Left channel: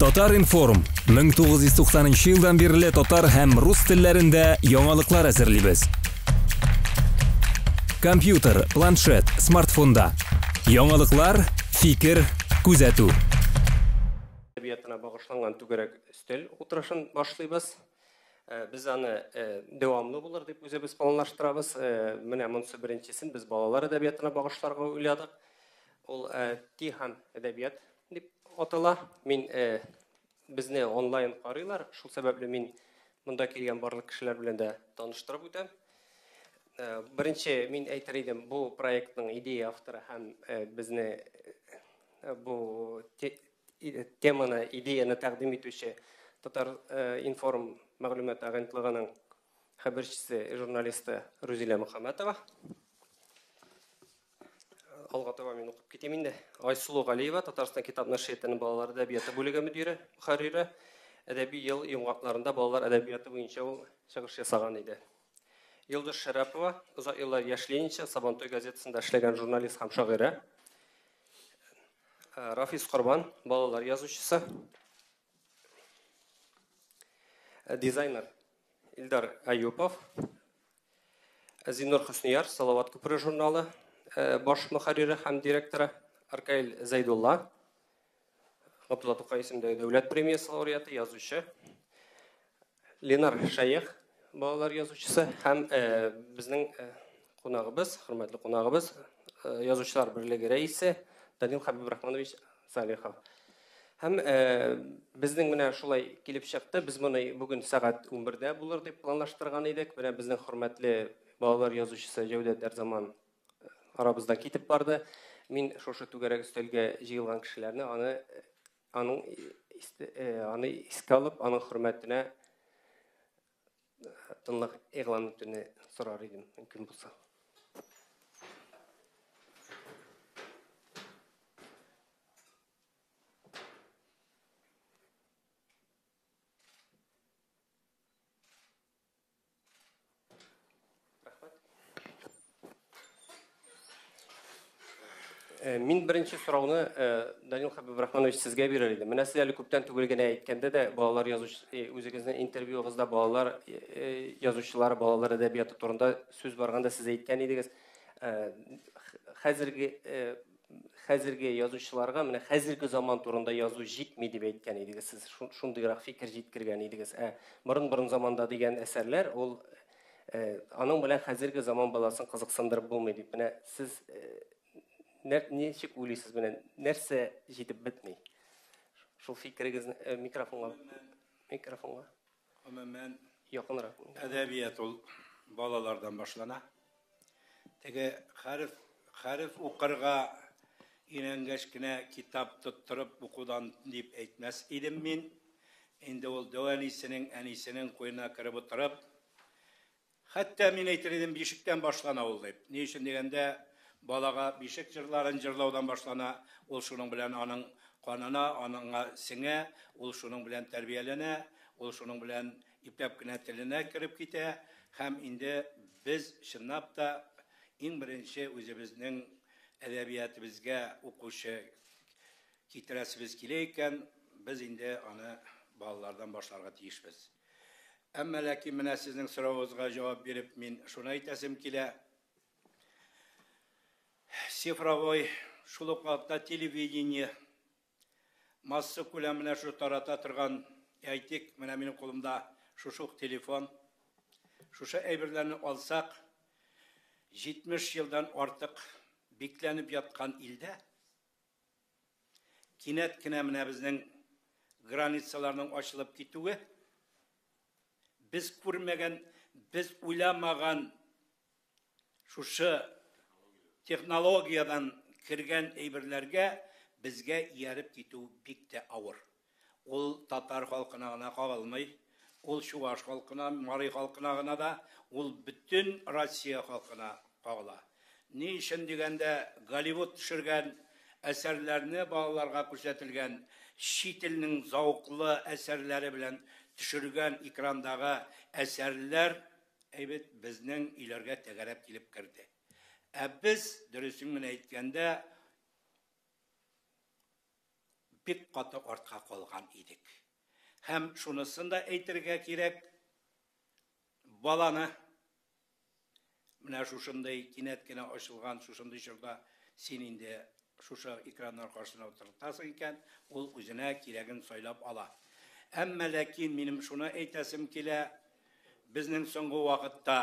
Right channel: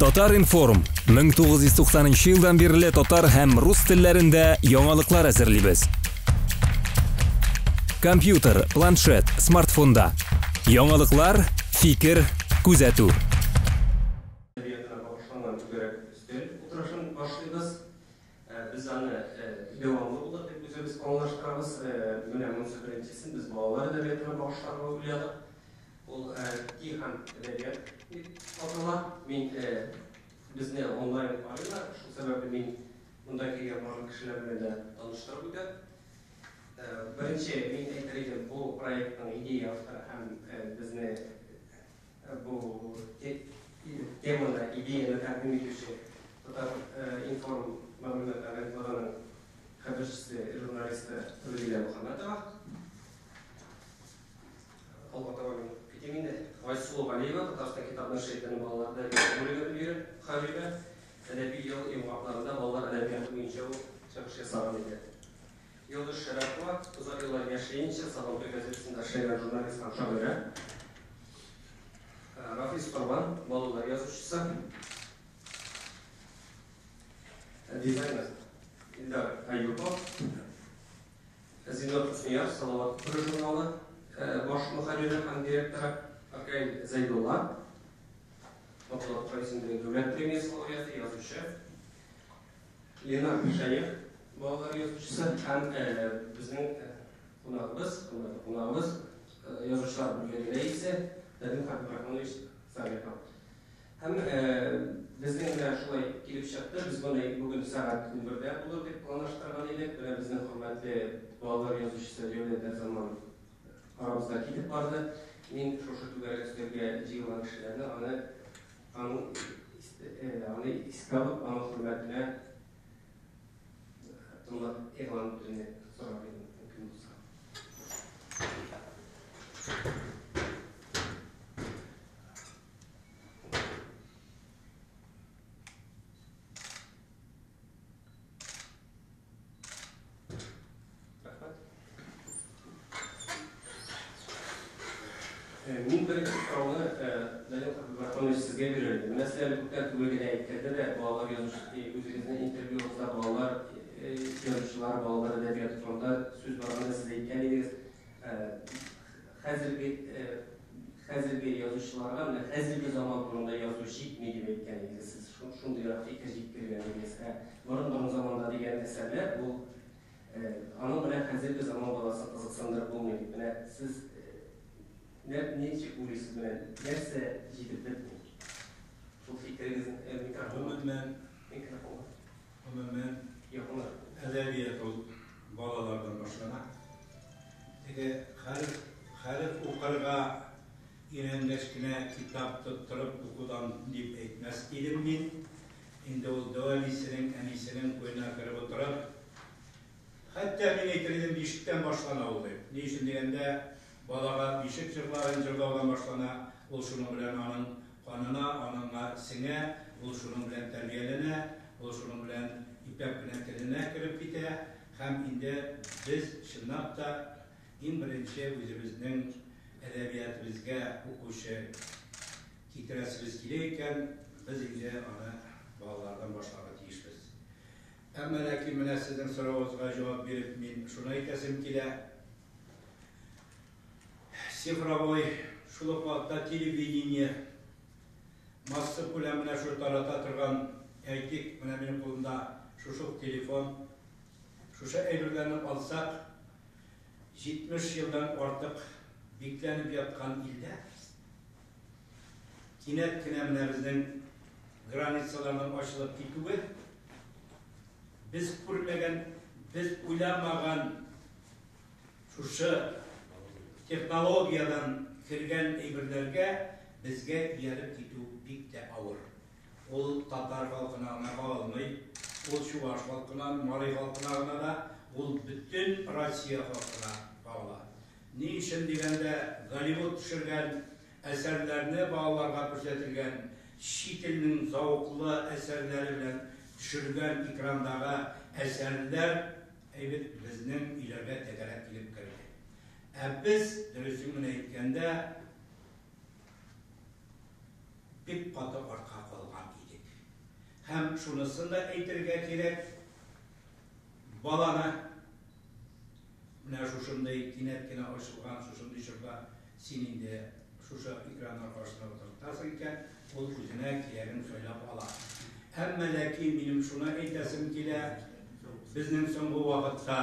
Татар информ 1990 жылдан бері татар һәм рус телләрендә яңалыклар әзерлибез. Компьютер, планшет, смартфонда. Яңалыклар, фикер, күзәтү. Әдәбиятына багышланган түгәрәк өстәл утырышын башлыйбыз. Без аны дәвамлы булыр дип үзебез планлаштырабыз. Менә монысы беренчесен без балалар әдәбиятына багышларга уйладык. Ул Тихан әдәбият дип атала. Мин безне онлайн карыйлар. Шул сәбәпле мин монда килгән барлык кешеләр белән дә таныштырып үтәм. Беренче мин әйтер идем, бу проектның идея авторы һәм безне бу теманы, идеяны тәкъдим итүче Татар информ мәгълүмат агентлыгының хәбәрчесе, журналисты Рузилә Мөхәммәтова. Алга таба мин укып китим инде. Айсулу Галиева, Татарстан китап нәшриятының балалар әдәбияты бүлеге мөдире, мөхәррире. Әдәби ел йомгакларында балалар әдәбияты буенча ул чыгыш ясаган иде. Йолдыз Шәрәпова, узак еллар яшьлегенчә Сабантуй газетасында эшләгән журналист һәм шагыйрә. Рафис Корбан, балалар язучысы. Дизайнер Илдар Аюпов. Зиннур Хөснияр, Салават күпер журналы баш мөхәррире һәм директоры. Аркаил Зайдулла, Габдулла Тукай исемендәге дәүләт премиясе лауреаты, язучы. Ленар Шәйх, балалар язучысы һәм безнең кунагыбыз, хөрмәтле кунагыбыз, язучылар берлеге рәисе Данил Хәбибрахманович Салихов. Һәм безнең менә шулай килеп чыкты. Без моны бүген сәгать 11-дә булыр дип планлаштырган идек. Менә безнең хөрмәтле балалар язучысы Җәүдәт Әрзаман арабызда китеп барды. Мин шушы түгәрәк өстәлгә җыелган кешеләрне аны искә алып, аның хөрмәтенә тынлык игълан итүне сорар идем, мөмкин булса. Мин беренче сорауны Данил Хәбибрахманович сезгә бирелде. Менә сез әле күптән түгел генә әйткәндә дә балалар язучы үзегезнең интервьюгызда балалар язучылары, балалар әдәбияты турында сүз барганда сез әйткән идегез. Хәзерге язучыларга менә хәзерге заман турында язу җитми дип әйткән идегез. Сез шундыйрак фикер җиткергән идегез. Борын заманда дигән әсәрләр ул аның белән хәзерге заман баласын кызыксындырып булмый дип. Менә сез ничек уйлыйсыз менә нәрсә җитеп бетми? Шул фикерегезне микрофонга. Гомумән әдәбият ул балалардан башлана. Теге хәреф укырга иренгәч кенә китап тоттырып укудан дип әйтмәс идем мин. Инде ул дәвалисенең, әнисенең куена кереп утырып, хәтта мин әйтер идем бишектән башлана ул дип. Ни өчен дигәндә балага бишек җырларын җырлаудан башлана, ул шуның белән аның канына, аныңга сеңә, ул шуның белән тәрбияләнә, ул шуның белән ипләп кенә теленә кирип китә. Һәм инде без чынлап та иң беренче үзебезнең әдәбиятыбызга укучы китерәсебез килә икән, без инде аны балалардан башларга тиешбез. Әмма ләкин менә сезнең соравыгызга җавап биреп мин шуны әйтәсем килә. Цифровой шул ук вакытта телевидение масса күләменә шу тарата торган әйтик, менә минем кулымда шушы телефон. Шушы әйберләрне алсак, 70 елдан артык бикләнеп яткан илдә кинәт кенә менә безнең границаларның ачылып китүе, без күрмәгән, без уйламаган шушы технологиядан кергән әйберләргә безгә ияреп китү бик тә авыр. Ул татар халкына гына кагылмый, ул чуаш халкына, марий халкына гына да, ул бөтен Россия халкына кагыла. Ни өчен дигәндә Голливуд төшергән әсәрләрне балаларга күрсәтелгән, чит илнең зауклы әсәрләре белән төшергән экрандагы әсәрләр әйбет безнең иләргә тәгәрәп килеп керде. Biz dürüsünün әйткәндә бик каты артка калган идек. Hem şunusunda әйтергә кирәк, баланы менә шушындай кинәт кенә ачылган шушындай чорда син инде шушы экраннар каршысына утыртасың икән, ул үзенә кирәген сайлап ала. Әмма ләкин минем шуны әйтәсем килә, безнең соңгы вакытта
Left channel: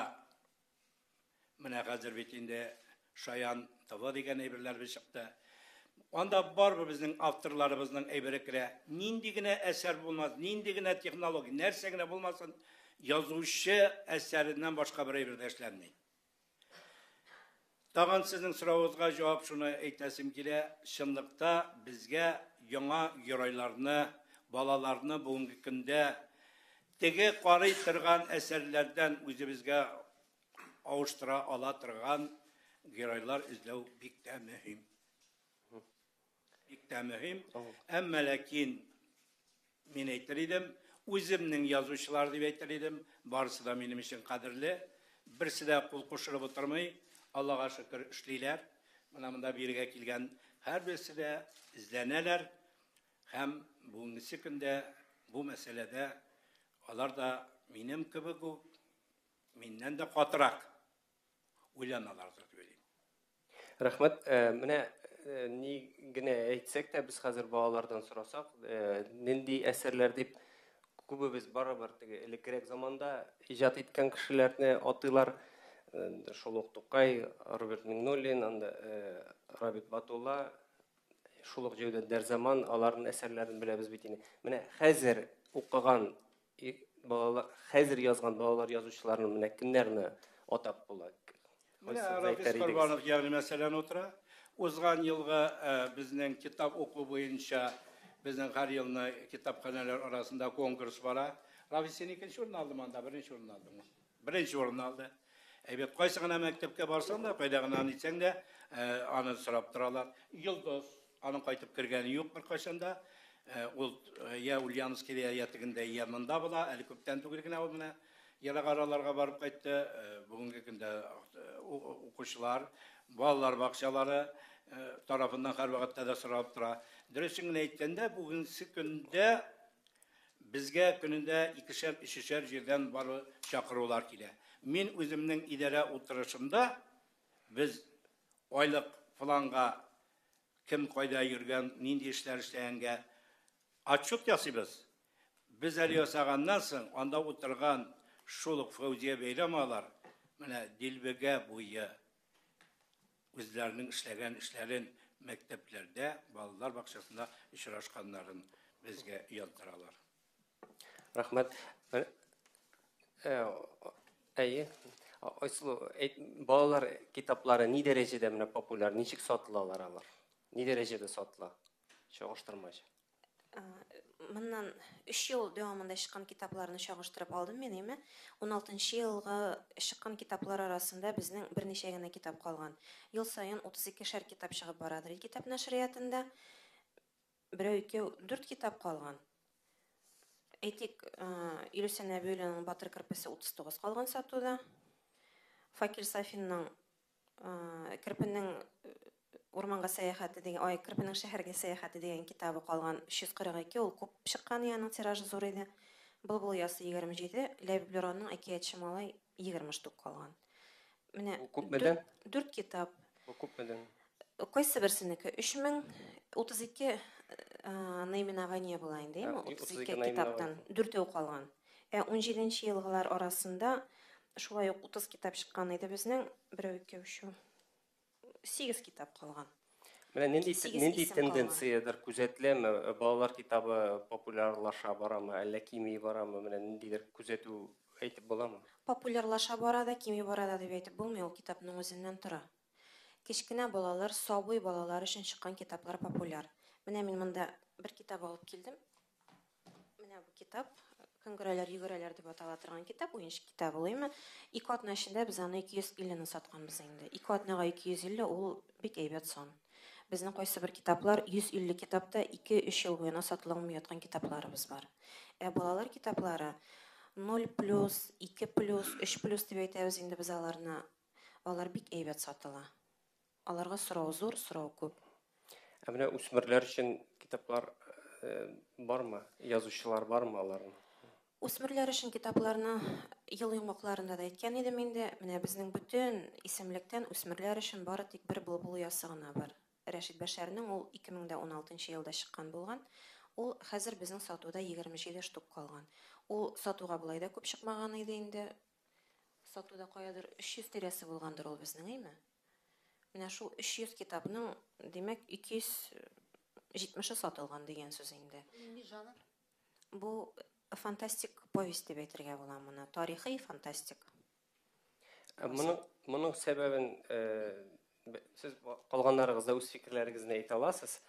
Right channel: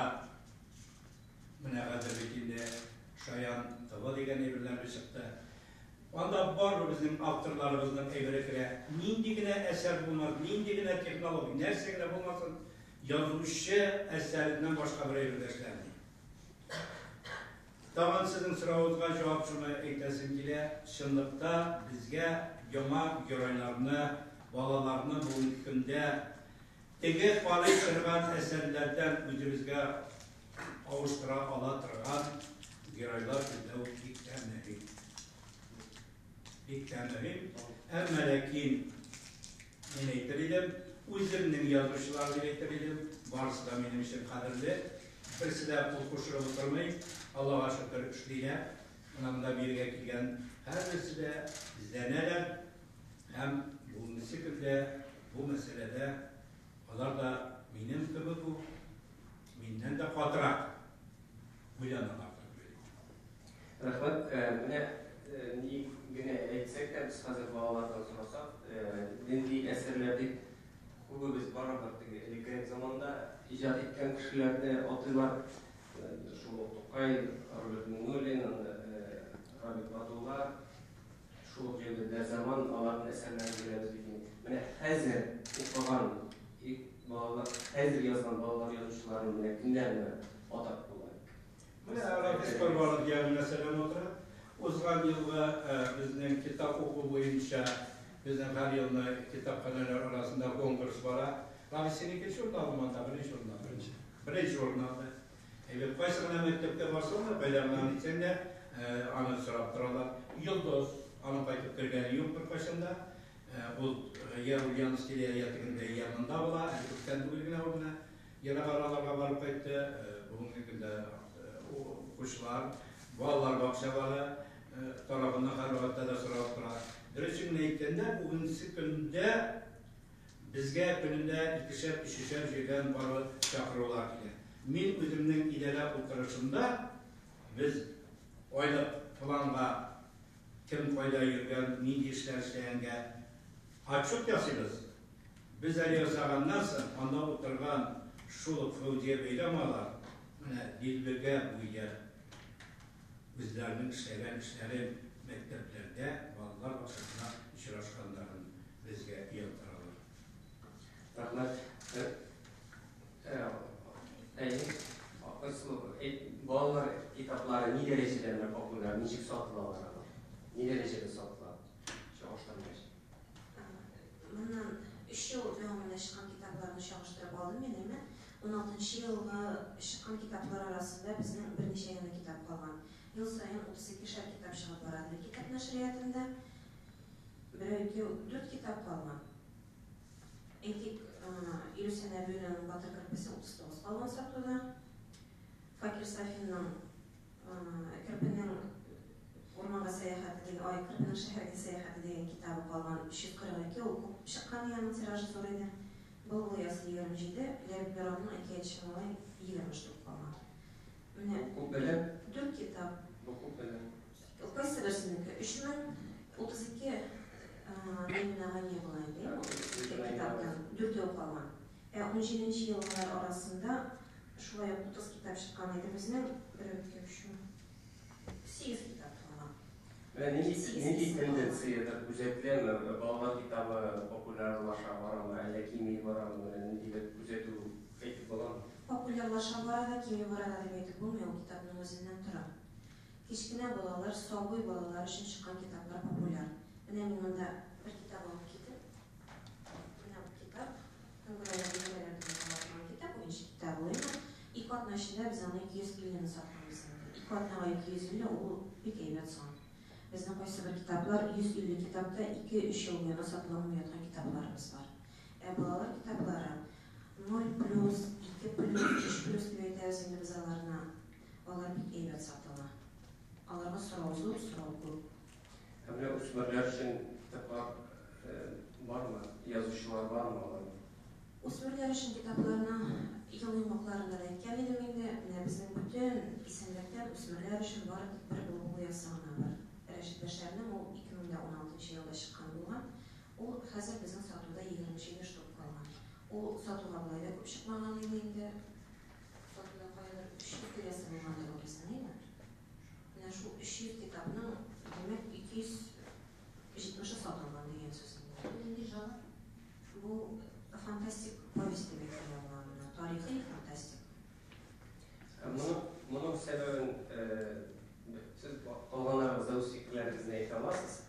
менә хәзер бит инде Шаян ТВ дигән әйберләр чыкты. Анда бар безнең авторларыбызның әйбере керә. Нинди генә әсәр булмас, нинди генә технология, нәрсә генә булмасын, язучы әсәреннән башка бер әйбер эшләнми. Тагын сезнең соравыгызга җавап шуны әйтәсем килә, чынлыкта безгә яңа геройларны, балаларны бүгенге көндә теге карый торган әсәрләрдән үзебезгә авыштыра ала торган геройлар эзләү бик тә мөһим. Бик тә мөһим. Әмма ләкин мин әйтер идем, үземнең язучылар дип әйтер идем, барысы да минем өчен кадерле. Берсе дә кул кушырып утырмый, Аллага шөкер эшлиләр. Монда биргә килгән һәрберсе дә эзләнәләр һәм бүгенге көндә бу мәсьәләдә алар да минем кебек үк, миннән дә катырак уйланалар дип уйлыйм. Рәхмәт. Менә ни генә әйтсәк тә без хәзер балалардан сорасак, нинди әсәрләр дип күбебез барыбер теге элеккерәк заманда иҗат иткән кешеләрне атыйлар. Шул ук Тукай, Роберт Миңнуллин, Рабит Батулла, шул ук җирдә Дәрзаман, аларның әсәрләрен беләбез бит инде. Менә хәзер укыган балалар, хәзер язган балалар язучыларның менә кемнәрне атап була? Менә Рабит Батулла ягъни мәсәлән утыра. Узган елгы безнең китап уку буенча безнең һәр елны китапханәләр арасында конкурс бара. Рабит синеке журнал монда беренче урын алды. Әйбәт кайсы гына мәктәпкә барсаң да, кайда гына итсәң дә, аны сорап торалар. Йолдыз, аны кайтып кергәне юк беркайчан да. Ул я Ульяновский ятыгында ямында була, күптән түгел генә ул гына Ярагараларга барып кайтты. Бүгенге көндә укучылар, балалар бакчалары тарафыннан һәрвакытта да сорап тора. Дөресен әйткәндә, бүгенге көндә безгә көнендә 2-3 җирдән бары чакырулар килә. Мин үземнең идарә утырышымда без айлык планга кем кайда йөргән, нинди эшләр эшләгәнгә отчет ясыйбыз. Без әле ясаганнан соң анда утырган шул Фәүзия Бәйрәмовалар менә Дилбегә буе үзләренең эшләгән эшләрен мәктәпләрдә, балалар бакчасында очрашканнарын безгә яттыралар. Рәхмәт. Балалар китаплары ни дәрәҗәдә менә популяр, ничек сатылалар алар? Ни дәрәҗәдә сатыла? Чагыштырмач. Моннан 3 ел дәвамында чыккан китапларны чагыштырып алдым мен, әйме. 16 елга чыккан китаплар арасында безнең берничә генә китап калган. Ел саен 32 китап чыгып барадыр. Китап нәшриятында 1-2-4 китап калган. Әйтик, Илюсен Әбүленең Батыр кирпесе 39 калган сатуда. Факир Сафинның Кирпенең Урманга сәяхәте дигән, Кирпенең шәһәргә сәяхәте дигән китабы калган 342, ул күп чыккан, яның тиражы зур иде. Былбыл ясы 27, Ләбиб Бюроның Әкиятче малай 20 штук калган. Менә күпмедә? 4 китап. Бу күпмедә? Кайсы берсенеке 3032 наименование була инде, 32 китаптан 4 калган. 17 еллар арасында шулай 30 китап чыккан иде безнең, 1-2-3 8 китап калган. Менә нинди тенденциядер күзәтеләме? Балалар китабы популярлаша барамы, әллә кими барамы? Менә ниндидер күзәтү әйтеп буламы? Популярлаша барада, кими барада дип әйтеп булмый, ул китапның үзеннән тора. Кечкенә балалар, сабый балалар өчен чыккан китаплар популяр. Менә мин монда бер китап алып киттем. Менә бу китап, Конгрәләр дип аталган китап, уенчы китап булымы? 2 атна эчендә без аны 250 сатканбыз инде. 2 атнага 250 ул бик әйбәт сан. Безнең кайсы бер китаплар 150 китапта 2-3 ел буена сатылмый яткан китапларыбыз бар. Балалар китаплары 0+, 2+, 3+ дип әйтәбез инде без аларны. Алар бик әйбәт сатыла. Аларга сорау зур, сорау күп. Менә үсмерләр өчен китаплар Бармы? Язучылар бармы аларның? Үсмерләр өчен китапларны ел йомгакларында да әйткән идем инде. Менә безнең бүтән исемлектән үсмерләр өчен бары тик бер булбул ясы гына бар. Рәшит Бәшәрнең ул 2016 елда чыккан булган. Ул хәзер безнең сатуда 27 штук калган. Ул сатуга булай да күп чыкмаган иде инде. Сатуда каядыр 300 тирәсе булгандыр ул безнең, әйме? Менә шул 300 китапның, димәк, 270 сатылган дигән сүз инде. Бу фантастик повесть дип әйтергә була моны, тарихи фантастик. Моның сәбәбен сез калганнарыгызда үз фикерләрегезне әйтә аласыз.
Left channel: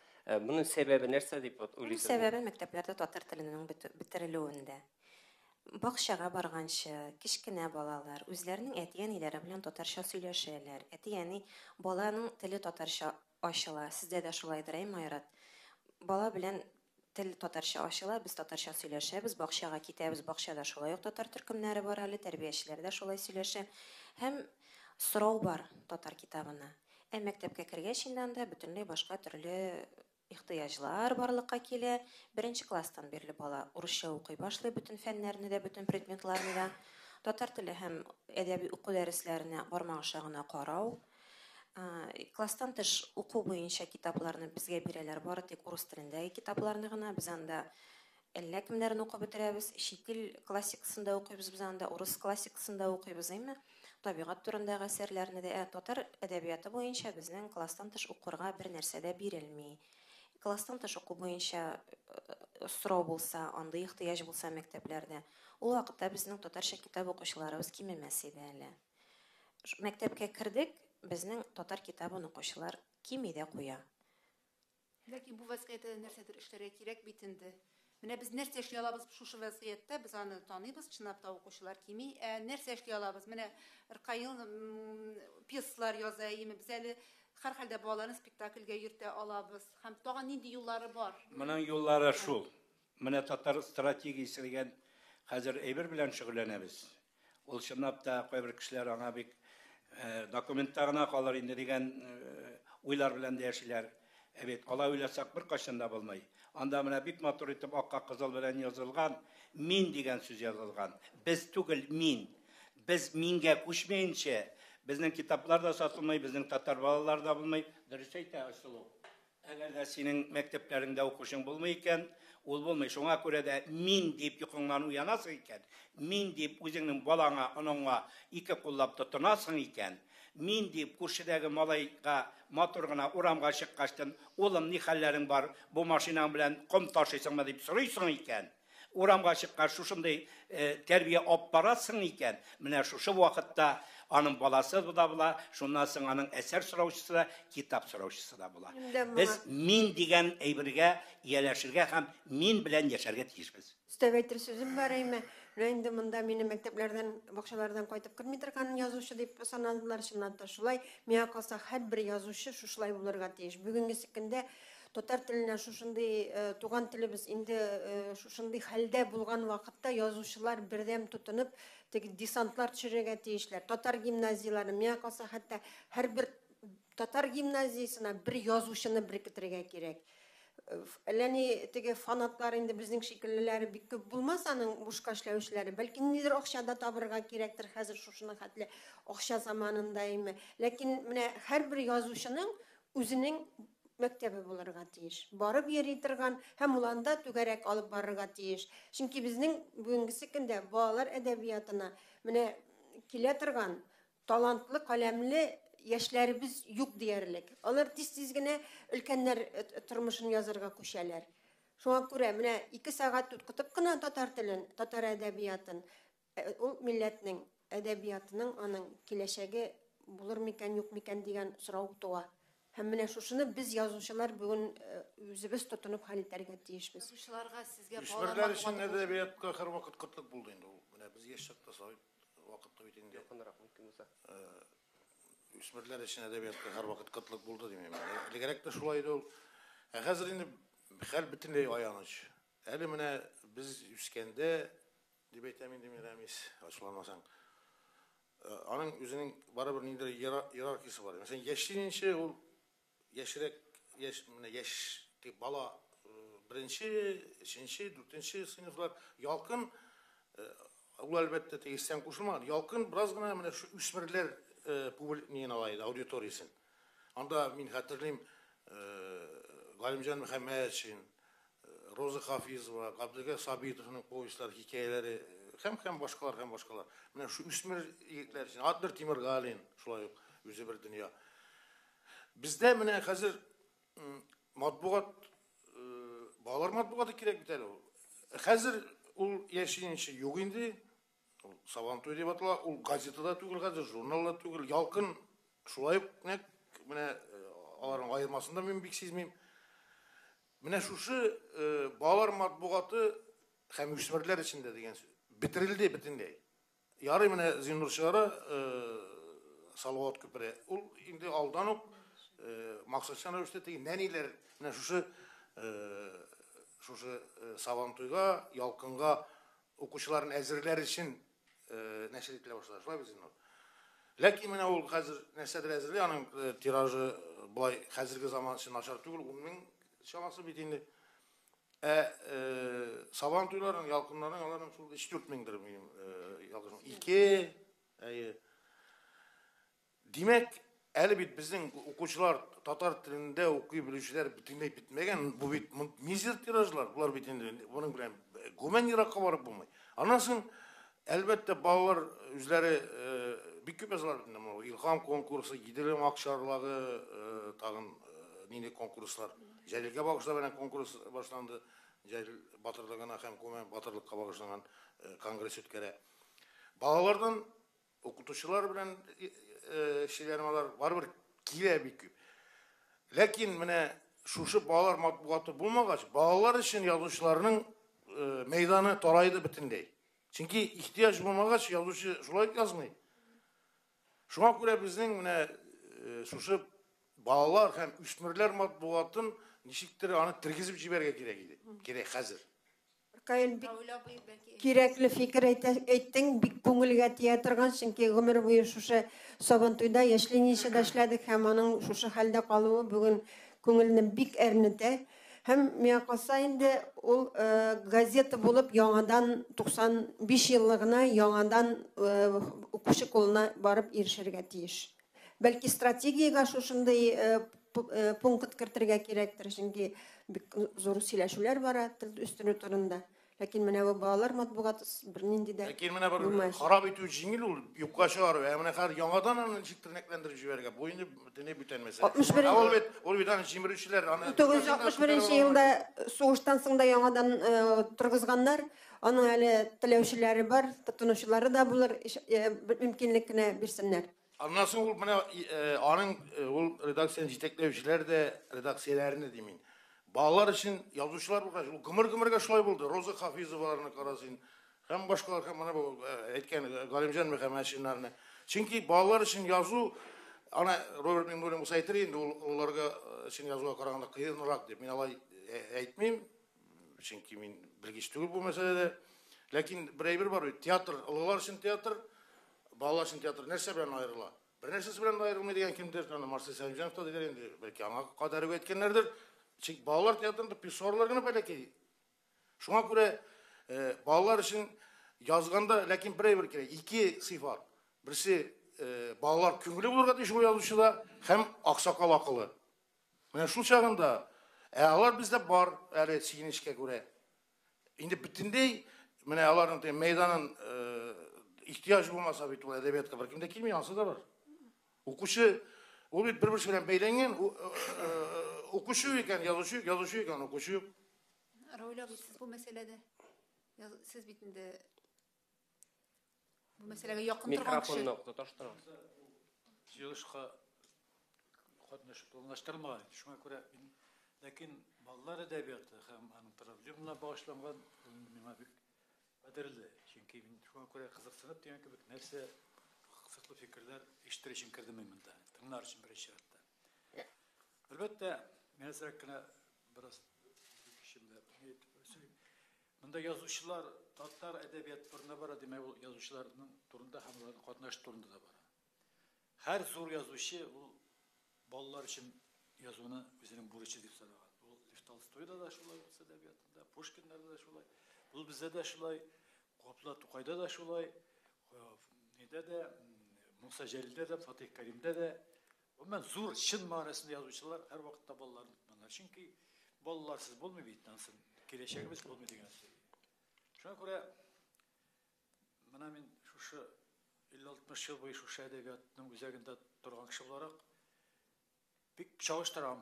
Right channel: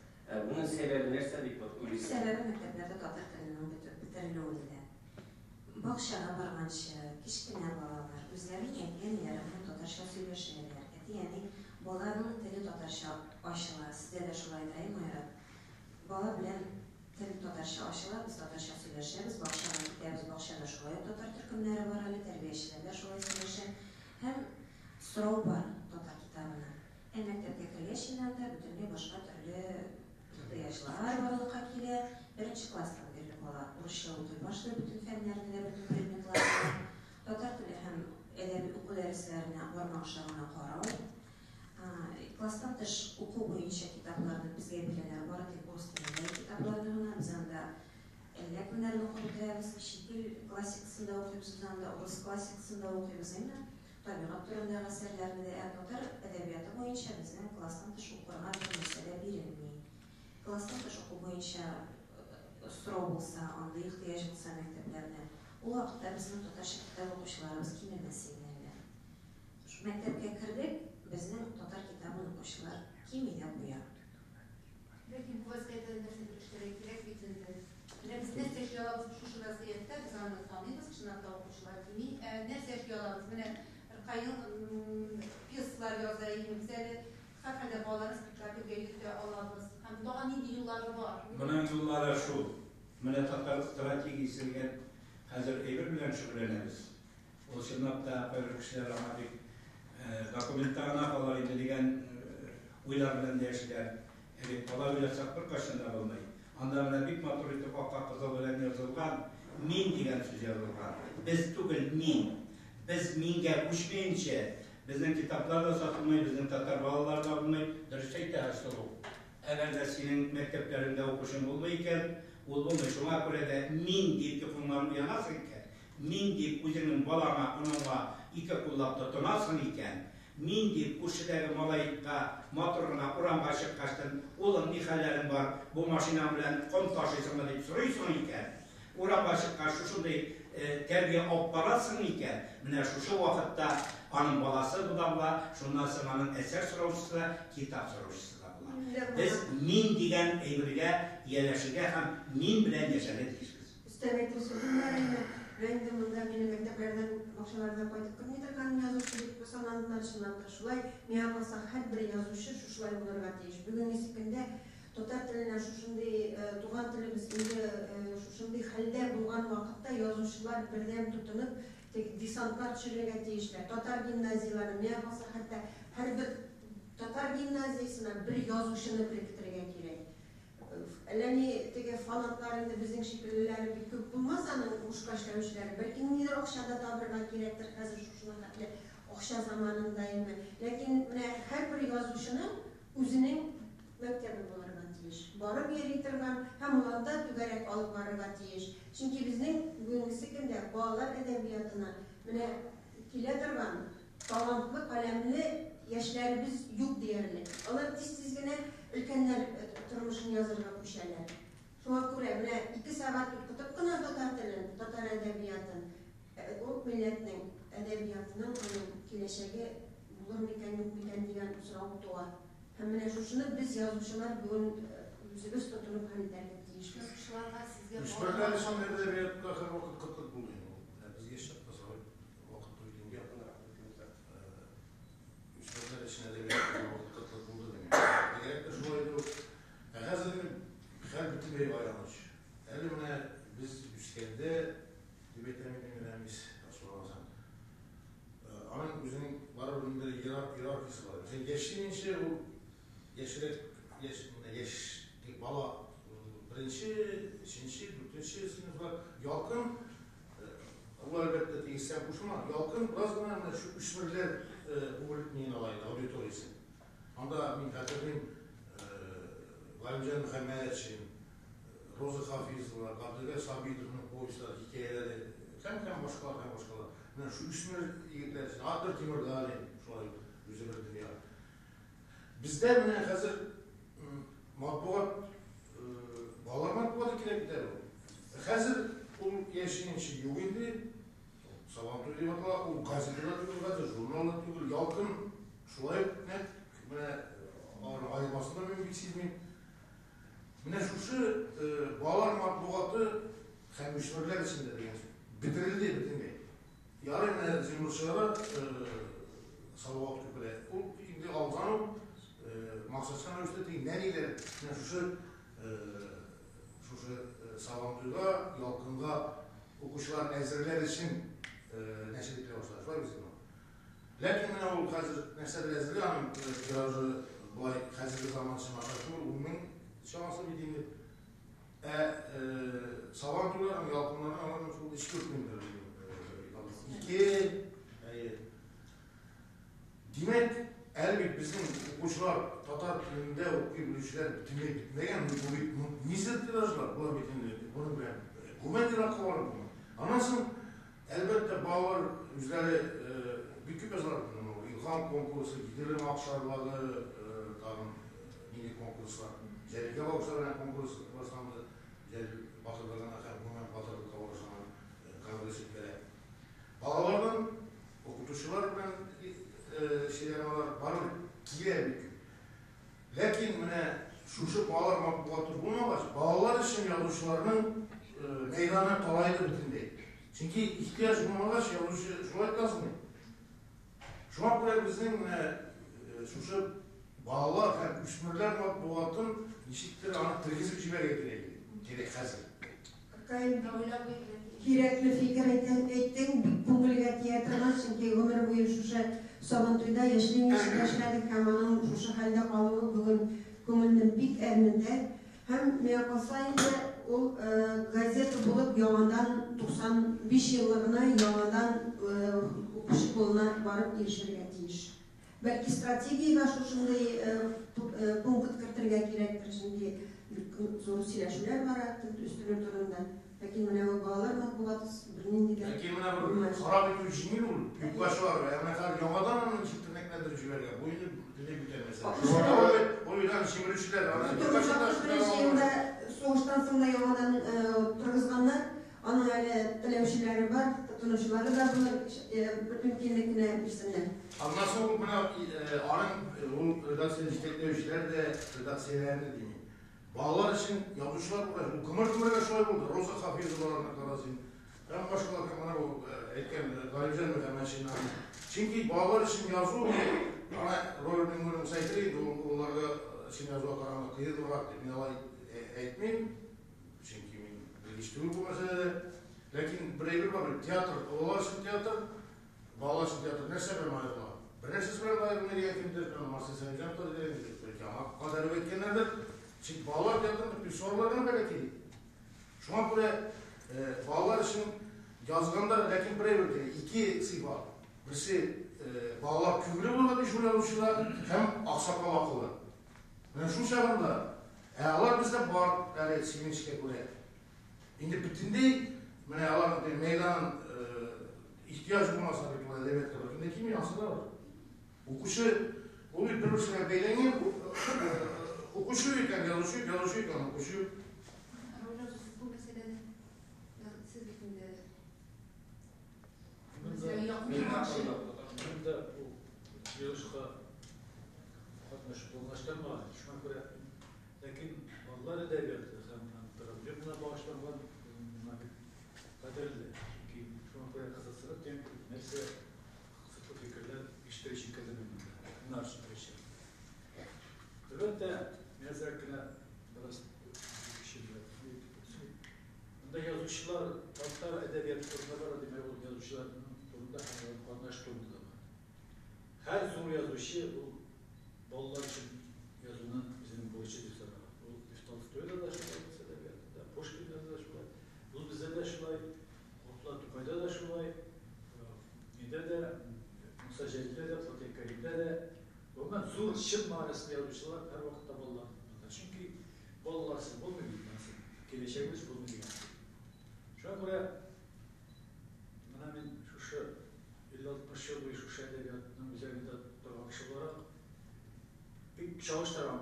Моның сәбәбе нәрсә дип уйлыйсыз? Сәбәбе мәктәпләрдә татар теленең бетерелүендә. Бакчага барганчы, кичкенә балалар үзләренең әти-әниләре белән татарча сөйләшәләр. Әти-әни баланың теле татарча ачыла. Сездә дә шулайдыр, Майрат? Бала белән тел татарча ачыла, без татарча сөйләшәбез, бакчага китәбез, бакчада шулай ук татар төркемнәре бар әле, тәрбиячеләр дә шулай сөйләшә. Һәм сорау бар татар китабына. Мәктәпкә кергәч инде бөтенләй башка төрле ихтыяҗлар барлыкка килә. Беренче класстан бирле бала урысча укый башлый, бүтән фәннәрне дә, бүтән предметларны. Татар теле һәм әдәби уку дәресләренә бармак аша гына карау. Класстан тыш уку буенча китапларны безгә бирәләр, бары тик урыс телендәге китапларны гына. Без анда әллә кемнәрне укып бетерәбез, чит ил классикасында укыйбыз, без анда урыс классикасында укыйбыз, әйме? Табигать турындагы әсәрләрне дә, татар әдәбияты буенча безнең класстан тыш укырга бер нәрсә дә бирелми. Класстан тыш уку буенча сорау булса, анда ихтыяҗ булса мәктәпләрдә, ул вакытта безнең татарча китап укучыларыбыз кимемәс иде әле. Мәктәпкә кердек, безнең татар китабын укучылар кими дә куя. Ләкин бу вазгыятьтә нәрсәдер эшләргә кирәк бит инде. Менә без нәрсә эшли алабыз шушы вазгыятьтә, без аны таныйбыз, чынлап та укучылар кими. Нәрсә эшли алабыз? Менә Ркайын пьесалар яза, без әле һәрхәлдә балалар спектакльгә йөртә алабыз. Һәм тагын нинди юллары бар? Моның юллары шул. Менә татар стратегиясе хәзер әйбер белән шөгыльләнәбез. Ул чынлап та кайбер кешеләр аңа бик документтарына калыр инде дигән уйлар белән яшиләр. Бала уйласак бер кайчан да булмый. Анда менә бик матур итеп акка кызыл белән язылган, мин дигән сүз язылган. Без түгел, мин. Без мингә күчмәенчә, безнең китаплар да сатылмый, безнең татар балалар да булмый. Дөрес әйтә Асылу. Әгәр дә синең мәктәпләреңдә укучың булмый икән, ул булмый. Шуңа күрә дә мин дип йокыңнан уянасың икән. Мин дип үзеңнең балаңа, анаңа ике куллап тотынасың икән. Мин дип күршедәге малайга матур гына урамга чыккачтан, улым, ни хәлләрең бар? Бу машина белән ком ташыйсыңмы дип сорыйсың икән. Урамга чыккач шушындай тәрбия алып барасың икән. Менә шушы вакытта аның баласы да була, шуннан соң аның әсәр сораучысы да, китап сораучысы да була. Без мин дигән әйбергә ияләшергә һәм мин белән яшәргә тиешбез. Өстәгәйтер сүзем бар әйме. Инде монда мине мәктәпләрдән, бакчалардан кайтып керми торган язучы дип санадылар, чыннан да шулай. Миңа калса һәрбер язучы шушылай булырга тиеш. Бүгенге көндә татар теленә шушындый туган телебез инде шушындый хәлдә булган вакытта язучылар бердәм тотынып, теге десантлар төшерергә тиешләр. Татар гимназиялары, миңа калса хәтта һәрбер татар гимназиясына бер язучыны беркетергә кирәк. Әлләни теге фанатлар инде безнең шикеллеләре бик күп булмас, аның бушка эшләүчеләре. Бәлки нидер акчада табырга кирәктер хәзер шушына хәтле акча заманында име. Ләкин менә һәрбер язучының үзенең мәктәбе булырга тиеш. Барып йөри торган һәм уланда түгәрәк алып барырга тиеш. Чөнки безнең бүгенге көндә балалар әдәбиятына менә килә торган талантлы, каләмле яшьләребез юк диярлек. Алар тиз-тиз генә өлкәннәр тормышын язарга күчәләр. Шуңа күрә менә 2 сәгать укытып кына татар телен, татар әдәбиятын, ул милләтнең әдәбиятының аның киләчәге булыр микән, юк микән дигән сорау туа. Һәм менә шушыны без язучылар бүген үзебез тотынып хәл итәргә тиешбез. Язучыларга сезгә Үсмерләр өчен әдәбиятка һәрвакыт кытлык булды инде. Менә без яшәп тасавы вакыт бит инде. Үсмерләр өчен әдәбиятка һәрвакыт кытлык булды димәк. Кирәк тә шулай ул. Хәзер инде хәл бөтенләй аяныч. Әле менә без үскәндә дип әйтәм инде менә мис ачмаласам. Аның үзенең барыбер инде иерархиясе бар. Сен яшьлегенчә ул яшьрәк менә яшь бала birinchi, uchinchi, to'rtinchi sinflar yolqin u albatta tegishsizdan qo'shilmadi. Yolqin birozgina mana shu o'smirlar publikning olaydi auditoriyasi. Anda men xatirlayman Galimjon Muhammadovich, Roza Hafizova, Abdulga Sabitovning povestlari, hikoyalari, ham boshqalar. Mana shu o'smir yigitlar uchun Adil Temirgali shulay o'zi bir dunyo. Bizda mana hozir matbuot bolalar matbuoti kerak bitar u. Hozir ul yashirinchi yo'q endi. Sabantoy deb ataladi, u gazetada tugul, hozir jurnalda tugul, yolqin shulay mana ularning ayirmasында men bek sezmayman. Mana shu bolalar matbuoti ham o'smirlar ichida degan so'z. Bitirildi butunlay. Yarı mana Zinur Shara Salvat Kübre. O indi aldanıp maksatsan üstteki neniler mana şu Savantoyga, Yalqınga o'quvchilarning azirlar için nashr etila boshladi. Shulay bizning. Lekin mana u hozir nashr azirli aning tiraji boy hozirgi zamon uchun mashhur bo'ldi. Uning şansı bitindi. Savantoylarning Yalqınlarning onlarning 3-4 mingdir. Demek, elbette bizim okuyucular Tatar tilinde okuyabilişler bitmegen bu nizir tirajlar bunlar bitindi. Bunun bilen güven Irak'a varıp bunu. Anasın elbette bağlar üzeri bir küp yazılar bilmem. İlham konkursu, gidelim akşarları, tağın nini konkurslar. Celil'e bakışta bana konkurs başlandı. Celil Batırlı'na hem güven Batırlık'a bakışlanan kongres ötkere. Bağlardan okutuşular bilen şeylerim var girer bir küp. Lakin mene şu bağlar matbuatı bulmagaç, bağlar için yazıcılarının meydanı tolaydı bütündey. Çünkü ihtiyaç bulmagaç yazıcı şulay yazmayın. Şuna göre bizden mene şu bağlar hem üstmürler matbuatın nişittir anı tirgizip jiberge gerek hazır. Kerakli fikir aytding, bik ko'ngilga teatrgan, chunki umr bo'yi shusha Sabantoyda yoshlik ishida ishladik, ham aning shusha holda qoluvi bugun ko'ngilni bik ernitdi. Hem men qalsa endi ul gazeta bo'lib yangadan 95 yilligina yangadan o'qish qo'lina borib erishirga tegish. Balki strategiyaga shunday punkt kiritirga kerakdir, chunki zo'r сөйләшүләр bor üstüne turunda. Lakin mana bu bolalar matbuoti birinin de. Lakin mana bir xarob etuvchi jingil ul, yuqlashilar va mana har yangadan uni chiqtirib yuborgan. Bu endi butunlay butanmasa. O'lbidan shimiruvchilar ana 1961-yilda so'g'ishdan so'ng yangadan turg'izganlar, ana hali tilövchilari bor, tutunuvchilari da bular mümkinlikni bersinlar. Anlası ul mana aning ul redaksiya yetaklovchilar de redaksiyalarini deyman. Bağlar için yazıcılar kımır şulay buldu. Roza Hafizovanın karasın. Hem başkalar bana bu etken Galimjon Muhammadovich. Çünkü bağlar için yazı ana rolünün böyle musaytireydi. Onlarga için yazıya karaganda kıyınırak dep men alay aytmayın. Çünkü men bilgiçligi bu meselede. Lakin bir var teatr, onlar için teatr, bağlar için teatr nerse bilen ayrıla. Bir nersesi bilen ayrılmayı kimdir? Marcel Sayjanov da dediler. Belki ana kadarı etkenlerdir. Çünkü bağlar teatrında bir sorularına böyle ki. Şuna göre bağlar için yazganda lakin bir iki sıfat. Birisi bağlar kübülü bulurdu şu yazışıda hem aksakal akıllı. Yani şu çağında ağlar bizde var öyle sinişke göre. Şimdi bütünde yani ağların meydanın ihtiyaç bulmasa bir tuvalet edebiyat kadar. Kimde kim yansı da var. Okuşu o bir şeyler beylengen okuşuyor iken yazışıyor iken okuşuyor. Royla siz bu meselede siz bitinde meseleye yakın durmak için. Burada bu yığışıqa qatnaştırmadı. Şuna göre lakin ballar edebiyatı hem antropologla başlangan kadarıyla ki şuna göre kısasını demek nerse kısıtlı fikirler iştirişin kadememinde. Bunlar süreçler. Elbette mesela biraz şimdi bunda yazıcılar Tatar edebiyat turuna var demek o yazıcıların turunda qatnaştırdı da. Her zor yazıcı o bollar için yazılan bizim boyunca bir sarı. O Tolstoy'da da şöyle edebiyat. да шулай, Отла Тукайда да шулай, менде де, Муса Жәлде де, Фатих Каримде де, мен зор шын мағынасында жазушылар әр уақытта балалар. Çünkü балаларсыз болмайды, келешегіміз болмайды деген. Шуңа күрә, мына мен шушы 50-60 жыл бойы шушы әдебиятның үзәгендә торган кеше буларак бик чагыштырам.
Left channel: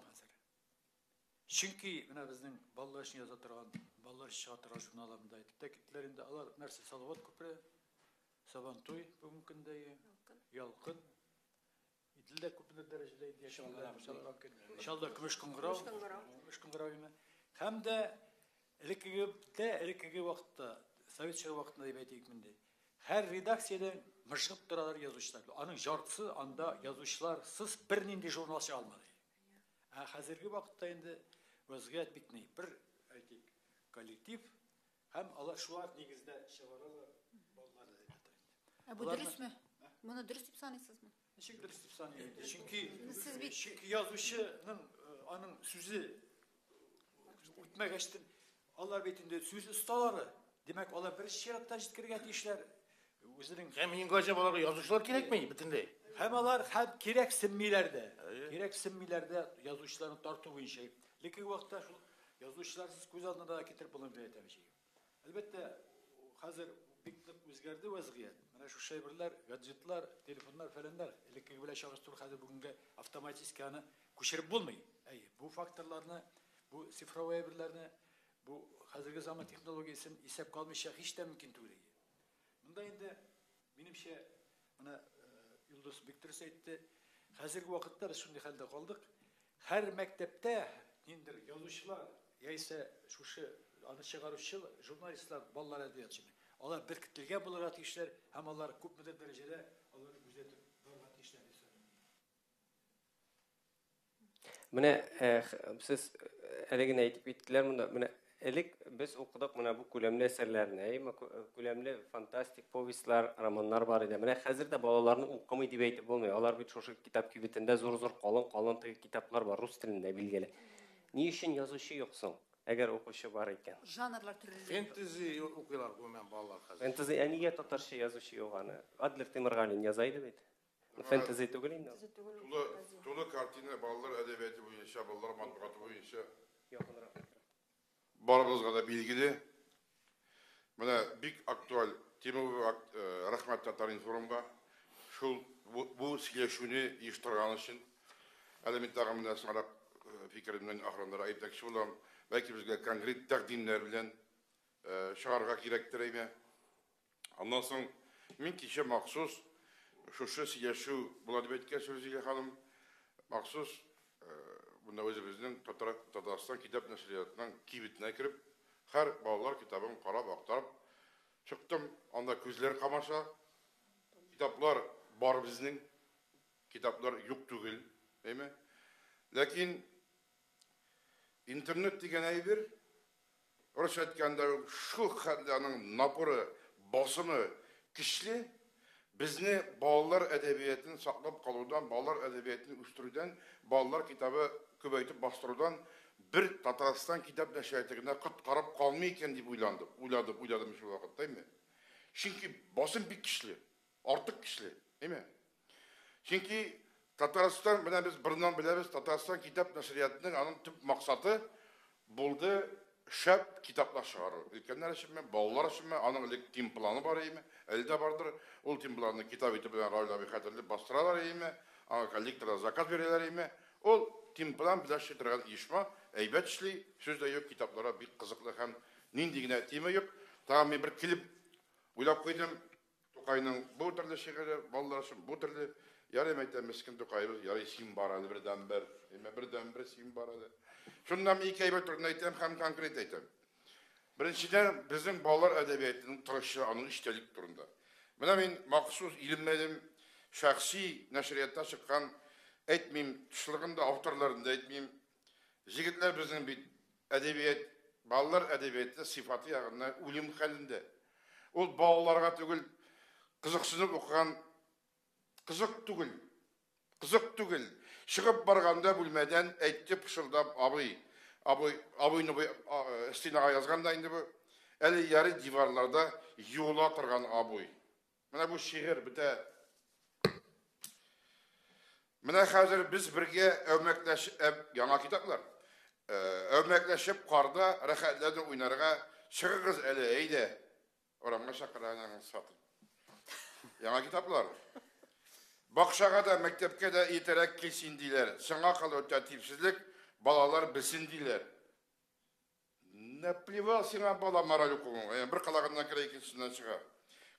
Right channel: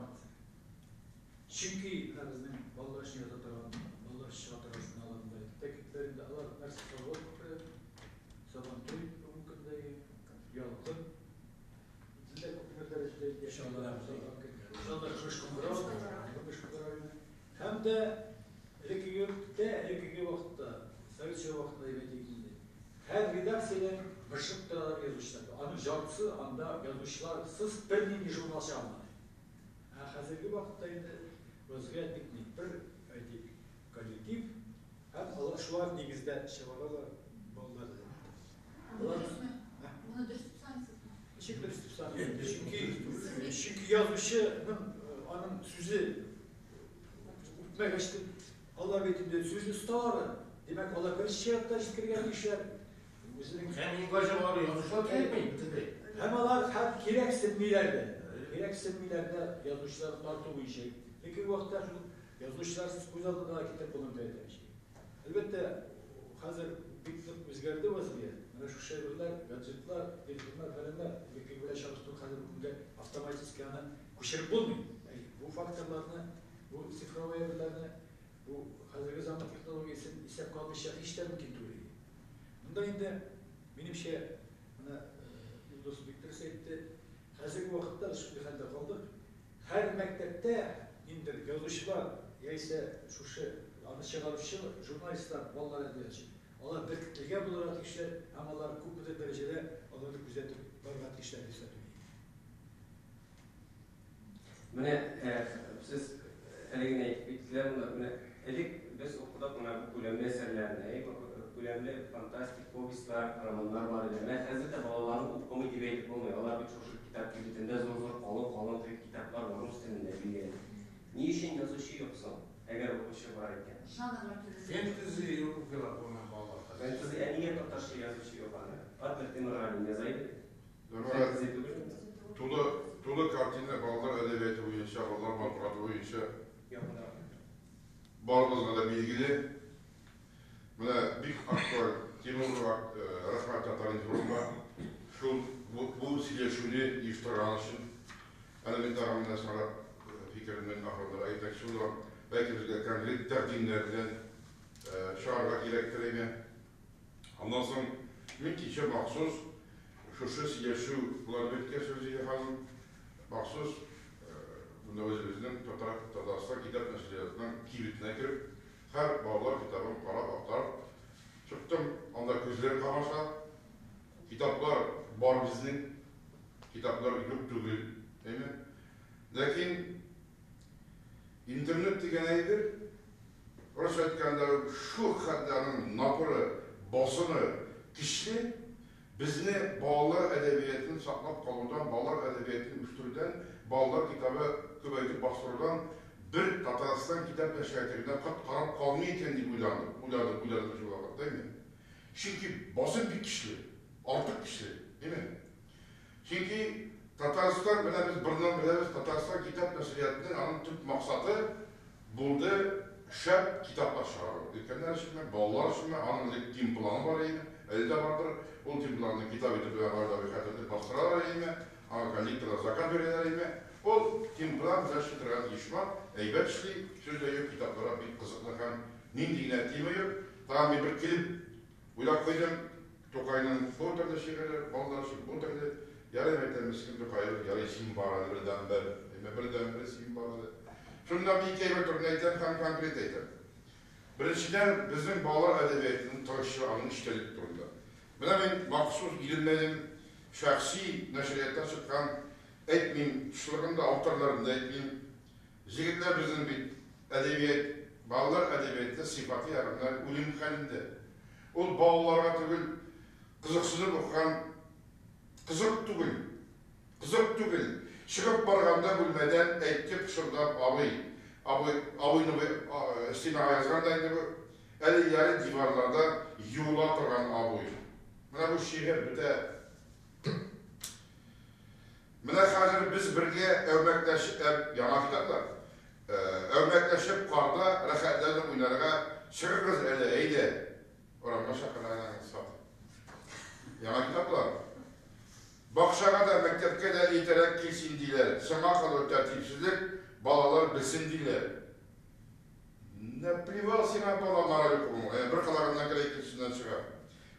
Чөнки менә безнең балалар өчен яза торган, балалар өчен чыга торган журналларында тәкъидләрендә алар нәрсә салават күпрәк, Сабантуй мөмкинлеге, ялгын, илдә күпмедер дәрәҗәдә иншалlah һәм дә элеккеге вакытта, советчы вакытында дип әйтәйек, һәр редакциядән бышып торалар язучылар. Аның жартысы анда язучыларсыз бернинди журнал чыга алмады. Хәзерге вакытта инде вазгыять битми, бер әйтик, коллектив һәм алар шулар нигездә чыгаралар балалар. Бу дөресме? Моны дөрес дип саныйсызмы? Ничек дөрес дип саныйсыз? Чөнки язучының аның сүзе үтмәгәчтен алар битендә сүз осталары. Демәк, алар бер шиятта җиткергән кешеләр үзенең Һәм иң гаҗәп аларга язучылар кирәкми бөтенләй. Һәм алар һәм кирәксенмиләрдә язучылар тарту буенча. Лекин вакытта шул язучыларсыз күз алдында да китеп булып әйтәчәк. Әлбәттә, хәзер бик нык үзгәрде вазгыять. Менә шу шәйберләр, гаджетлар, телефоннар фәләннәр, лекин белән чагыштыру хәзер бүгенгә автоматик аны күчереп булмый. Бу факторларны, бу цифровой әмерләрне, бу хәзерге заман технологиясын исәпкә алмыйча һич тә мөмкин түгел. Монда инде минемчә менә Юлдыз бик дөрес әйтте. Хәзерге вакытта без шундый хәлдә калдык. Һәр мәктәптә инде язучылар, яисә шушы аны чыгаручы журналистлар, балалар әдәбиятчы. Алар беркетелгән буларак кешеләр, һәм алар күпмедер дәрәҗәдә аларны күзәтеп барган кешеләр исәпләнә. Менә сез әлегә әйтеп биттеләр, менә элек без укыдык менә бу күләмле әсәрләрне, күләмле фантастик повестлар, романнар бар иде. Менә хәзер дә балаларны укымый дип әйтеп булмый. Алар бит шушы китап кибетендә зур-зур калын китаплар бар рус телендә билгеле. Ни өчен язучы юк соң? Әгәр укучы бар икән. Жанрлар төрле. Фэнтези укыган булман балалар. Фэнтези әнигә татарча язучы юк аны. Адлер Темиргалин язайды бит. Фэнтези түгел инде. Тулы картина балалар әдәбияты буенча, балалар матбугаты буенча барыгызга да билгеле. Менә бик актуаль темага рәхмәт Татаринформга шул бу сөйләшүне оештырган өчен элементарный сарап фикермен ахырында әйтәк шулар belki bizge konkret taqdimler bilen çağırga gerektir ime. Ondan sonra min kişi maksus şu siyaşı buladı betken sözüge kalın maksus bunda özümüzün Tatarstan kitap neşriyatından kibitine girip her bağlar kitabın para aktarıp çıktım. Anda gözleri kamaşa kitaplar var bizning kitaplar yok değil, değil mi? Lakin internet degan aydir. Orası aytganda şu xalqning napırı, basını güçlü bizni bolalar edebiyatını saqlab qoluvdan, bolalar edebiyatını üstürdən, bolalar kitabı köpəytib bastırıdan bir Tatarstan kitap nəşriyyatından qarab qalmay ekan deb uyladım şu vaqtda, değil mi? Çünki basın bir güçlü, artıq güçlü, değil mi? Çünki Tatarstan, biz birden biliriz, Tatarstan kitap nəşriyyatının anın tüp maqsadı buldu şəb kitaplar çıxarır. Ülkənlər üçün mən, balalar üçün mən, anın tim planı var eymi, əldə vardır. O tim planını kitab etib ayda bir xətərli bastıralar eymi, kollektorlar zakan verirlər eymi. O tim plan biləşdirən işma, əybət işli, sözdə yok kitaplara bir qızıqlı həm nindigine etiyime yok. Tamam bir klip uylap koydum, Tokay'ın bu türlü şeyler, balalar üçün bu türlü yarım etten miskin Tokay'ın yarı sim baradı birden bir sim baradı. Şundan bir iki ayır turunu aytan, hem konkret aytan. Birinciden bizim balalar edebiyatının taşı anın iştelik durumda. Buna ben maksus ilimlerim, şahsi neşriyatta çıkan etmeyeyim, tuşlarında, avtarlarında etmeyeyim. Jigitler bizim bir edebiyat, balalar edebiyatında sıfatı yarınlar uyum halinde. O balalarga tügül, kızıksınıp okuyan, kızık tügül. Çıkıp barganda bilmeden etkip şuradan abıyını istinağa yazgandaydı bu. әлі яры диварларда юла тұрған абуй. Мына бұл шиғыр біте. Мына қазір біз бірге өрмәкләшіп, яңа китаплар, өрмәкләшіп қарды рәхәтлердің ойнарға шығырғыз әлі әйде. Орамға шақырғанын саты. Яңа китаплар. Бақшаға да, мәктепке де етерек келсін дейлер. Сыңға қалу тәртіпсіздік, балалар білсін дейлер. Наплевал сена бала мораль оқуын. Бір қалағынан келе екіншісінен шыға.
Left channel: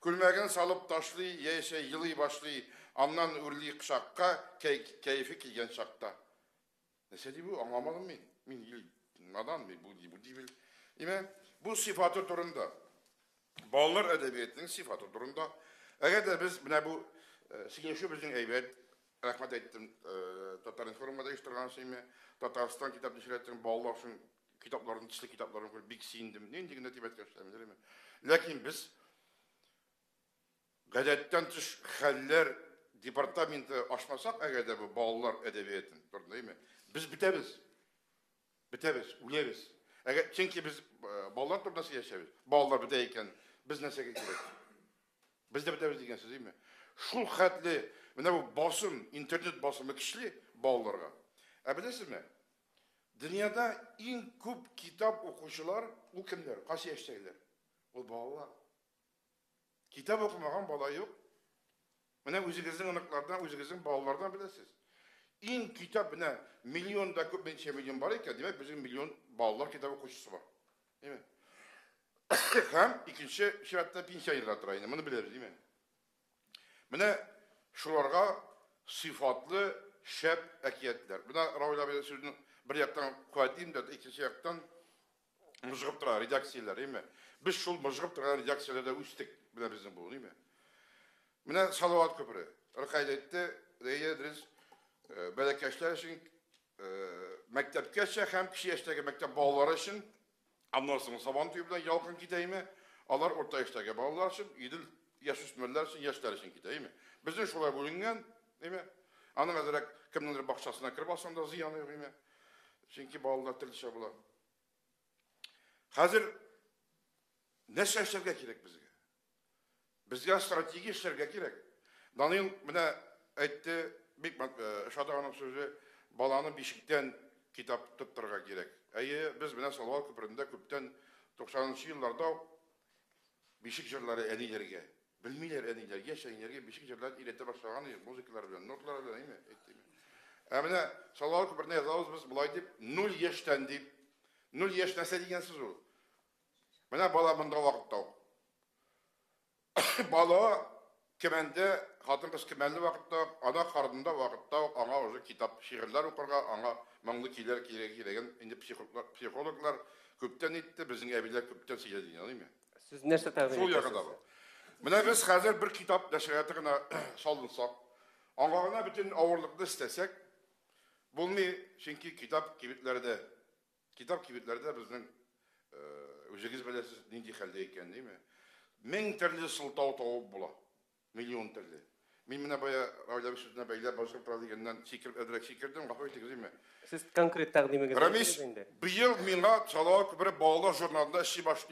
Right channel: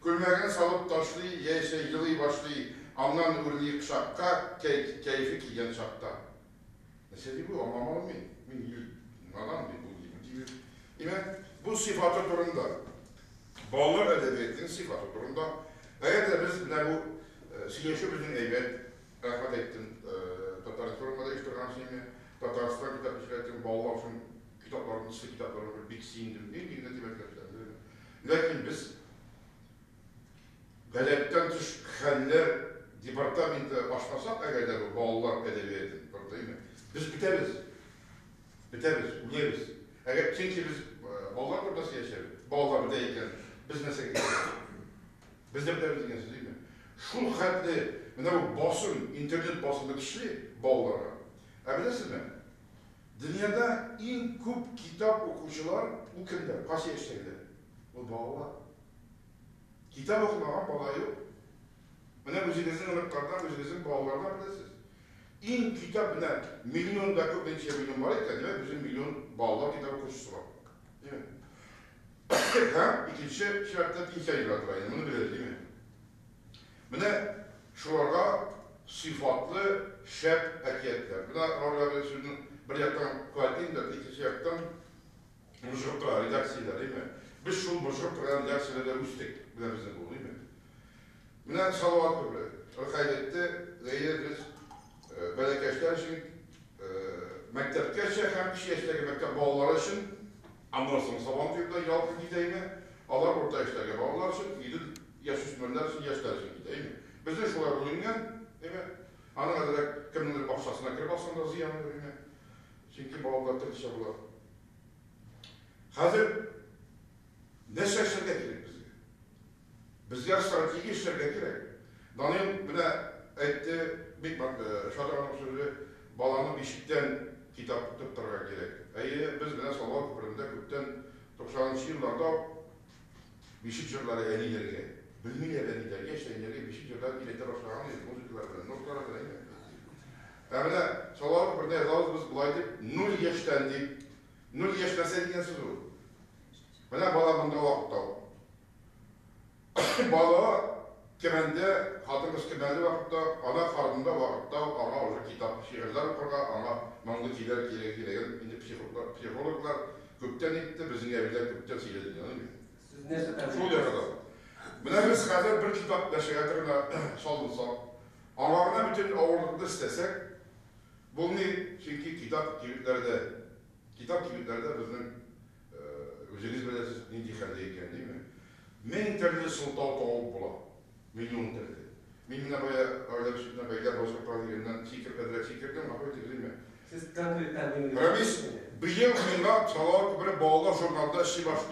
Күлмәгін салып ташлы, ейсе йылы башлы, аннан үрлі қышаққа, кәйфі келген шақта. Нәсе dey бұл? Аңламалым мен. Мен надан бұл дейлер. Бұл сифаты тұрында. Балалар әдебиетінің сифаты тұрында. Әгәді біз бұл Синеşi bizim evet, Ahmet ettin, Tataristanda iştiran şeyimi, Tataristan kitap işletim, bağlar için kitapların, dişli kitapların bir sindim değil, digine tibet gösterdim. Lakin biz gazetten tuş haller departamenti başlasak, eğer de bu bağlar edebiyatın, değil mi? Biz bitemiz, uyarız. Eğer çünkü biz bağlar burada yaşarız, bağlar biteyken biz nasıl gidiyoruz? Biz de bitemiz diyeceğiz değil mi? Şul xatli, bu basım, internet basımı kişili bağlara. Bilesiniz mi? Dünyada en çok kitap okuyucular bu kimler? Kaç yaştakiler? Bu bağlar. Kitap okumayan bala yok. Özünüzün ınıklardan, özünüzün bağlardan bilesiniz. En kitap milyonda çok milyon var iken demek bizim milyon bağlar kitap okuyucusu var. Değil mi? Hem ikinci şartta bir hikaye yarattırayım, bunu biliriz değil mi? Şularga sıfatlı şep ekiyetler. Buna Ravla Bey'in sözünü bir yaktan kayıtlayayım da ikinci yaktan mızgıp duran redaksiyeler değil mi? Biz şu mızgıp duran redaksiyelerde üsttük. Buna bizden bu değil mi? Buna Salavat Köprü. Kaydette deyiliriz. Belekeşler için mektepkeşe hem kişi yaştaki mektep bağları için anlarsınız sabah tüyüpten yalkın gideyimi. Alar orta yaştaki bağlar için gidip yaş üstmenler için, yaşlar için gideyim mi? Bizden şolay bölüngen, değil mi? Ana ederek kimdendir bakşasına kirip alsanda ziyanlı, değil mi? Çünkü bağlılar tırtışa bular. Hazır ne şaşırga gerek bizge? Bizge strateji işlerge gerek. Danayım buna etti, Şadıhan'ın sözü, balanı bişikten kitap tutturga gerek. Biz buna Salavat Köprü'nde köpten 90'lı yıllarda bişik jırları eni yerge. Bilmiler enilerge, yaşayınlarga bişik jırlar iletler aşağıya, muzikalar bilen, notlar bilen. Amına Salavat Köprü'nde yazalım biz bulay deyip, 0 yaştan deyip, 0 yaş nese degen söz bu. Buna bala bunda vakitta. Bala kemende, hatımız kemende vakitta, ana kartında vakitta, ana ozu kitap, şiirler okurga, ana manglı kiler kiregen, indi psikologlar köpten etti, bizim eviler köpten seyrediyor, değil mi? Siz nerse tabi? Sol yakada. Buna biz hazır bir kitap neşriyatına salınsak, ağırına bütün ağırlıkta istesek, bunu çünkü kitap kibitlerde bizim özünüz belirsiz indikandayken değil mi? Min türlü sıltav tavuk bula, milyon türlü. Min buna öyle bir şeyden beyler basıp pratikenden çekirdim, kapıyı değil mi? Siz konkret takdimi gibi. Ramis, bir yıl minna Salavat Köprü bağlı jurnalda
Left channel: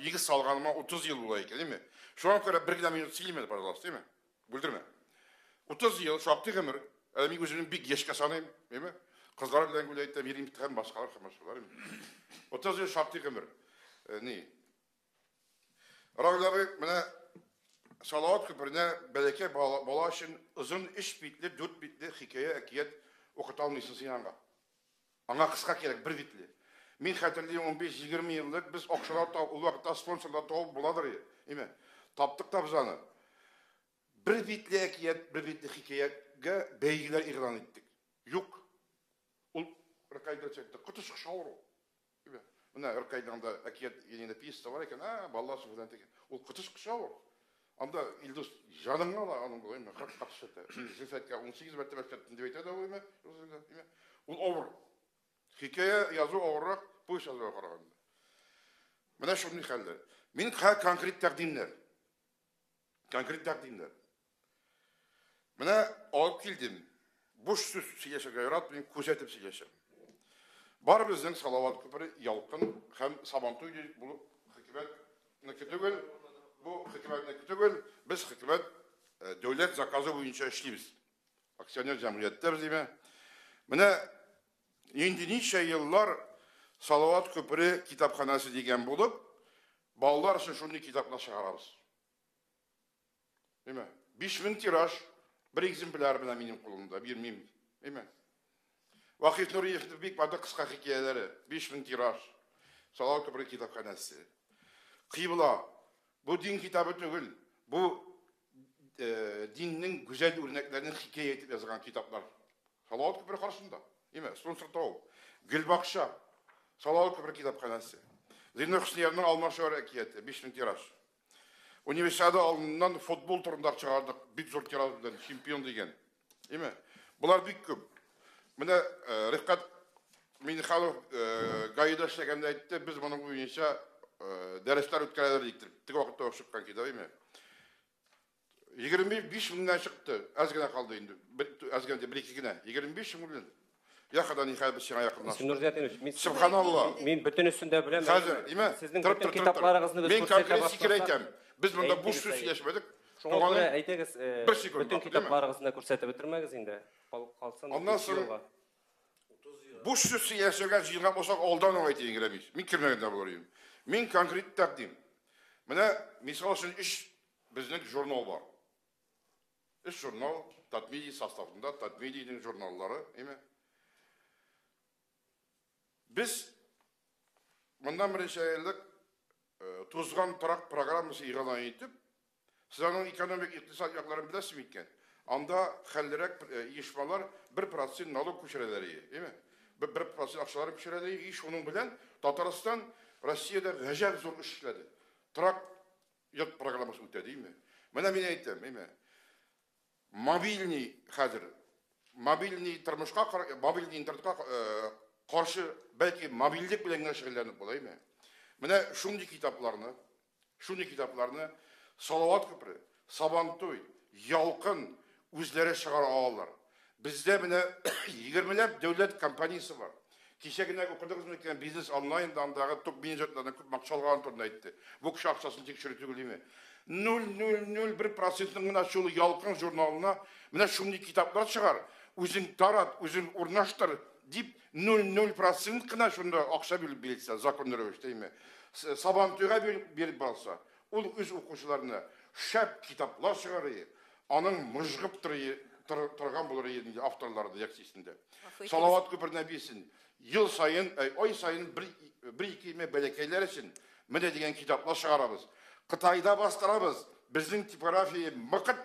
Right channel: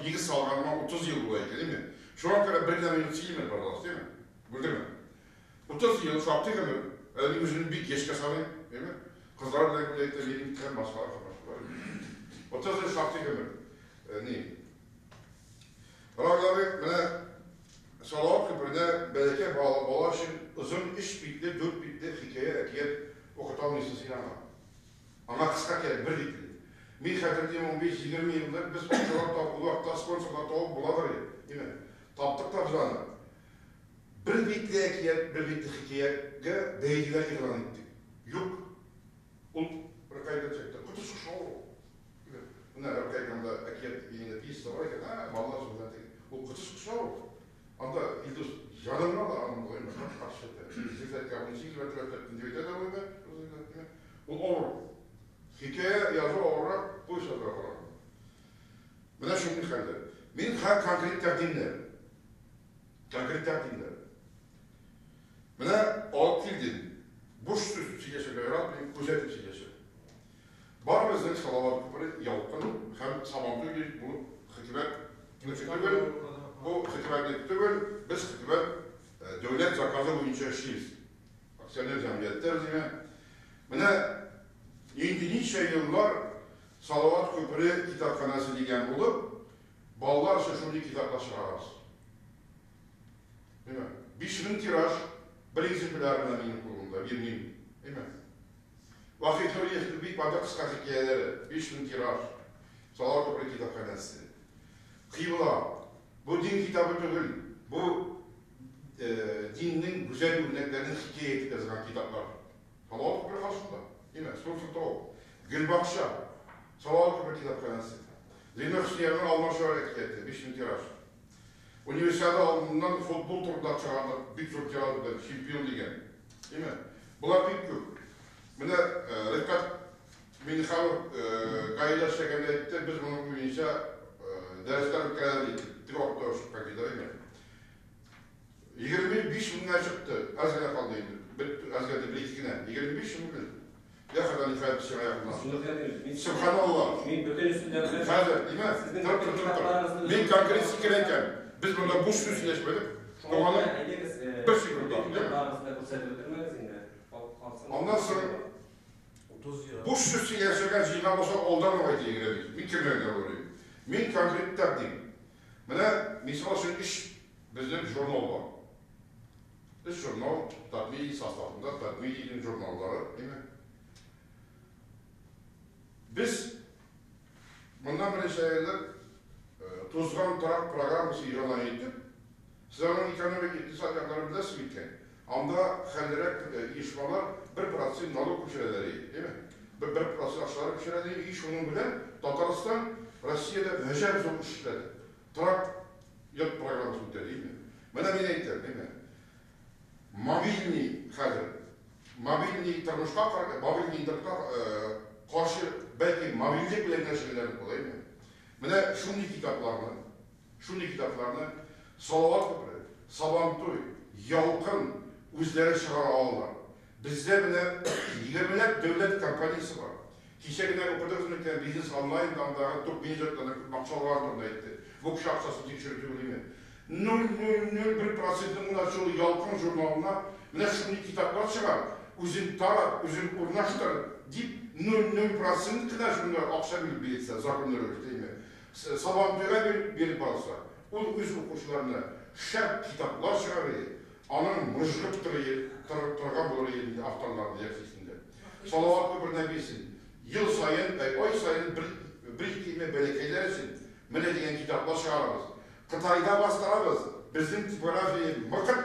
işi salganıma 30 yıl bulaydı değil mi? Şu an kadar bir minut silmedi baradası değil mi? Bildirme. 30 yıl şaptı ömür. Bir gözünün bir geç kasanayım değil mi? Kızlar bile güleyitte vereyim biten başkalar kapışmalar. 30 yıl şaptı ömür. Ne? Bırakla bir Salavat Köprü'ne belki bağlı için uzun 3 bitli, 4 bitli hikaye, ekiyet okutan listesi yanında. Ama kısa gerek, bir bitli. Min hatırlayım 15-20 yıldır biz okçular tavuk, ulakta sponsorlar tavuk buladır ya. Değil mi? Taptık da bizanı. Bir bitli ekiyet, bir bitli hikayeye beygler ilan ettik. Yok. Ol, Rıkay'dan çekti. Kutu sıkışma olur. Buna Rıkay'dan da ekiyet yine piyeste var iken, vallahi sonra tek. O kutu sıkışma olur. Anda İldus janımına da anlayayım. Kaç şetter. 18 vertebrettin devete de olur mu? O olur. Hikaye yazı olarak bu işe de var. Buna şunu dikkatle. Benim konkret takdimler. Buna o kildim. Boş söz siyaset yarat benim kuzetip siyaset. Bar bizden Salavat Köprü yalqın hem sabahlı bunu hükümet Bu hükümetlik түгел, biz hükümet devlet zakazı boyunca işleyimiz. Aksiyoner cemiyetler değil mi? Mine, nice yıllar Salavat Köprü kitapxanası degen bulup, ballar için şunu kitapla çıkararız. Değil mi? 5000 tiraj, bir egzemplar benim kurulunda, bir mim. Değil mi? Vakitleri yıktırdık, bazı kısa hikayeleri, 5000 tiraj, Salavat Köprü kitapxanası. Kıybla, bu din kitabı değil, bu dinin güzel örneklerinin hikaye etip yazılan kitaplar. Salavat Köprü karşısında, değil mi? Sponsor Gülbakşa, Salavat Köprü kitapxanası. Zeyno Hüsniyar'ın Alman şöyle hikayeti, 5000 tiraj. Üniversitede alımından futbol turunda çıkardık, büyük zor tiraj, şampiyon degen. Değil mi? Bunlar büyük köp. Mine, Rıfkat Minhalov gayda işlegende etti, biz bunun boyunca dersler ötkeneler ettik. Tık okuda çıkkan kida, değil mi? 25 binden çıktı, az gene kaldı indi. Az gene bir iki güne, 25 milyon. Yakadan hikaye bir şey ayakından. Subhanallah. Men bütün üstünde bilen. Hazır, değil mi? Sizin kitaplarınızda ben konkret fikirleyken, biz bunda bu süs yaşmadık. Şoňa aýtaňyz, bütün kitaplarınızda görsetip bitirmeňiz indi. Ondan sonra bu süsü yaşayan jilgan bolsa oldan oýdy girebiz. Men kimlerden görüyorum. Men konkret takdim. Mine, misal üçün iş bizning jurnal var. İş jurnal, tatmili sastavında, tatmili jurnalları, değil mi? Biz bundan birinci aylık Tuzgan Tarak programı ilan ettik. Sizlerin ekonomik iktisat yakları bilesiniz mitken. Anda xellerek işmalar 1% nalog köşeleri, değil mi? 1% aşağıları köşeleri iş onun bilen Tataristan, Rusya'da vejer zor işledi. Tarak yat programı sütte, değil mi? Bana bir eytir, değil mi? Mobilni hazır. Mobilni tırmışka, mobilni internetka karşı belki mobillik bilen şeylerini kolay mı? Mene şundi kitaplarını Salavat Köprü, Sabantoy, Yalkın özleri çıkara alırlar. Bizde mene 20'ler devlet kompaniyası var. Kişegine okudunuz mu ki Business Online'dan da çok binzetlerine maksallar turuna etti. Bu kuşak sası tekşürtü değil mi? 0,001% mene şu Yalkın jurnalına mene şundi kitaplar çıkar. Üzün tarat, üzün urnaştır deyip 0,0% kadar şunda akşa bilip bilse, zakonları öyle değil mi? Sabantoy'a bir balsa, o öz okuşlarına şart kitaplar çıkarıyor. Anın mıжgıp tırgan bulur yerinde avtarlarda yaksisinde. Salavat Köprü'ne bilsin. Yıl sayın, ay sayın bir iki belekeyler için mene degen kitaplar çıkarırız. Kıtayda bastırırız. Bizim tipografiyi mıkıt,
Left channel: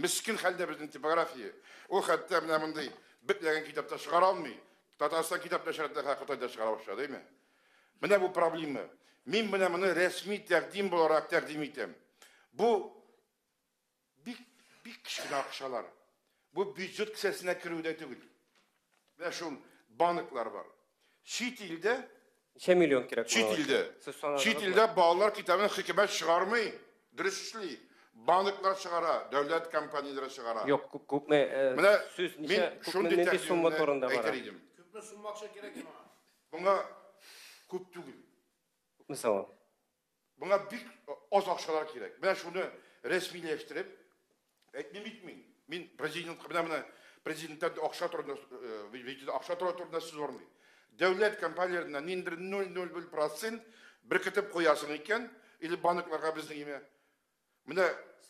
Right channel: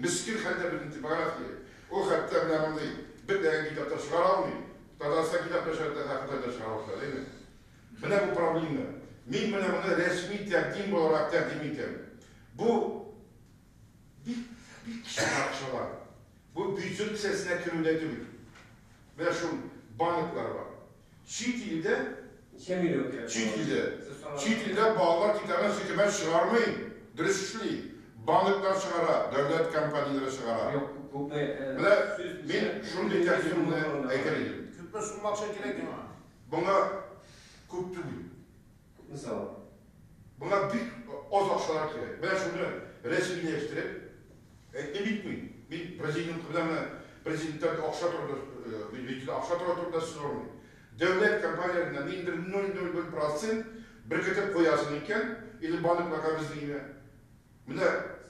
miskin halde bizim tipografiyi. O hatta mene değil. Bir degen kitapta çıkar almayın. Tataristan kitapta şartlar Kıtayda çıkarmışlar değil mi? Mene bu problemler. Men bunu resmi takdim olarak takdim ettim. Bu bir kişi arkadaşlar. Bu büyücülük sesine kirüde değil. Ve şu banklar var. Çiğit ilde Çe milyon kirek. Çiğit ilde bağlar kitabını hükümet çıkarmayın. Dürüstlüğü. Banklar çıkara, devlet kampanyaları çıkara. Yok, hükümet men şunu takdimini aytayım. Hükümet sunmak için gerek mi? Buna köp değil. Mesela. Buna bir az akşalar gerek. Ben şunu resmileştirip, ne bitmeyin. Ben prezidentten de akşa turda siz olmayın. Devlet kampanyalarından indir 0,0% bir kitap koyasın iken, ili banklarga bizliğine. Mine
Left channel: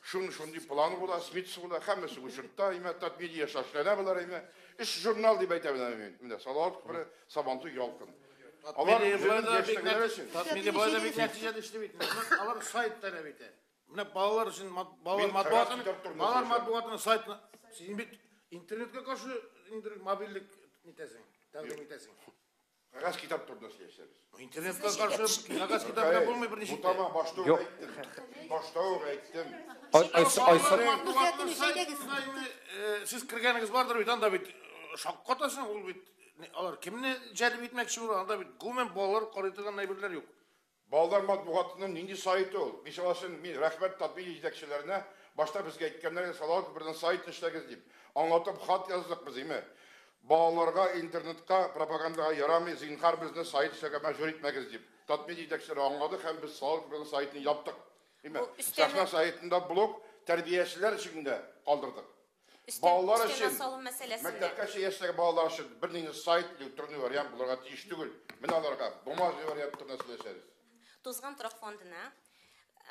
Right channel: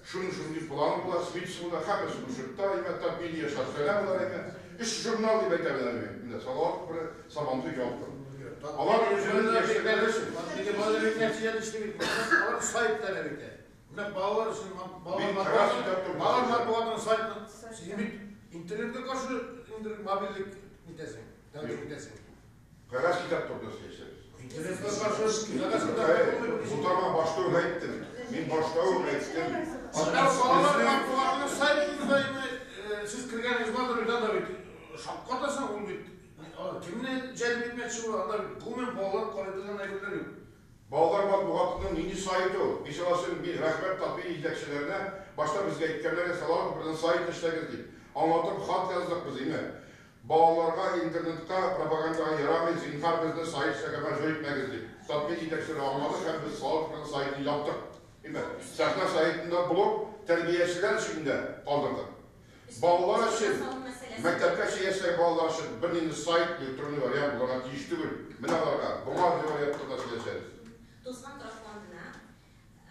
şunu planı bular, smithsi bular, hamısı bu şurtta, imetten bir yaşar söylemler ime. İş jurnal diye beklemem. Mine Salavat Köprü, Sabantoy Yalkın. Ama yazılarda beklersin. Tabii böyle bir netice işte onlar sahiplerine bekler. Buna bağlar için bağlar matbuatına sahipler. Sizin bir internete karşı mobillik nitesin. Dandik nitesin. Kagaz kitap topluyoruz gençler. İnternete karşı kagaz kitap yapılmıyor bir şey. Bu tamam başta öğrettim. Ben başta öğrettim. Bağlar matbuatına sahipler. Siz kirgeniniz vardır uydan da bir şapkatasın ol bir. Kimini cedip etmekçi olan da bir gümen bağlar konutulan neybeler yok. Bağlar matbuatının nini sayıtı o. Mesela bir rehber tatbir edecekçilerine başta bizge gitkenlere Salavat Köprü'den sayıt işler gezdik. Anlatıp hat yazdık biz değil mi? балаларға интернетқа пропагандаға ярамай зинһар бізді сайт сәкәбән жөритмәгіз деп. Татмен жетекшілері аңладық һәм біз салық сайтын яптық. Сәхна сайтында блог тәрбиешілер ішінде қалдырдық. Балалар үшін, мәктәпкә шейестай балалар үшін бір нені сайт электронный вариант бұларға тиіш түгіл. Міне аларға бұңғаз вариант тұрнасы келесеріз. Тозған тұрақ фондына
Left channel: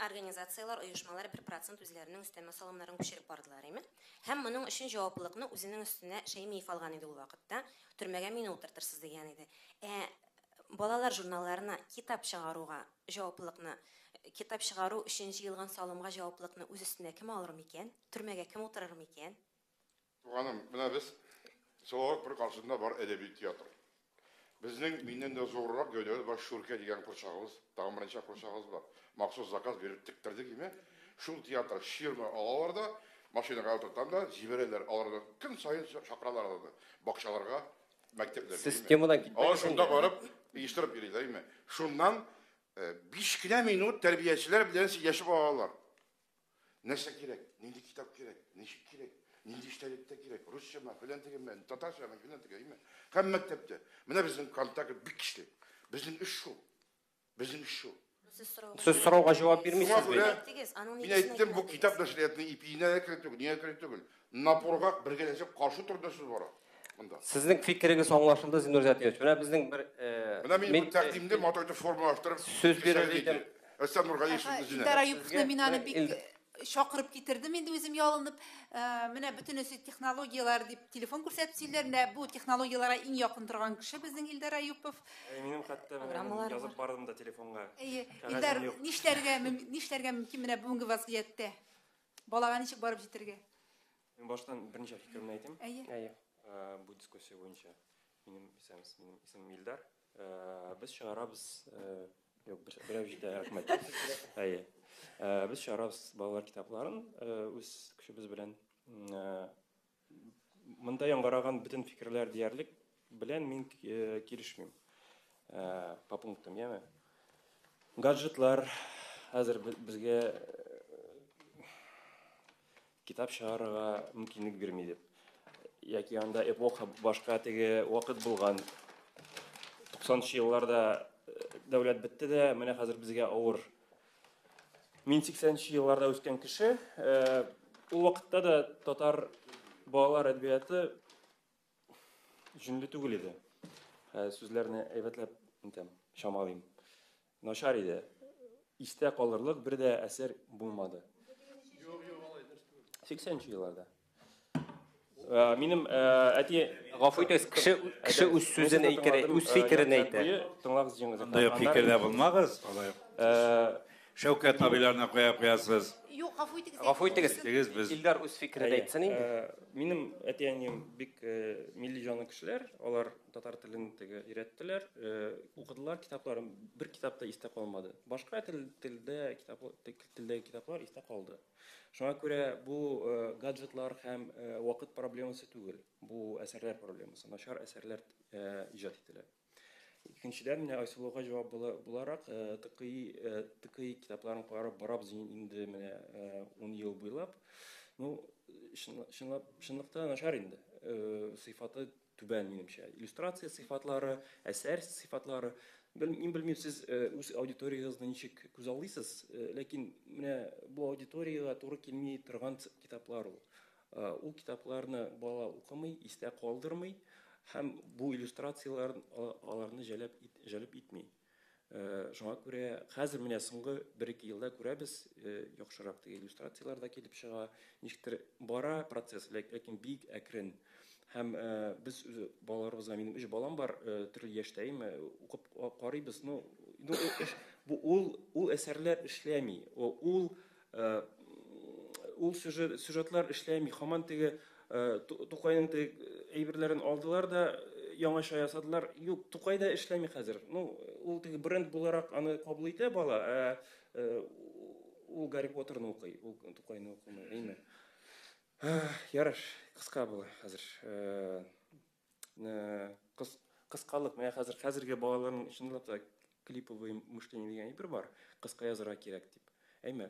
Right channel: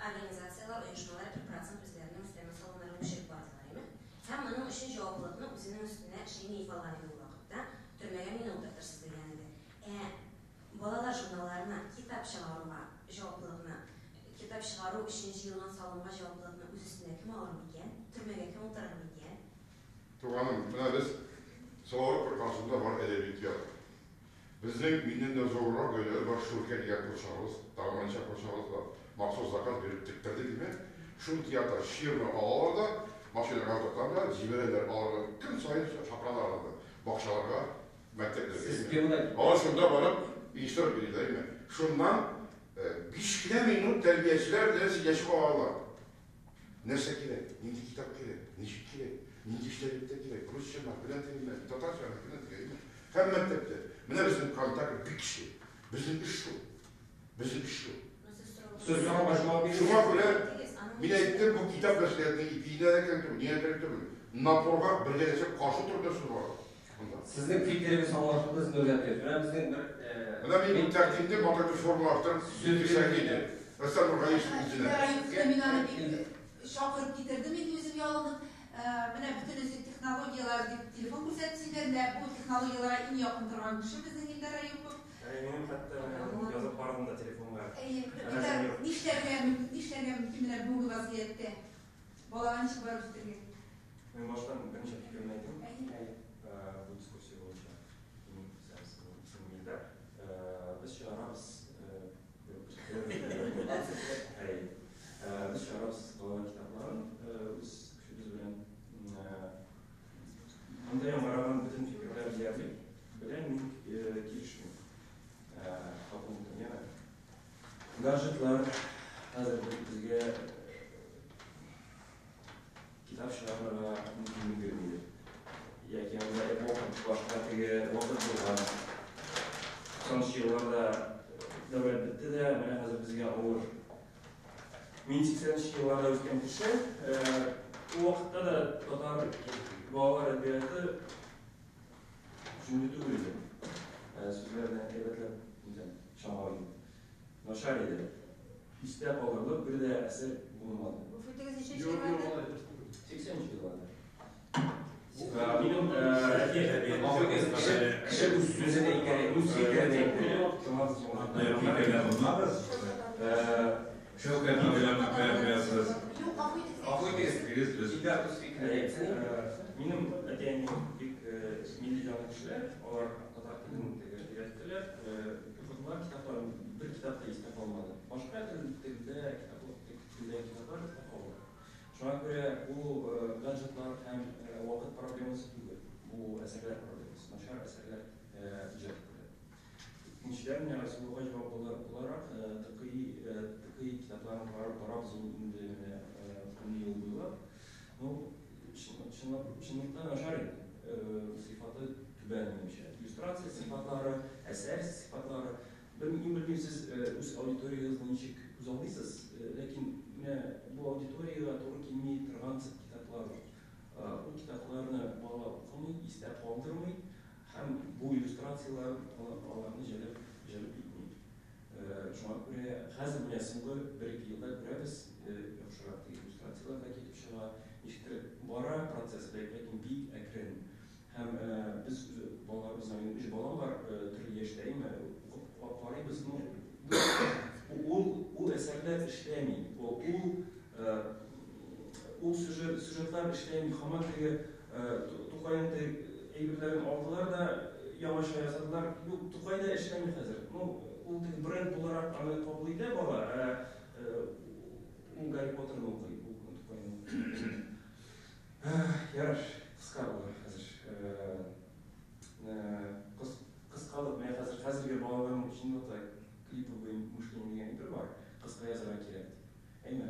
организациялар, ұйышмалар 1% өзлерінің үстеме салымларын көшіріп бардылар еме. Һәм мұның үшін жауаплылықны өзінің үстіне шейін ефалған еді бұл вақытта. Түрмеге мені отыртырсыз деген еді. Балалар журналарына китап шығаруға жауаплылықны, китап шығару үшін жиылған салымға жауаплылықны өз үстіне кім алыр екен? Түрмеге кім отырар екен? Туғаным, мына біз солар бір қарсында бар әдебиет ят. Біздің менен де зорлар көйлері бар шүрке деген қоршағымыз, дағыманша қоршағымыз бар. Мақсус заказ беріп тіктірді деме. Шүр театр ширма балаларда, машинаға отыртанда, жіберелер балаларға күн сайын шақыраларда, бақшаларға, мәктеплерге. Системада Шында барып, иштіріп береді. Шундан 5 минут тәрбиешілер білен сөйлесіп алалар. Нәрсе керек, нендей китап керек, нешік керек, нендей іштелікте керек, русша бар, білен тегілмәді, татарша бар, білен тегілмәді. Һәм мәктепте. Міне біздің контакт бик кішті. Біздің үш жыл. Біздің үш жыл. Сіз сұрауға жауап бермейсіз. Мен айттым, бұл китап мәселелерінің ипиіне әкен тұрмын, не әкен тұрмын. Напорға бірге десек қаршы тұрды сөз бар. Сіздің фикіріңіз аңлашылды Зиннур Зәтиевич. Мына біздің бір менің тәқдимде матайды форма авторып сөз берілді. Әсән Нұрғайышев біздің. Илдар Аюповны мен аны бик шақырып кетірдім, енді өзім ялынып. Міне bütün өсет технологиялар деп телефон көрсетсеңдер, бұл технологияларға ең жақын тұрған кіші біздің Илдар Аюпов. Менің хатта жазып бардым да телефонға. Илдар, нишләргә мөмкин менә бүгенге вазгыятьтә? Балага ничек барып җитәргә? Мен баштан берничә фикерне әйтим. Бу дискуссия буенча. Исем Илдар. Без чыгарабыз, biz шығарабыз балалар китапларын, өз күшіміз білен мындай аңғараған бүтін фикірлер диярлік білен мен келішмеймін. По пунктам, яғни гаджетлар әзір бізге китап шығаруға мүмкіндік бермейді. Яки анда башқа теге уақыт болған. Соншы жылларда дәулет бітті де, міне қазір бізге ауыр. Мен 80-ші жылларда өскен кіші, бұл уақытта да татар балалар әдебиеті жүнді түгіл еді. Сөздеріне әйбәтләп шамалайым. Нашар еді. Исте қалырлық бір де әсер болмады. 80-ші жылларда. Менің кіші өз сөзін өз фикірін әйтті. Андай фикіріне болмағыз? Шәукәт абиларына қоясыз. Ғафу итегіз. Илдар өз фикірін әйтсін. Менің әтейінен бик милли жаны кішілер, олар татар тілін үйреттілер, оқыдылар китапларын бір китапта естеп алмады. Башқа тілде китаплар естеп қалды. Шуңа күрә бұл гаджетлар һәм вакыт проблемасы түгел. Бұл әсәрләр проблемасы, нашар әсәрләр иҗат ителә. Икенчедән, менә Айсулуга җавап буларак, тыкый китапларын барабыз инде 10 ел буйлап. Чынлыкта нашар инде. Сыйфаты түбән минемчә. Иллюстрация сыйфатлары, әсәр сыйфатлары. Мин белмим, сез үз аудиториягызны ничек күз алдыйсыз, ләкин менә бу аудиторияга туры килмей торган китаплар. Ул китапларны бала укымый, истә калдырмый һәм бу иллюстрациялар аларны җәлеп итмей. Шуңа күрә хәзер менә соңгы 1-2 елда күрәбез, яхшырак иллюстрациялар да китеп чыга, ничектер бара процесс, ләкин бик әкрен. Һәм без балаларыбызга, минем 3 балам бар, төрле яшьтәйме, укып карыйбыз. Ул әсәрләр эшләми, ул сюжетлар эшләми, һаман теге Тукайның әйберләрен алдылар да яңаша ясадылар. Юк, Тукай да эшләми хәзер. Ул теге бренд буларак аны кабул итә бала, ул Гарри Поттерны укый, ул Тукайны укый. Ярыш кыска була хәзер. Кыскалык, менә хәзерге балаларның чынлыкта клиповый мышление дигән бар. Кыска язарга кирәк дип. Әйме.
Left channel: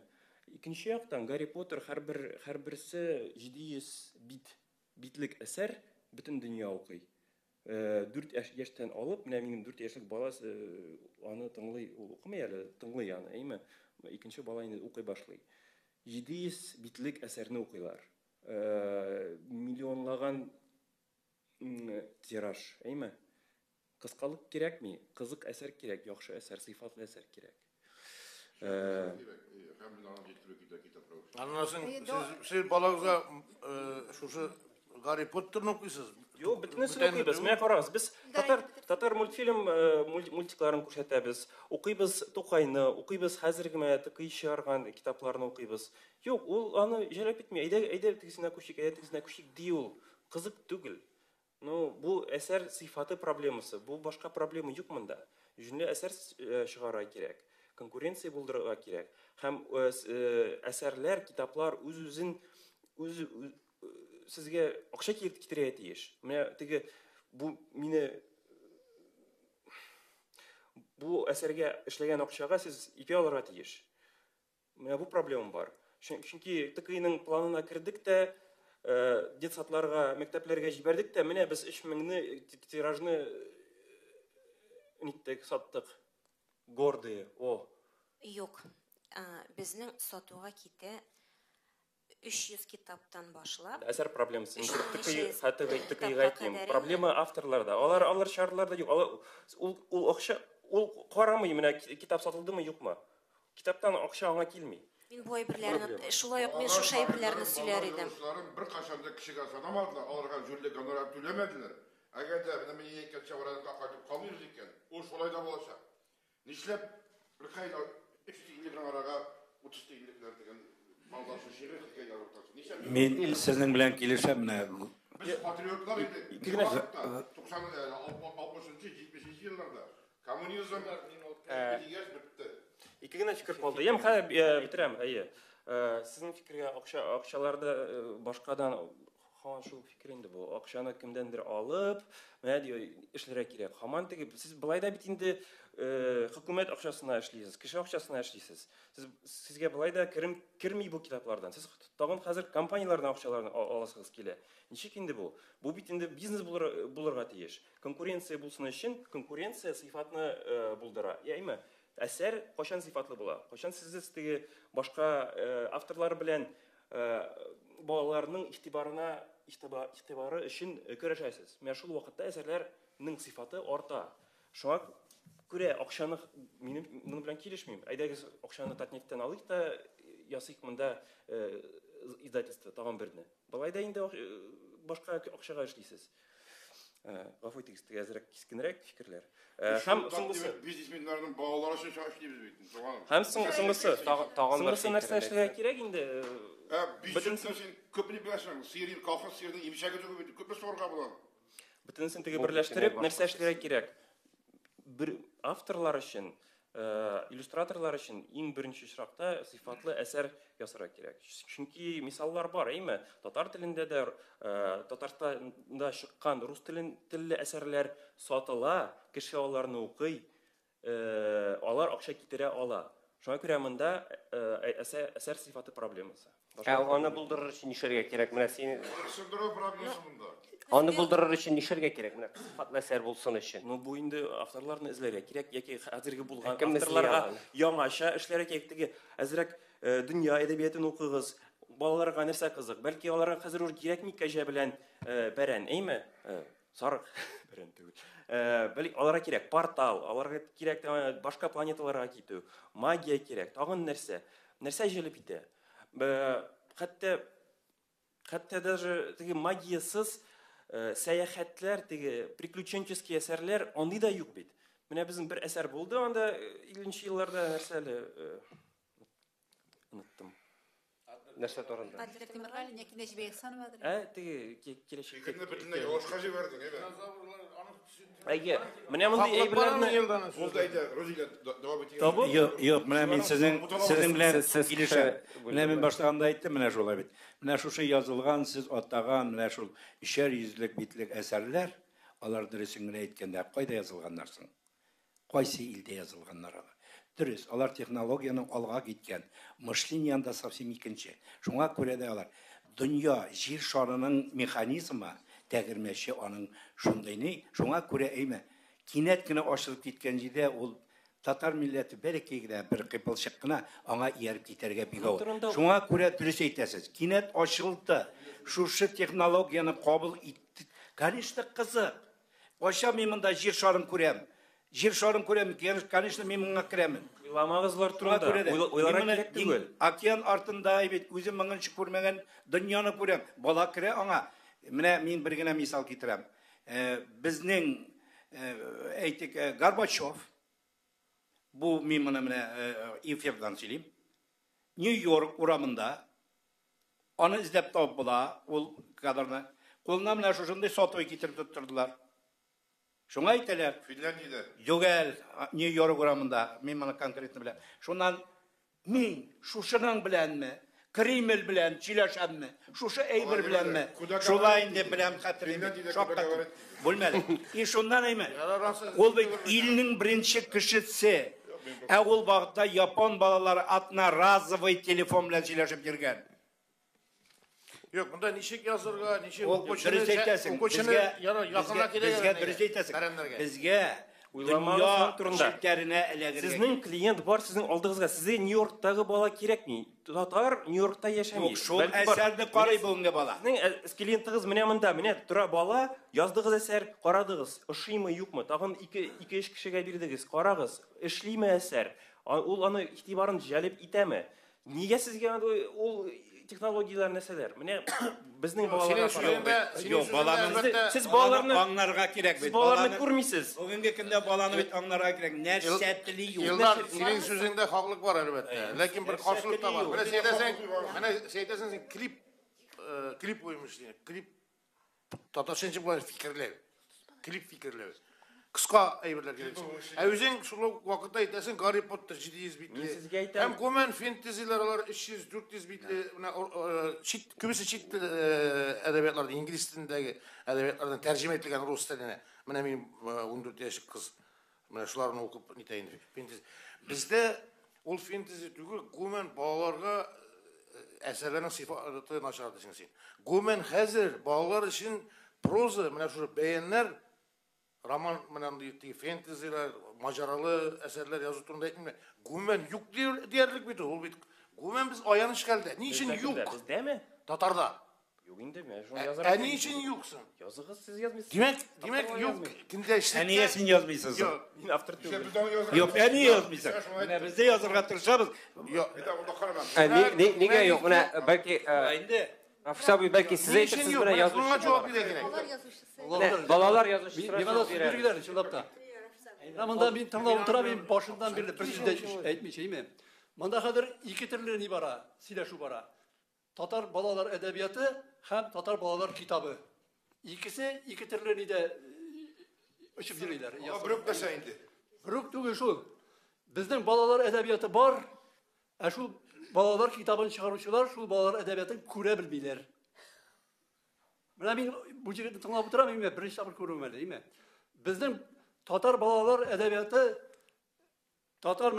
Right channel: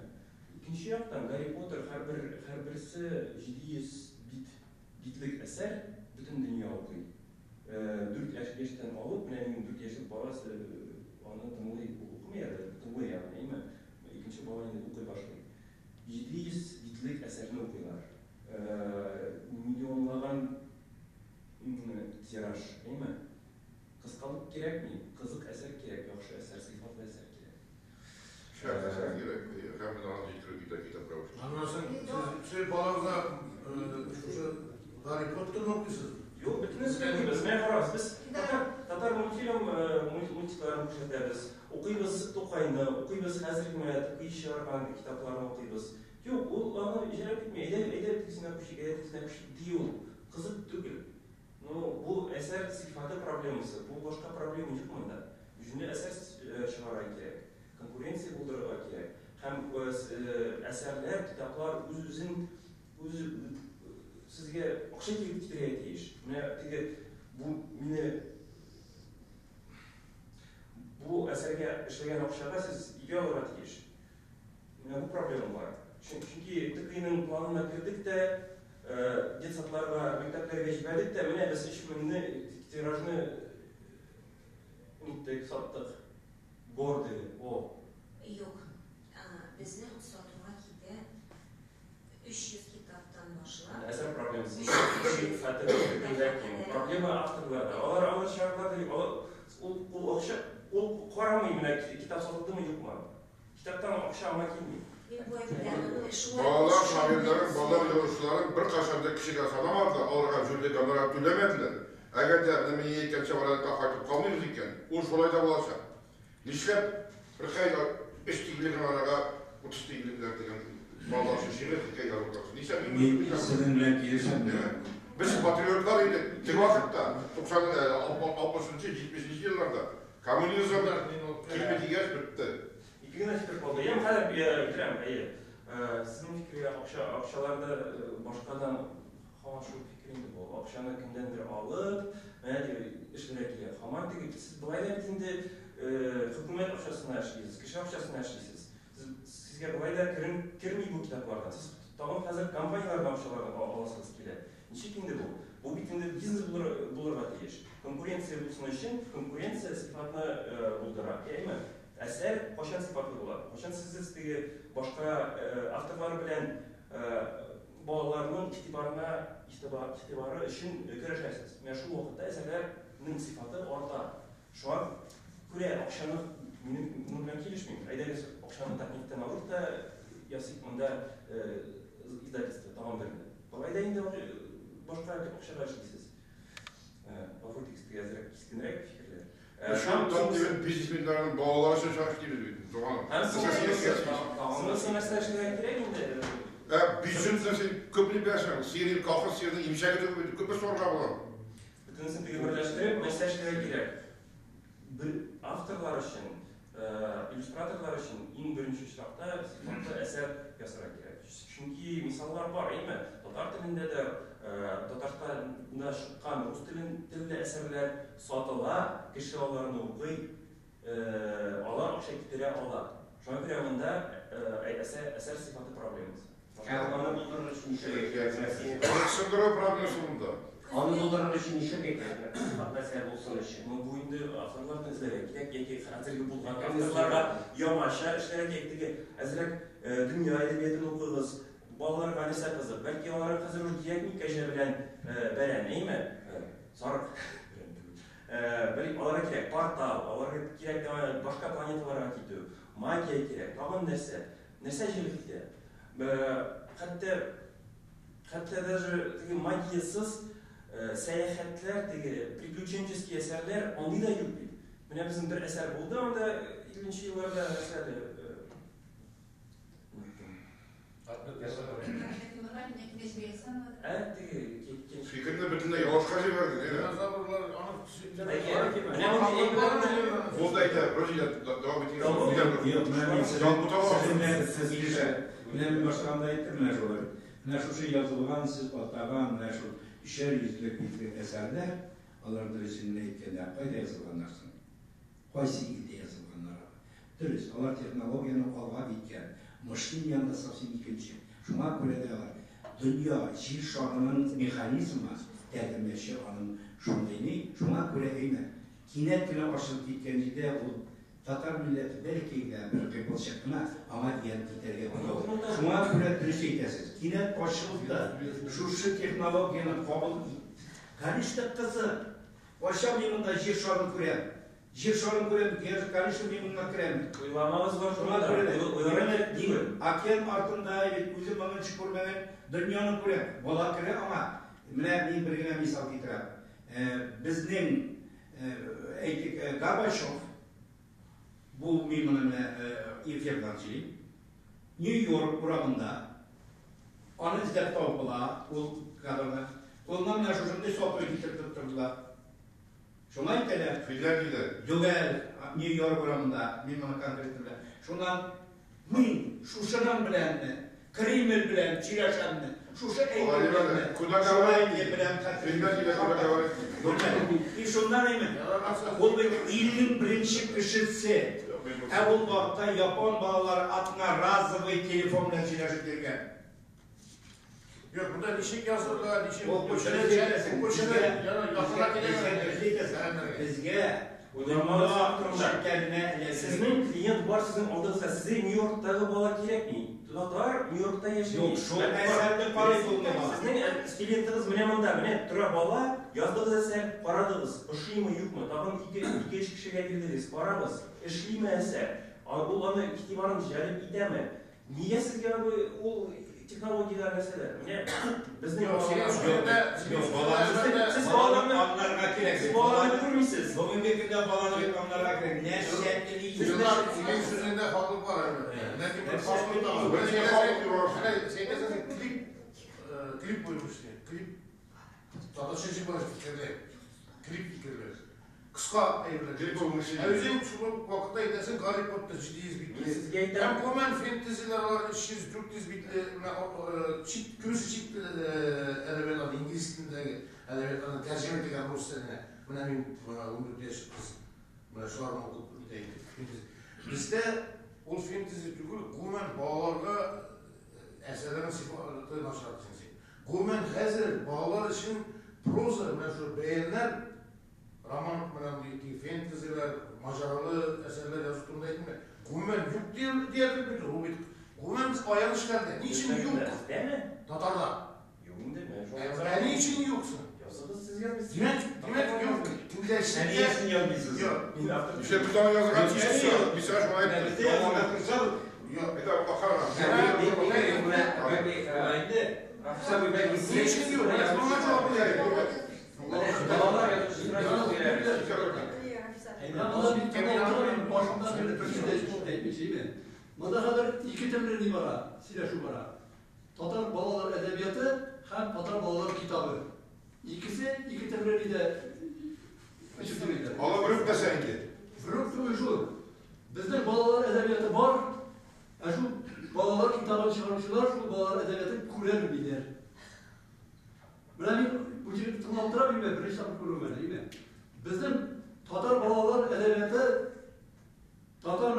Икенче яктан Гарри Поттер һәрберсе 700 битлек әсәр бүтін дүние оқый. 4 яшьтен алып, менә минем 4 яшьлек баласы аны тыңлый, укымый әле, тыңлый аны, әйме? Икенче бала инде укый башлый. 700 битлек әсәрне укыйлар. Миллионлаган тираж, әйме? Кыскалык кирәкми, кызык әсәр кирәк, яхшы әсәр, сыйфатлы әсәр кирәк. Siz balağıza şu Гарри Поттер'ni okuysunuz. Yok, bütünüsünü okuyuz. Мен қарабыз, біз татар мультфильм мультикларын күрсәтәбез, оқыйбыз Токайны, оқыйбыз хәзерге тикый чыгарган китапларны оқыйбыз. Yok, ул аны җәлеп итми. Әйдә тегесенә күчик ди ул. Кызык түгел. Но бу әсәр сыйфаты проблемасы, бу башка проблема юк монда. Җүнле әсәр чыгара кирәк, конкуренция булдырырга кирәк. Һәм әсәрләр, китаплар үз-үзен сезгә акча китерә тиеш. Менә теге бу әсәргә эшләгән акчага сез ике алырга тиеш. Менә бу проблема бар. Чөнки ТКИның планына кирдек тә, детсадларга, мәктәпләргә җибәрдек тә, менә без 3000 тиражны ниттек саттык. Гордые. Юк. Безнең сатуга китә 300 китаптан башлап. Әсәр проблемасы. Проблема авторларда. Алар шарларда юк. Ул акча, ул карамый менә китап сатылдымы юкмы? Китаптан акча аңа килми. Бу әйберләрне шулай bir qachonda kishiga sanomardi, olg'a julga gonorar to'lamadilar. Agarda nima yetgancha orada qaytib qolmaymiz ekan, u shulay da bo'lsa. Nishlab bir qayda 3 tiyilgan araga 30 tiyilgan degan balaшы şiir hikayeler olacak. Men sizning bilan kelishimni. Biz patriotlar edik. Kibosatda 60-70 yıllarda komünizmda kelmedi yaş bitti. İkigina fikir oldu. Hem hadi bitirem. Sizin fikri akşalarda başkadan şu fikrinde bu. Akşanı kimdendir alıp, ne diyor işlere kirek. Haman tegi siz bulayda bitinde hükümet akşasına işleysiz, kişi akşasına işleysiz. Sizge bulayda kirmeyi bu kitaplardan. Siz tağın hazır kampanyalardan akşalarını alasınız kele. Nişik indi bu? Bu bitinde biznes bulurga teyiş. Konkurensiya bulsun için konkurensiya sıfatını buldura. Yani әсәр қашан сыйфатлы була? Қашан сіз теге башка авторлар белән балаларның игътибары өчен көрәшәсез. Менә шул вакытта әсәрләрнең сыйфаты арта. Шуңа күрә акчаны минем белән килешмим. Әйдәгез акчаны татнефтән алыйк та ясыйк монда издательство тагын берне. Алай да инде башка акчага эшлисез. Гафу итегез, әзрәк кискенрәк фикерләр. Biznesmenlerin bağları için çalıştığımız bir zaman. Hem sınırsız нәрсе эшләгән кирәк инде. Biznesmen köpünü bilәсәң, Сирия колхоз Сирияда имшак итеп күпме сорга була. Бөтенесен теге берләштереп нәрсә эшләргә кирәк. Бер авторлар өчен, иллюстраторлар өчен иң беренче чиракта сыйфатлы әсәр ясарга кирәк. Чөнки мисаллар бар, әйме? Татар телендә дә, Татарстанда чыккан рус телле әсәрләр сатыла, кеше аларны укый, алар акча китерә ала. Шуңа күрә монда әсәр сыйфаты проблемасы. Аны булдырыр өчен нишәргә кирәк? Менә син Сындыру проблемасы монда. Аны булдырыр өчен нишәргә кирәк? Әсәр булсын өчен. Бу инде авторларны эзләргә кирәк, яки хәзерге булган авторларга яңаша эшләргә кирәк. Теге әзрәк дөнья әдәбиятын укыгыз. Балаларга нәрсә кызык? Бәлки аларга хәзер уж диятник кәҗә белән бәрән, әйме? Сарык. Бәлки аларга кирәк портал, аларга кирәк башка планеталарга китү, магия кирәк, тагын нәрсә. Нәрсә җәлеп итә? Хәтта даже теге магиясыз сәяхәтләр, теге приключенческий әсәрләр андый да юк бит. Менә безнең бер әсәр булды, анда 50нче елларда нәрсәдә нәрсә бар? Fikirni bütünde yavaşqa jiberdin, elə? Менә мондый әйберләрне Бу да әйтә, Розилия дәвам итә. Юк, менә мин сезнең белән килешәм. Менә мин баштаганда әйттем, менә шулай бит. Менә шушы язылган, сез атаган, менә шул 300 битлек әсәрләр, алар дөресен генә әйткәндә, кайда язылганнар соң? Кайсы илдә язылганнар? Дөрес, алар технологияның алга киткән, мышлениең да совсем икенче. Шуңа күрә дә алар дөнья җир шарының механизмы тәгірмеші анын шундай не, шуңа көре әйме. Кинет кіна ашылып кеткен жерде ол татар милләті бәрекегілі бір қипылшық қына аңа еріп детерге бігау. Шуңа көре дұрыс айтасыз. Кинет ашылды, шушы технологияны қабыл етті. Конечно, қызы. Аша мен мында жер шарын көрем. Жер шарын көрем, конечно, мен мыңа кіремін. Ойламағыз бар тұрады. Океан артында өзім мыңын көрмеген дүнияны көрем. Бала кіре аңа. Міне мен бір генә мисал келтірем. Біздің Горбачев, бұл мен міне эфирдан сөйлеймін. Нью-Йорк урамында аны іздеп тауып бола, ол кадрны. Қолына мына жұржындай сотовый кетіп тұрдылар. Шуңа айтылар. Финляндияда. Йогел, Нью-Йорк урамында, мен мұны конкретно білем. Шунан мен шушынан біләнме, Кремль білән, Чилашанны, шушы әйбір біләнме, шулайны білән қатырын, шаптақ. Бұлмәді. И шундан әймен, ол бен елінің бірінші кішісі, ол бағытта Япон балалары атына разовый телефон білән Чилашып керген. Yok, bunda nişik yazırlar, nişik Bizge Sizin klient var, sizin aldığınızda size New York'taki bala керек mi? Tatar New York'ta yaşamıyor. Şol eserli qarayı bunga bala. Sizin klientiniz mine mında, mine tura bala, yazdığınız eser qaradınız, ışıy mı yok mu? Tağın iki iş kişiye birdiniz, qarağız, işli mi eser? Ol anı itibarın jalip ite mi? Niye sizge ol технологиялар нәрселер. Міне біздің сіз балаларға керек. Сіз балаларды көрмейсіз. Бүгінгі күнде баланы бет балаларға керек. Нәрсәтлі yok. Senin sözünde haklılık var elbette. Lakin bir karşılık da var. Böyle klip koymuş diye. Klip Tatarça çıkmayız fikirler. Klip fikirler. Kıska eyvallah. Özün sulu vakitte aytasın Harry Potter 700 bitli. Hem komen fantasy'ler 300-400 bitli. Kümüsü çift edebiyatlarda, İngiliz dilindeki edebiyatlardan tercüme edilen Rus diline. Mene benim 14 yaş kız. Mene şularını okup niteyin. Bizde ol fantasy tükür, komen bağlarga eserlerin sıfatı naşardı sen. Komen hazır bağlar için proza, mene şu beğenler roman fantasy'ler, maceralı eserler yazı turunda etmiyor. Gümen yok diyerlik bir o bir. Gümen biz ayanış geldi. Niçin yok? Değil mi? Tatar'da. Yok değil mi? Niçin yoksun? Yazınız siz yazmışsınız. Demek yok. Kimde işte. Niyesin yazmışsınız? Yok. İşte biz onu yazarız. Yok, niye yazmışsınız? Bizde yazırken tırşarız. Yok. Niye yok? Belki Afisa belki size Niçin yok? Buna cevap verelim. Balalar yazmış. Mında bir tane oturayım başından beri Türkçe'de etmeyeceğim. Mında kadar iki türlü ibara, sile şu bara. Tatar balalar edebiyatı hem Tatar balalar kitabı. İkisi iki türlü de ışıklıdır. Ama bırak da sence. Bırak şu. Bizde balalar edebiyatı var. Şu balalar kitabını çıkarmışlar, şu balalar edebiyatı kure bilir. Ben bu cihazı tanıp durayım ve birinci sabır kurum değil mi? Bizim Tatar balalar edebiyatı, Tatar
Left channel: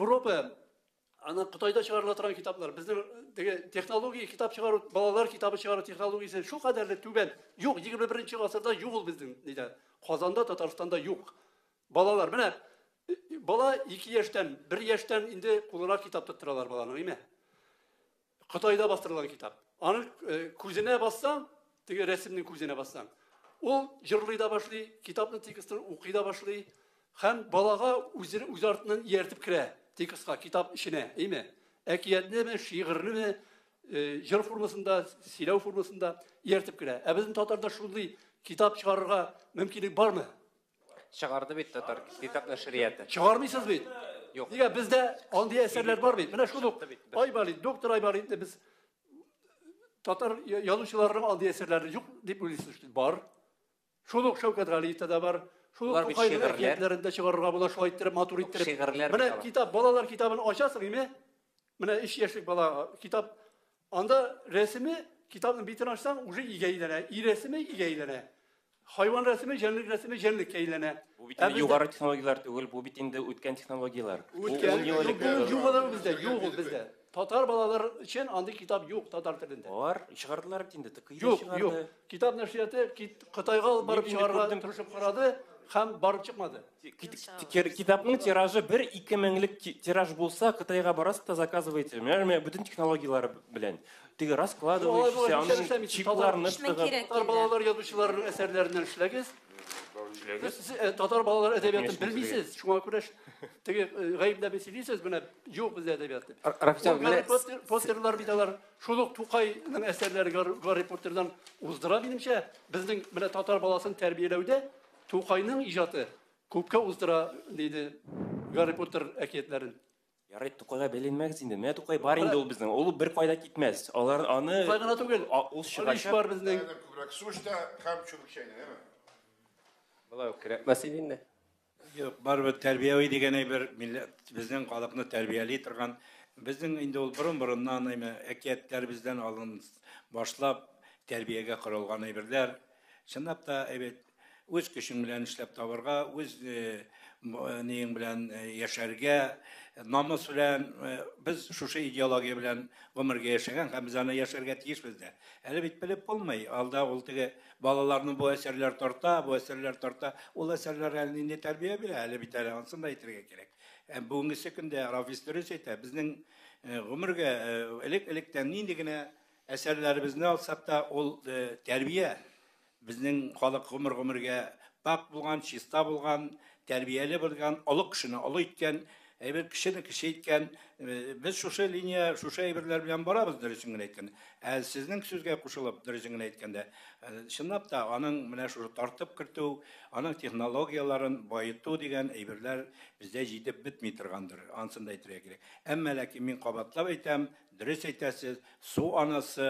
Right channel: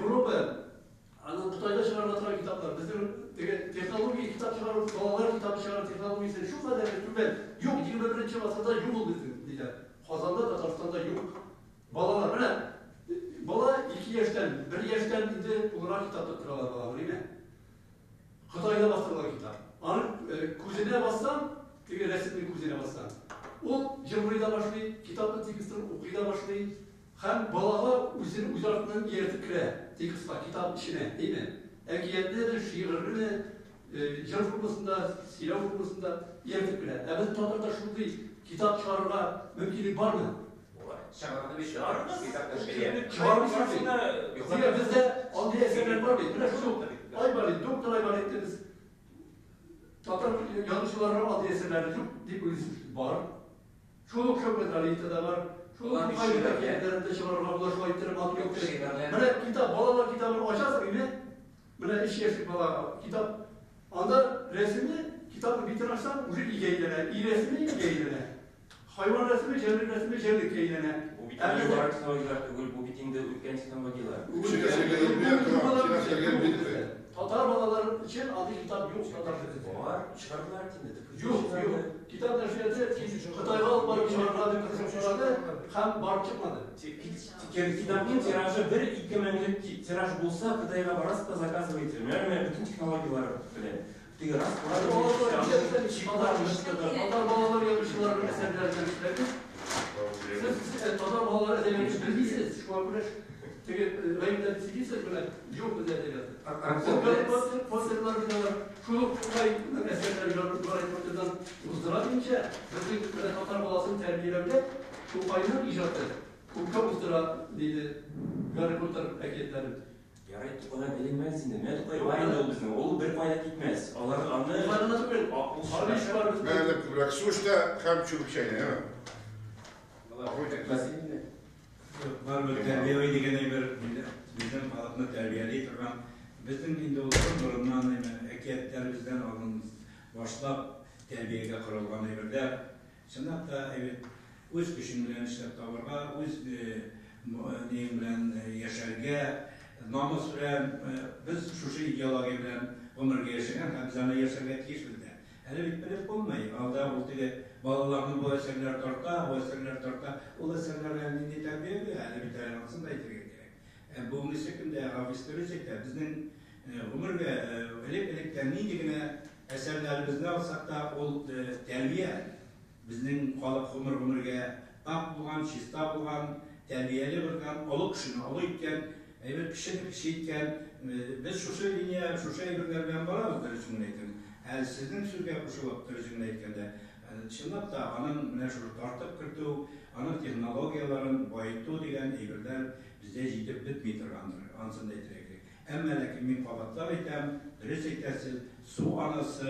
Avrupa, Kıtay'da çıkarılan kitaplar, bizim teknoloji kitap çıkarıp, balalar kitabı çıkarıp teknolojisi şu kadar tüben yok. 21. asırda yok bizde. Kazan'da, Tatarstan'da yok. Balalar, bala 2 yaştan, 1 yaştan indi olarak kitap tutturarlar balanı değil mi? Kıtay'da bastırılan kitap. Anı kuzine bassan, resimli kuzine bassan. O yılrıyda başlıyor, kitaplı tekistler okuyda başlıyor. Hem balağa öz artından yertip kire, tekistler, kitap işine, değil mi? Ekiyetli ve şiirli ve yıl formasında, silah formasında yertip kire. Bizim Tatar'da şu değil, kitap çıkarırga mümkünlük var mı? Çıkardı bir kitaplar şiriyeti. Çıkarmışsın değil. Ya bizde aldığı eserler var mı? Buna şu Aybalit, Doktor Aybalit biz Tatar yazıcılarının aldığı eserlerde yok deyip öylesmiştik. Var. Şoluk Şevket Ali'de de var. Şoluk aynı verkiyetlerinde çıkarırlar. Bula şu ayetleri, maturitleri. Buna kitap, balalar kitabını açarsın değil mi? Buna iş yerlik bala kitap. Anda resmi, kitabını bitirersen ucu iyi eğlene. İyi resmi iyi eğlene. Hayvan resmi, cennet resmi, cennet eğlene. бит югары технологиялар түгел, бу бит инде үткән технологиялар. Татар балалар için андый китап yok татар телендә. Бар, чыгардылар инде. Yok. Kitap нәшрияты Кытайга алып барып чыгарган сорады һәм барып чыкмады. Китапның тиражы 1-2 меңлек тираж булса, Кытайга барасыз да заказываете. Менә бүтән технологиялар белән. Теге раскладываете, чипларны Татар балалар язучыларның әсәрләреннән эшләгез. Siz Tatar балалар әдәбиятын белмисез, шуңа күрә теге гаепләп сөйлисез, менә юк бездә әдәбият. Постерлар биталар, шулык Тукайның әсәрләре Гарри Поттердан уздыра дигәнчә, безнең менә татар баласын тәрбияләүдә Тукайның иҗаты күпкә уздыра диде Гарри Поттер әкиятләрен. Ярый, Тукайга беленмәгез инде. Менә Тукай бар инде ул безнең. Ул бер кайда китмәс. Алар аны Тукайны түгел, ул шариш бар безнең. Күбрәк сушта һәм чүбекчәне. Мәсәлән, Барбы тәрбияви дигән әйбер безнең халыкны тәрбияли торган безнең инде ул борыннан әкиятләр бездән алын башлап тәрбиягә корылган әйберләр. Чынлап та үз көчең белән эшләп табарга, үз нең белән яшәргә, намус белән без шушы идеология белән гомергә яшәгән һәм без аны яшәргә тиешбез дә. Әле бит белеп булмый. Алда ул теге балаларны бу әсәрләр тарта, ул әсәрләргә нинди тәрбия бирә, әле бит әле ансын да әйтергә кирәк. Бүгенге көндә Рафис дөрес әйтә, безнең гомергә элек-электән нинди генә әсәрләребезне алсак та, ул тәрбия безнең халык гомергә пак булган, чиста булган, тәрбияле булган, олы кешене олы иткән, әйбер кешене кеше иткән, без шушы линия, шушы әйберләр белән барабыз дөресен генә әйткән. Сезнең сүзгә кушылып дөресен генә әйткәндә, чынлап та аның менә шушы тартып кертү, аның технологияларын байыту дигән әйберләр бездә җитеп бетми торгандыр. Ансын да әйтергә кирәк. Әмма ләкин мин кабатлап әйтәм, дөрес әйтәсез, су анасы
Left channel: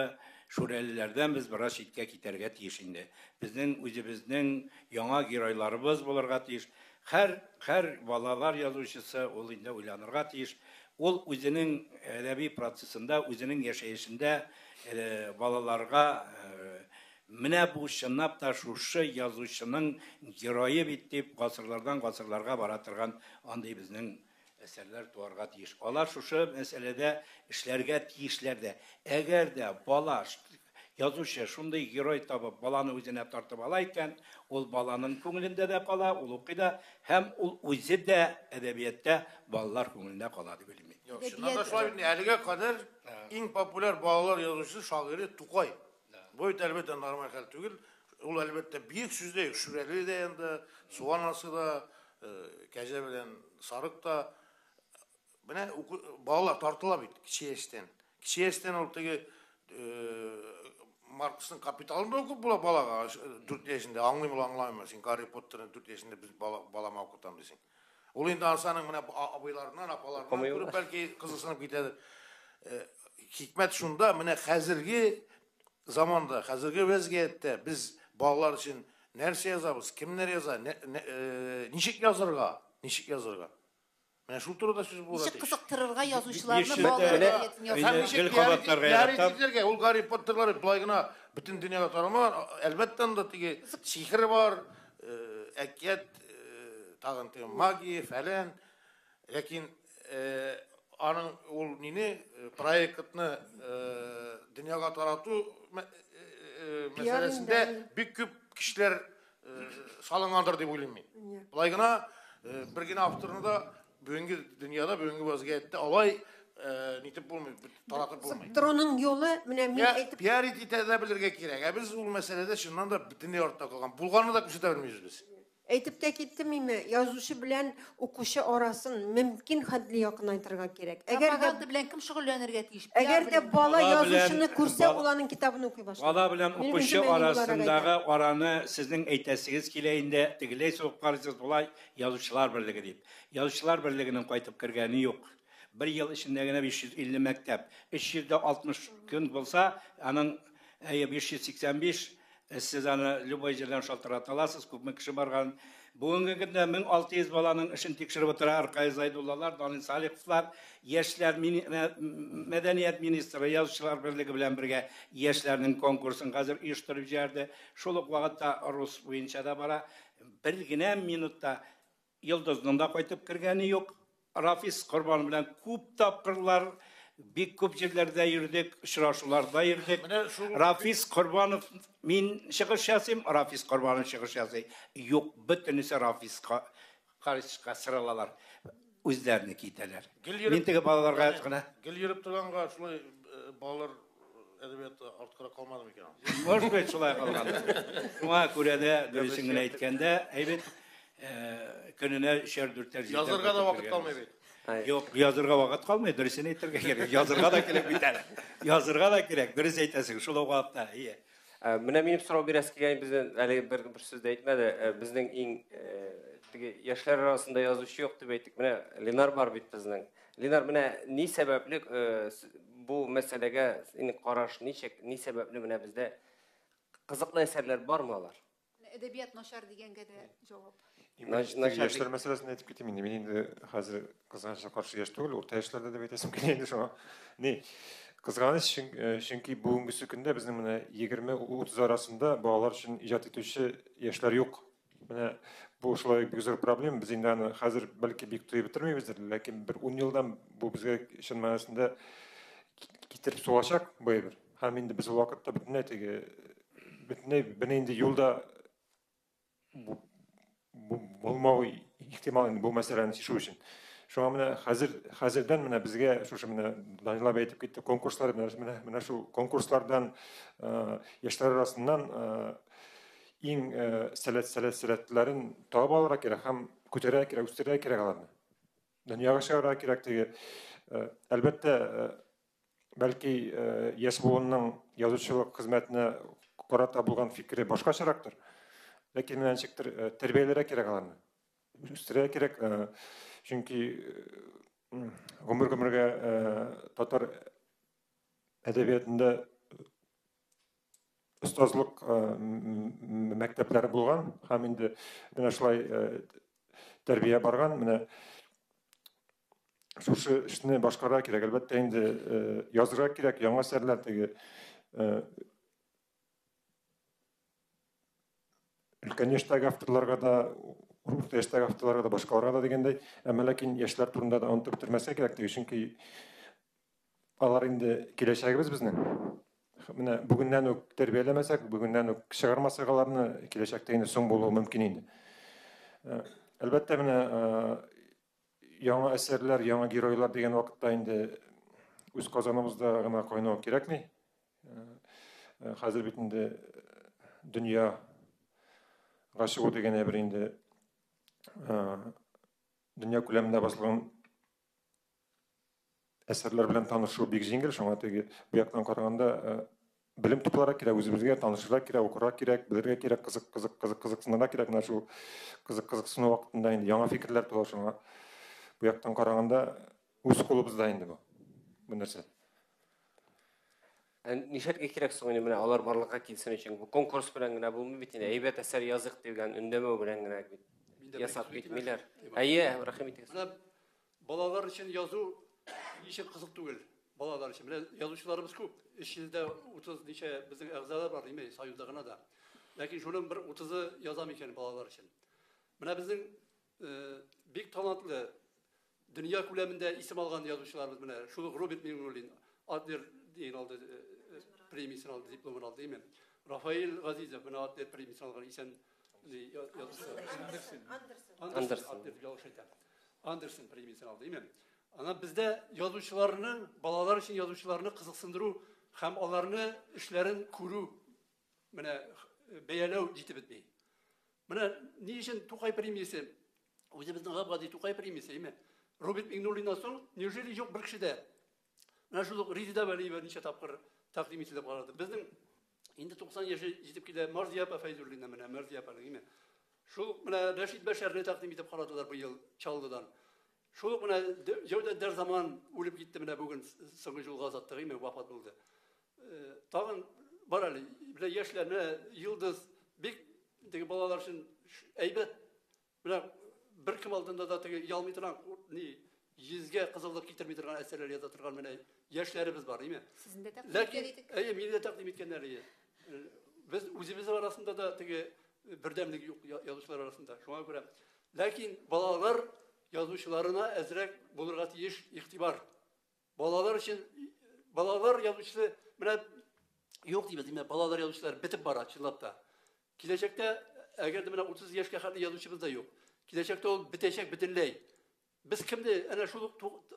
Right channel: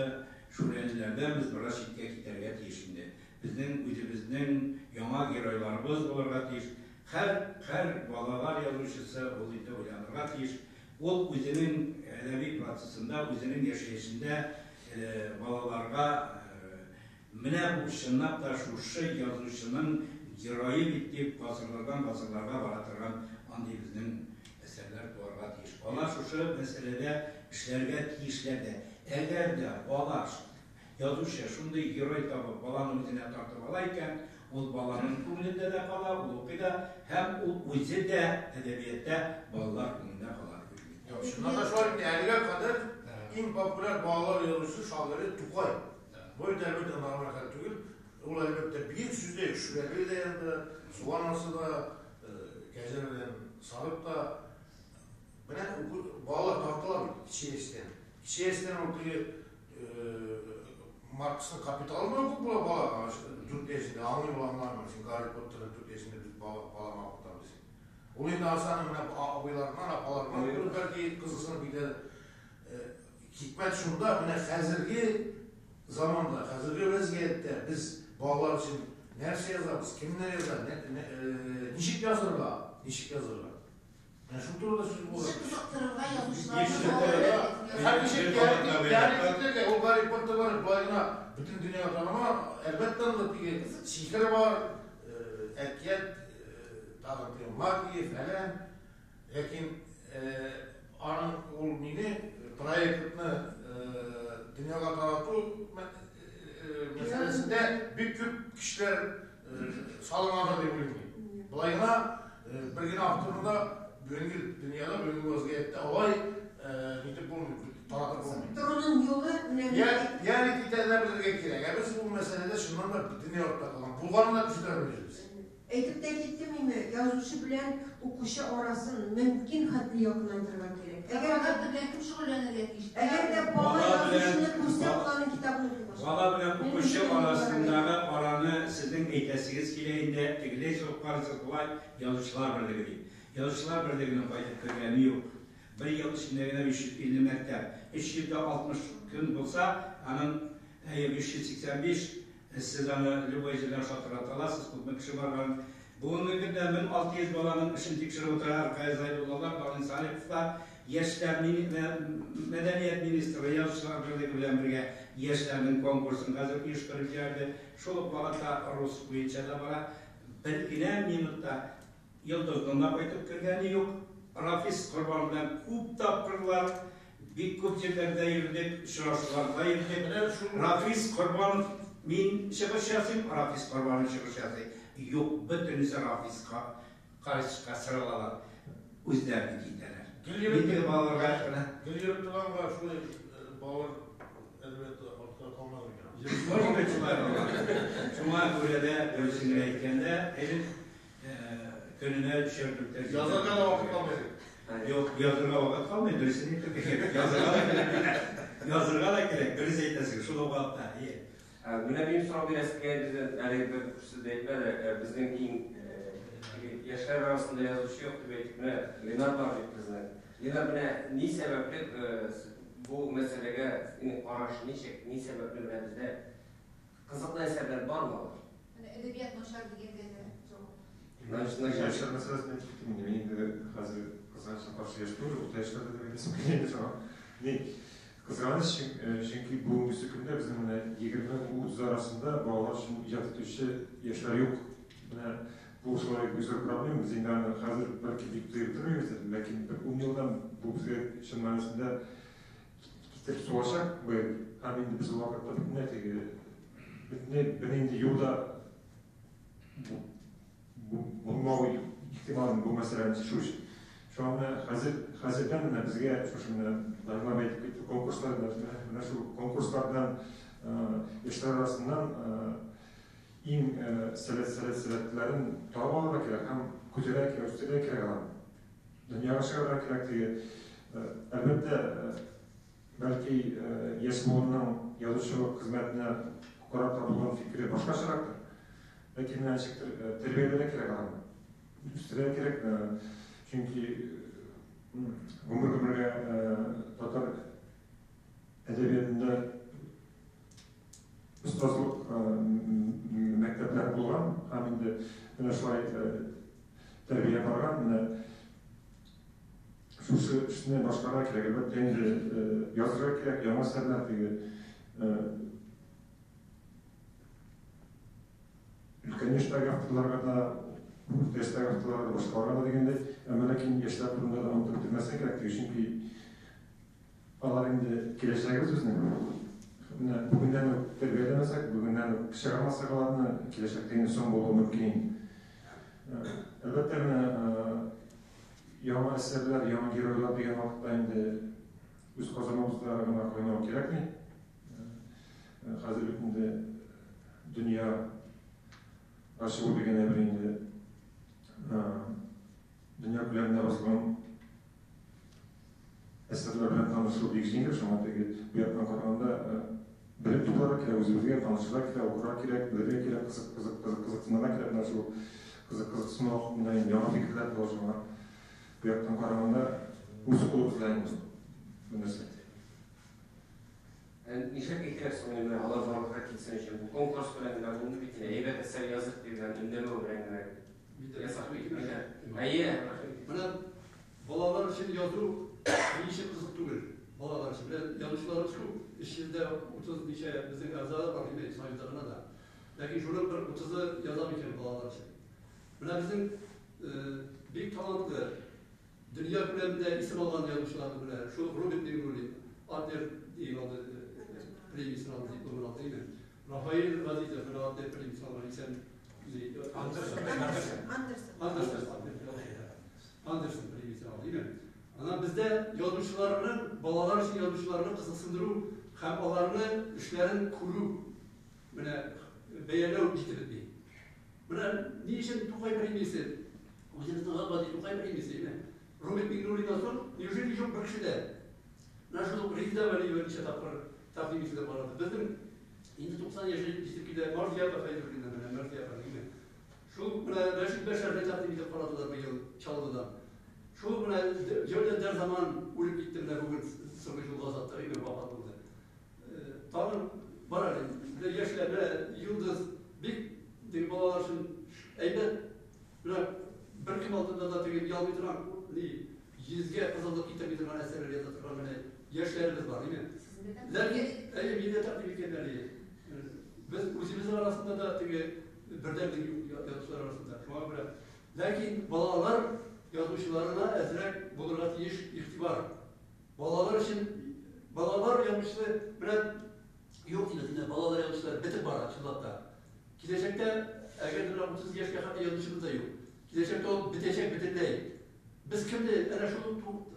шүрәлеләрдән без бераз читкә китәргә тиеш инде. Безнең үзебезнең яңа геройларыбыз булырга тиеш. Һәр балалар язучысы ул инде уйланырга тиеш. Ул үзенең әдәби процессында, үзенең яшәешендә балаларга менә бу чынлап та шушы язучының геройы бит дип гасырлардан гасырларга бара торган андый безнең әсәрләр туарга тиеш. Алар шушы мәсьәләдә эшләргә тиешләр дә. Әгәр дә бала язучы шундый герой табып баланы үзенә тартып ала икән, ул баланың күңелендә дә кала, ул укый да, һәм ул үзе дә әдәбиятта балалар күңелендә кала дип уйлыйм. Шуннан да шулай әлегә кадәр иң популяр балалар язучысы шагыйрь Тукай. Бу әлбәттә нормаль хәл түгел. Ул әлбәттә бик сүздә Шүрәле дә инде, Су анасы да, Кәҗә белән Сарык да менә балалар тартыла бит кичә яшьтән. Кичә яшьтән ул теге Марксның Капиталын укып була балага 4 яшендә аңлый-аңламый, син Гарри Поттерны 4 яшендә без балама укытам дисең. Ул инде арсаны менә абыйларыннан, апаларыннан бәлки кызыксынып китәдер. Хикмәт шунда, менә хәзерге заманда, хәзерге вазгыятьтә без балалар өчен нәрсә язабыз, кемнәр яза, ничек язырга? Менә шул турыда сүз булды. Ничек кызыктырырга язучыларны балаларга ул Гарри Поттерлар былай гына бөтен дөньяга тарамаган, әлбәттә анда теге сихер бар, әкият, тагын магия, фәлән. Ләкин аның ул мине проектны дөньяга тарату мәсьәләсендә бик күп кешеләр салынгандыр дип уйлыйм мин. Былай гына бер генә авторны да бүгенге дөньяда, бүгенге вазгыятьтә алай нитеп булмый, таратып булмый. Троның юлы менә пиар итәргә белергә кирәк. Без ул мәсьәләдә чыннан да дөнья артта калган. Булганны да күрсәтә белмибез. Әйтеп тә киттем инде, язучы белән укучы арасын мөмкин хәтле якынайтырга кирәк. Әгәр белән кем шөгыльләнергә тиеш? Әгәр дә бала язучыны күрсә, уларның китабын укый башлый. Бала белән укучы арасындагы араны сезнең әйтәсегез килә инде, тегеләй соң карысыз булай язучылар берлеге дип. Язучылар берлегенең кайтып кергәне юк. Бер ел эчендә генә 550 мәктәп, 360 көн булса, аның 585 сез аны любой җирдән шалтырата аласыз, күпме кеше барган. Бүгенге көндә 1600 баланың эшен тикшереп утыра Аркай Зайдуллалар, Данил Салиховлар, яшьләр мәдәният министры язучылар берлеге белән бергә яшьләрнең конкурсын хәзер оештырып җибәрде. Шул ук вакытта рус буенча да бара. bir gene minutda Yıldız'ın da koyup kirgeni yok. Rafiz Kurban bilen көп tapırlar, bik көп жерлерде yürüdük, şuraşularda yürüdük. Rafiz Kurban'ın min çıkış yazayım, Rafiz Kurban'ın çıkış yazayım. Yok, bütünüsü Rafiz karışıka sıralalar. Özlerini giydiler. Nittige balalarga aytqana. Gil yürüp durganга şulay balalar edebiyatı artkara kalmadı mı? Может şulay kalgan. Şuna göre de dürüsünü aytkanda, evet gününe şerdürter. Yazarga da vakit kalmaydı. Yok, yazırga vakit kalmaydı, dürüsünü aytırga gerek. Yazırga da gerek biter. Yazırga da gerek, dürüs aytasın, şula vakıtta. Mine benim soru biraz ki bizden ali bir söz deytmedi. Bizden en yaşlar arasında yazışı yoktu beytik. Mine Linar var bit bizden. Linar mine ni sebepli bu meselege ini qaraş ni sebepli mine bizde kızıklı eserler var mı var? Edebiyat naşar degenge de Naşar Yaşlar meselesini aytып кетейин енді. Мен енді қазір қызғанышқа қарсы яш түгіл, орта яштарда деп айтасым келеді шама. Не? Қызғаныш чөнки бүгінгі күндә безнең менә 20-30 арасында балалар өчен иҗат итүче яшьләр юк. Менә бу шулай гүзәл проблема. Без инде аны хәзер бәлки бик туй бетермибез, ләкин бер 10 елдан бу безгә чын мәгънәсендә китереп сугачак. Һәм инде без вакытта бөтенләй инде юлда булмау ихтимал бу мәсьәләне чишү өчен. Шуңа менә хәзердән менә безгә шушы менә Данилов әйтеп китте, конкурслар менә шу конкурслардан яшьләр арасыннан иң сәләтләрен табып алырга кирәк һәм күтәрергә кирәк, үстерергә кирәк аларны. Дөньяга чыгарырга кирәк теге. Әлбәттә, бәлки яшь буынның язучылык хезмәтенә карата булган фикере башкачарактыр. Ләкин менә ничектер тәрбияләргә кирәк аларны. Үстерергә кирәк. Чөнки гомергә татар әдәбиятында остазлык мәктәпләре булган һәм инде менә шулай тәрбия барган. Менә шушы эшне башкарырга кирәк. Әлбәттә инде язырга кирәк, яңа әсәрләр теге өлкән яшьтәге авторларга да, урта яшьтәге авторларга да, башкаларга да дигәндәй, әмма ләкин яшьләр турында да онытып бетермәскә кирәк теге, чөнки алар инде киләчәгебез безнең. Менә бүгеннән үк тәрбияләмәсәк, бүгеннән үк чыгармасак аларны, киләчәктә инде соң булуы мөмкин инде. Әлбәттә менә яңа әсәрләр, яңа геройлар дигән вакытта инде үз казаныбызда гына кайнау кирәкми. Хәзер бит инде дөнья гашыгы дигән бер инде дөнья күләмендә басылган әсәрләр белән танышу бик җиңел. Шуңа теге бу яктан караганда белем тупларга кирәк, үзебезгә танышырга кирәк, укырга кирәк, белергә кирәк, кызыксынырга кирәк. Менә шул кызыксыну вакытында инде яңа фикерләр тула. Шуңа бу яктан караганда үз кулыбызда инде бу нәрсә. Нишәткә кирәк соң менә алар барлыкка килсен өчен бу конкурс белән генә булмый бит инде. Әйбәт әсәр язык дигән өндәмә белән генә ясап китмиләр. Әйе, рәхмәт итәм. Менә балалар өчен язу ничек кызык түгел. Балалар өчен менә язучыларыбыз күп. 3 елда 30 ничә безнең әгъзалар бар име, союзда гына да. Ләкин шуның бер 30-ы язам икән балалар өчен. Менә безнең бик талантлы дөнья күләмендә исем алган язучыларыбыз белән шу Роберт Миңнуллин, Адлер дигән алды премиясын алды, дипломын алды име. Рафаил Газизов менә Адлер премиясын алган исем Андерсон премиясын алды име. Ана бездә язучыларның, балалар өчен язучыларны кызыксындыру һәм аларны эшләрен күрү менә бәяләү җитеп бетми. Менә ни өчен Тукай премиясы? Үзебезнең Гади Тукай премиясы име. Роберт Миңнуллиннан соң неужели юк бер кешедә? Менә шул Резида Вәлиева ничә тапкыр тәкъдим ителеп барды. Безнең инде 90 яшь җитеп килә Марзия Фәйзуллина менә Марзия име. Шул менә Рәшид Бәшәрне тәкъдим итеп карадылар бу ел Чаллыдан. Шул менә җирдә заман үлеп китте менә бүген соңгы юлга азаттыгы име вафат булды. Тагын бар әле менә яшьләр менә Йылдыз бик теге балалар өчен әйбәт менә бер кем алдында да теге ялмый торган ни йөзгә кызыллык китерми торган әсәрләр яза торган менә яшьләребез бар име. Ләкин әйе мине тәкъдим иткәннәр. Без үзебез арасында да теге birdemlik yazıcılar arasında. Şuna göre. Lakin balalar yazıcılarına ezrek bulurga tiyiş ihtibar. Balalar için balalar yazıcısı bilen yok değil. Balalar yazıcılar bitip bara çıllapta. Gelecekte eğer de 30 yaşa kadar yazıcımız da yok. Gelecekte o bitecek bitirley. Biz kimdi? Ana şu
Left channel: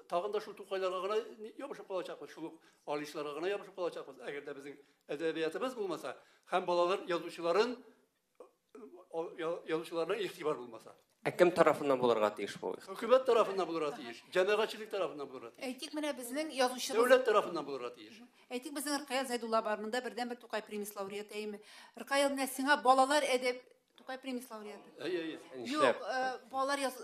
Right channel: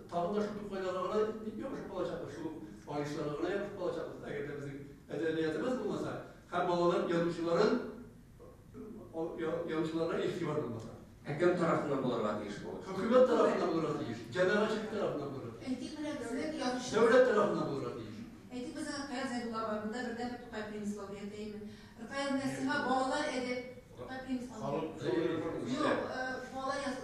tağında şu tukaylara kadar yok şu balacaklar, şu alışlara kadar yok şu balacaklar. Eğer de bizim edebiyatımız bulmasa, hem balalar yazıcıların yazıcılarına ihtibar bulmasa. Kim tarafından bulurga tiyiş bu? Hükümet tarafından bulurga tiyiş, cemaatçilik tarafından bulurga tiyiş. Eytik mene bizning yazıcımız. Devlet tarafından bulurga tiyiş. Eytik bizim Rıkayal Zaydullah barında birden bir Tukay Primis laureatıyım. Rıkayal nesine balalar edep Tukay Primis laureatı. Yok, balalar yaz.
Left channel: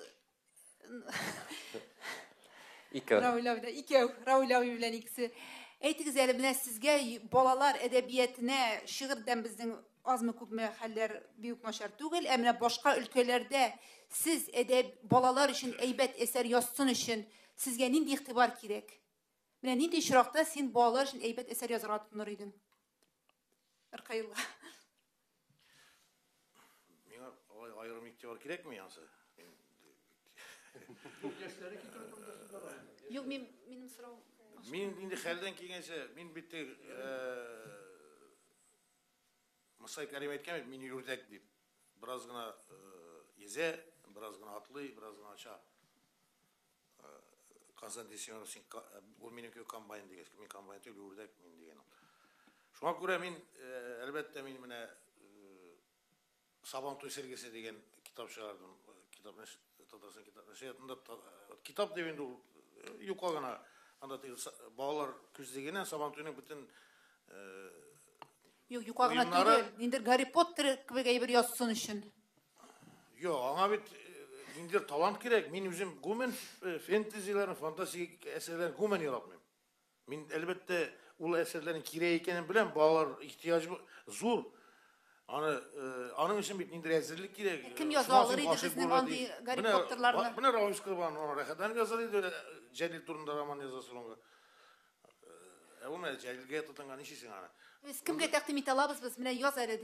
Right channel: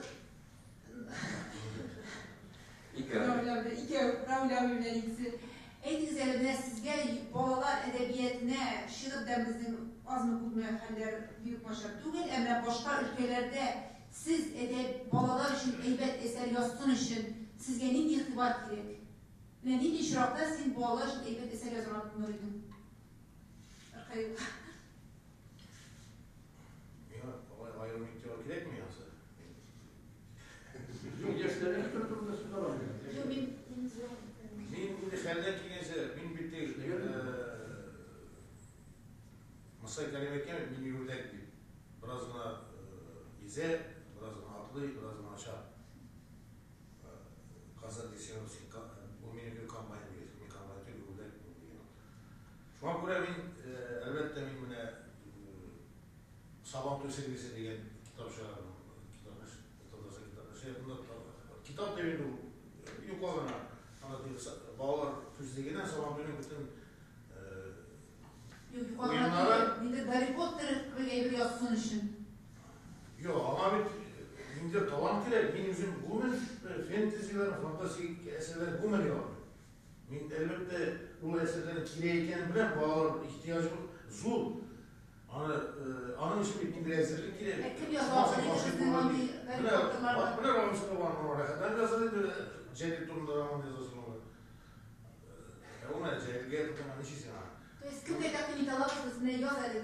Raul abi bilen ikisi. Eytik zeli bilen sizge balalar edebiyetine, şiirden bizim az mı küp mü haller büyük maşar değil. Emre başka ülkelerde siz balalar için eybet eser yazsın için sizge nindi ihtibar gerek? Ben nindi işrakta sen balalar için eybet eser yazıran tutunuruydun. Arkayıl. Ayrım ihtibar gerek mi yansı? Yok, Min indi xerden kelgense min bitti Masay kalim etken min yurdek deyip biraz gına ize, biraz gına atlı, biraz gına aşağı kaza desiyonu sin bu minükü kampanya bilgesi, min kampanya tüy yurdek diyelim. Şu an göre min elbette min mine Sabantoy sergisi degen kitap çıkardım. Kitap devinde yukarına anlatıyor. Bağlar küzdegene Sabantoy'un bütün yok yukarıda indir Harry Potter gibi bir yazsın için. Yok ama bir indir talant gerek. Min üzüm gumen fantazilerin, fantastik eserlerin gumen yapıyor. Min elbette ulu eserlerin kireyken bilen bağlar ihtiyacı zor. Anın için bir indir ezerlik gerek. Kim yazarıydı sizin hangi Harry Potter'larda? Bu ne Romsky var ona rekadan yazarıydı öyle Celil Turun'da roman yazası onu. Ona Celil'e tutan işisin ha. Kimge takdim italabız biz bine yazarıydı.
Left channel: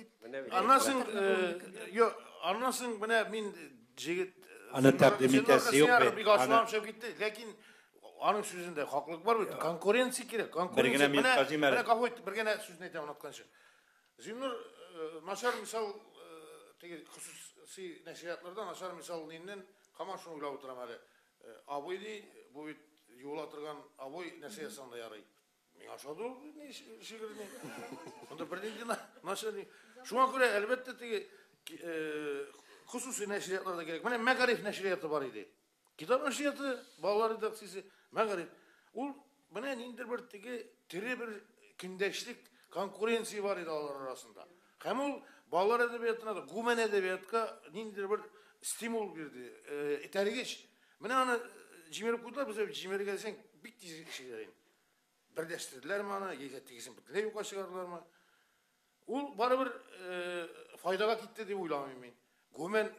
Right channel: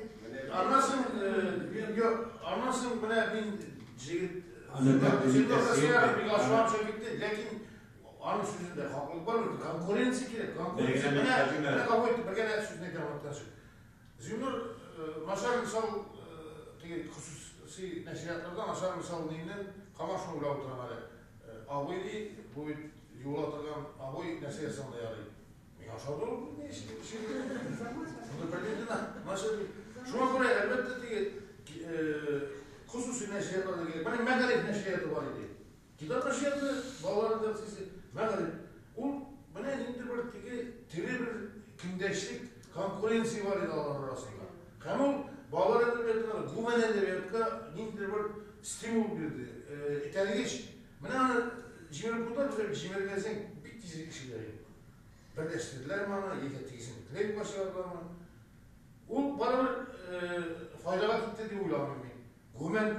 Anlasın bana min Celil Ana takdimitesi yok be. Bir açılam şey bitti. Lakin anın sözünde haklılık var mı? Konkurensi gerek. Birgene men hacimler. Bana kabul etti. Birgene sözünü tamamlatkan söz. Zümrüt Maşar misal hususi neşriyatlardan Maşar misal neyinden Kamaş'ın uyla oturan hali. Aboydi, bu yol atılan aboy neşriyatında yarayı. Yaşadı olur mu? Ne işi? Bunu birliğinden Maşar değil. Şu an göre elbette ki hususi neşriyatlarda gerek. Benim Megarif neşriyatı var idi. Kitap neşriyatı, bağları taksisi Megarif. O bana indir bir gündeşlik konkurensi var idi ağlar arasında. Hem o bağlar edebiyatına da, güven edebiyatka nindir bir stimul birdi. İteligeç. Bana cimer burada bize cimer gelsen bitti işleri. Birleştirdiler mi ana, yekettikizim. Dilek başarılar mı? O bana bir faydaga gitti diye uylamıyorum ben. Güven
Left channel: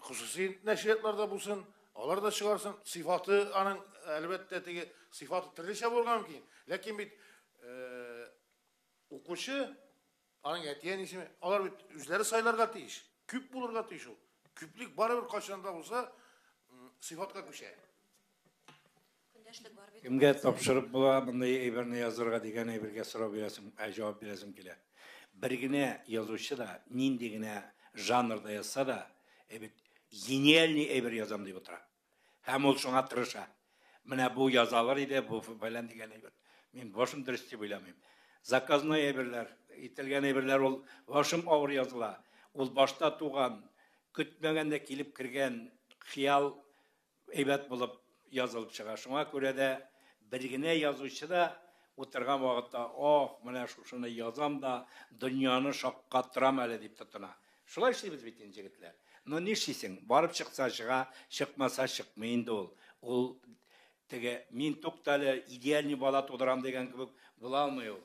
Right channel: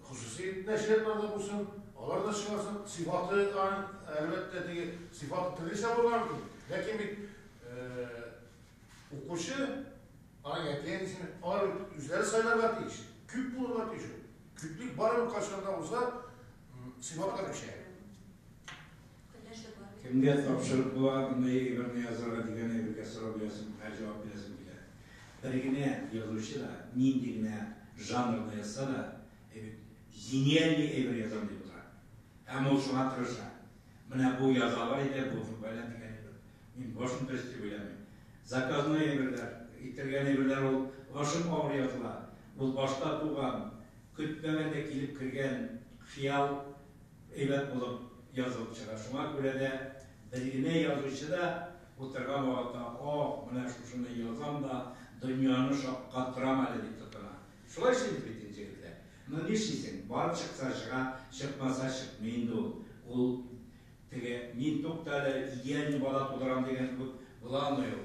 hususi neşriyatlarda bulsun, alar da çıkarsın. Sıfatı anın elbette diye sıfatı trilişe var ki. Lakin bir okuşu anın etiyen işini alar üzeri sayılarga değiş. Küp bulurga değiş o. Küplük barı bu kaçlarında olsa sıfatla bir şey. Kimge tapşırıp bula bunday birini yazırga degen birge sorup yazım, cevap veresim kile. Birgine yazışı da, nindigine janrda yazsa da, genialli bir yazım diye oturar. Hem ol şuna tırışa. Mine bu yazarlar ile bu böyle degen min başım dürüst diye söylemeyim. Zakazma eberler, itelgen eberler ol başım ağır yazılar. Ol başta tuğan, kütmegende kilip kirgen xiyal evet bulup yazılıp çıkar. Şuna göre de bilgine yazışı da oturgan vakitte mine şunu yazam da dünyanın şapkattıram öyle deyip tutuna. Şuna işte bitince gidiler. Ama ne şeysin? Barıp çıksa çığa, çıkmasa çıkmayın da ol tege min toktale idealni bala toduram degen gibi bulamıyor.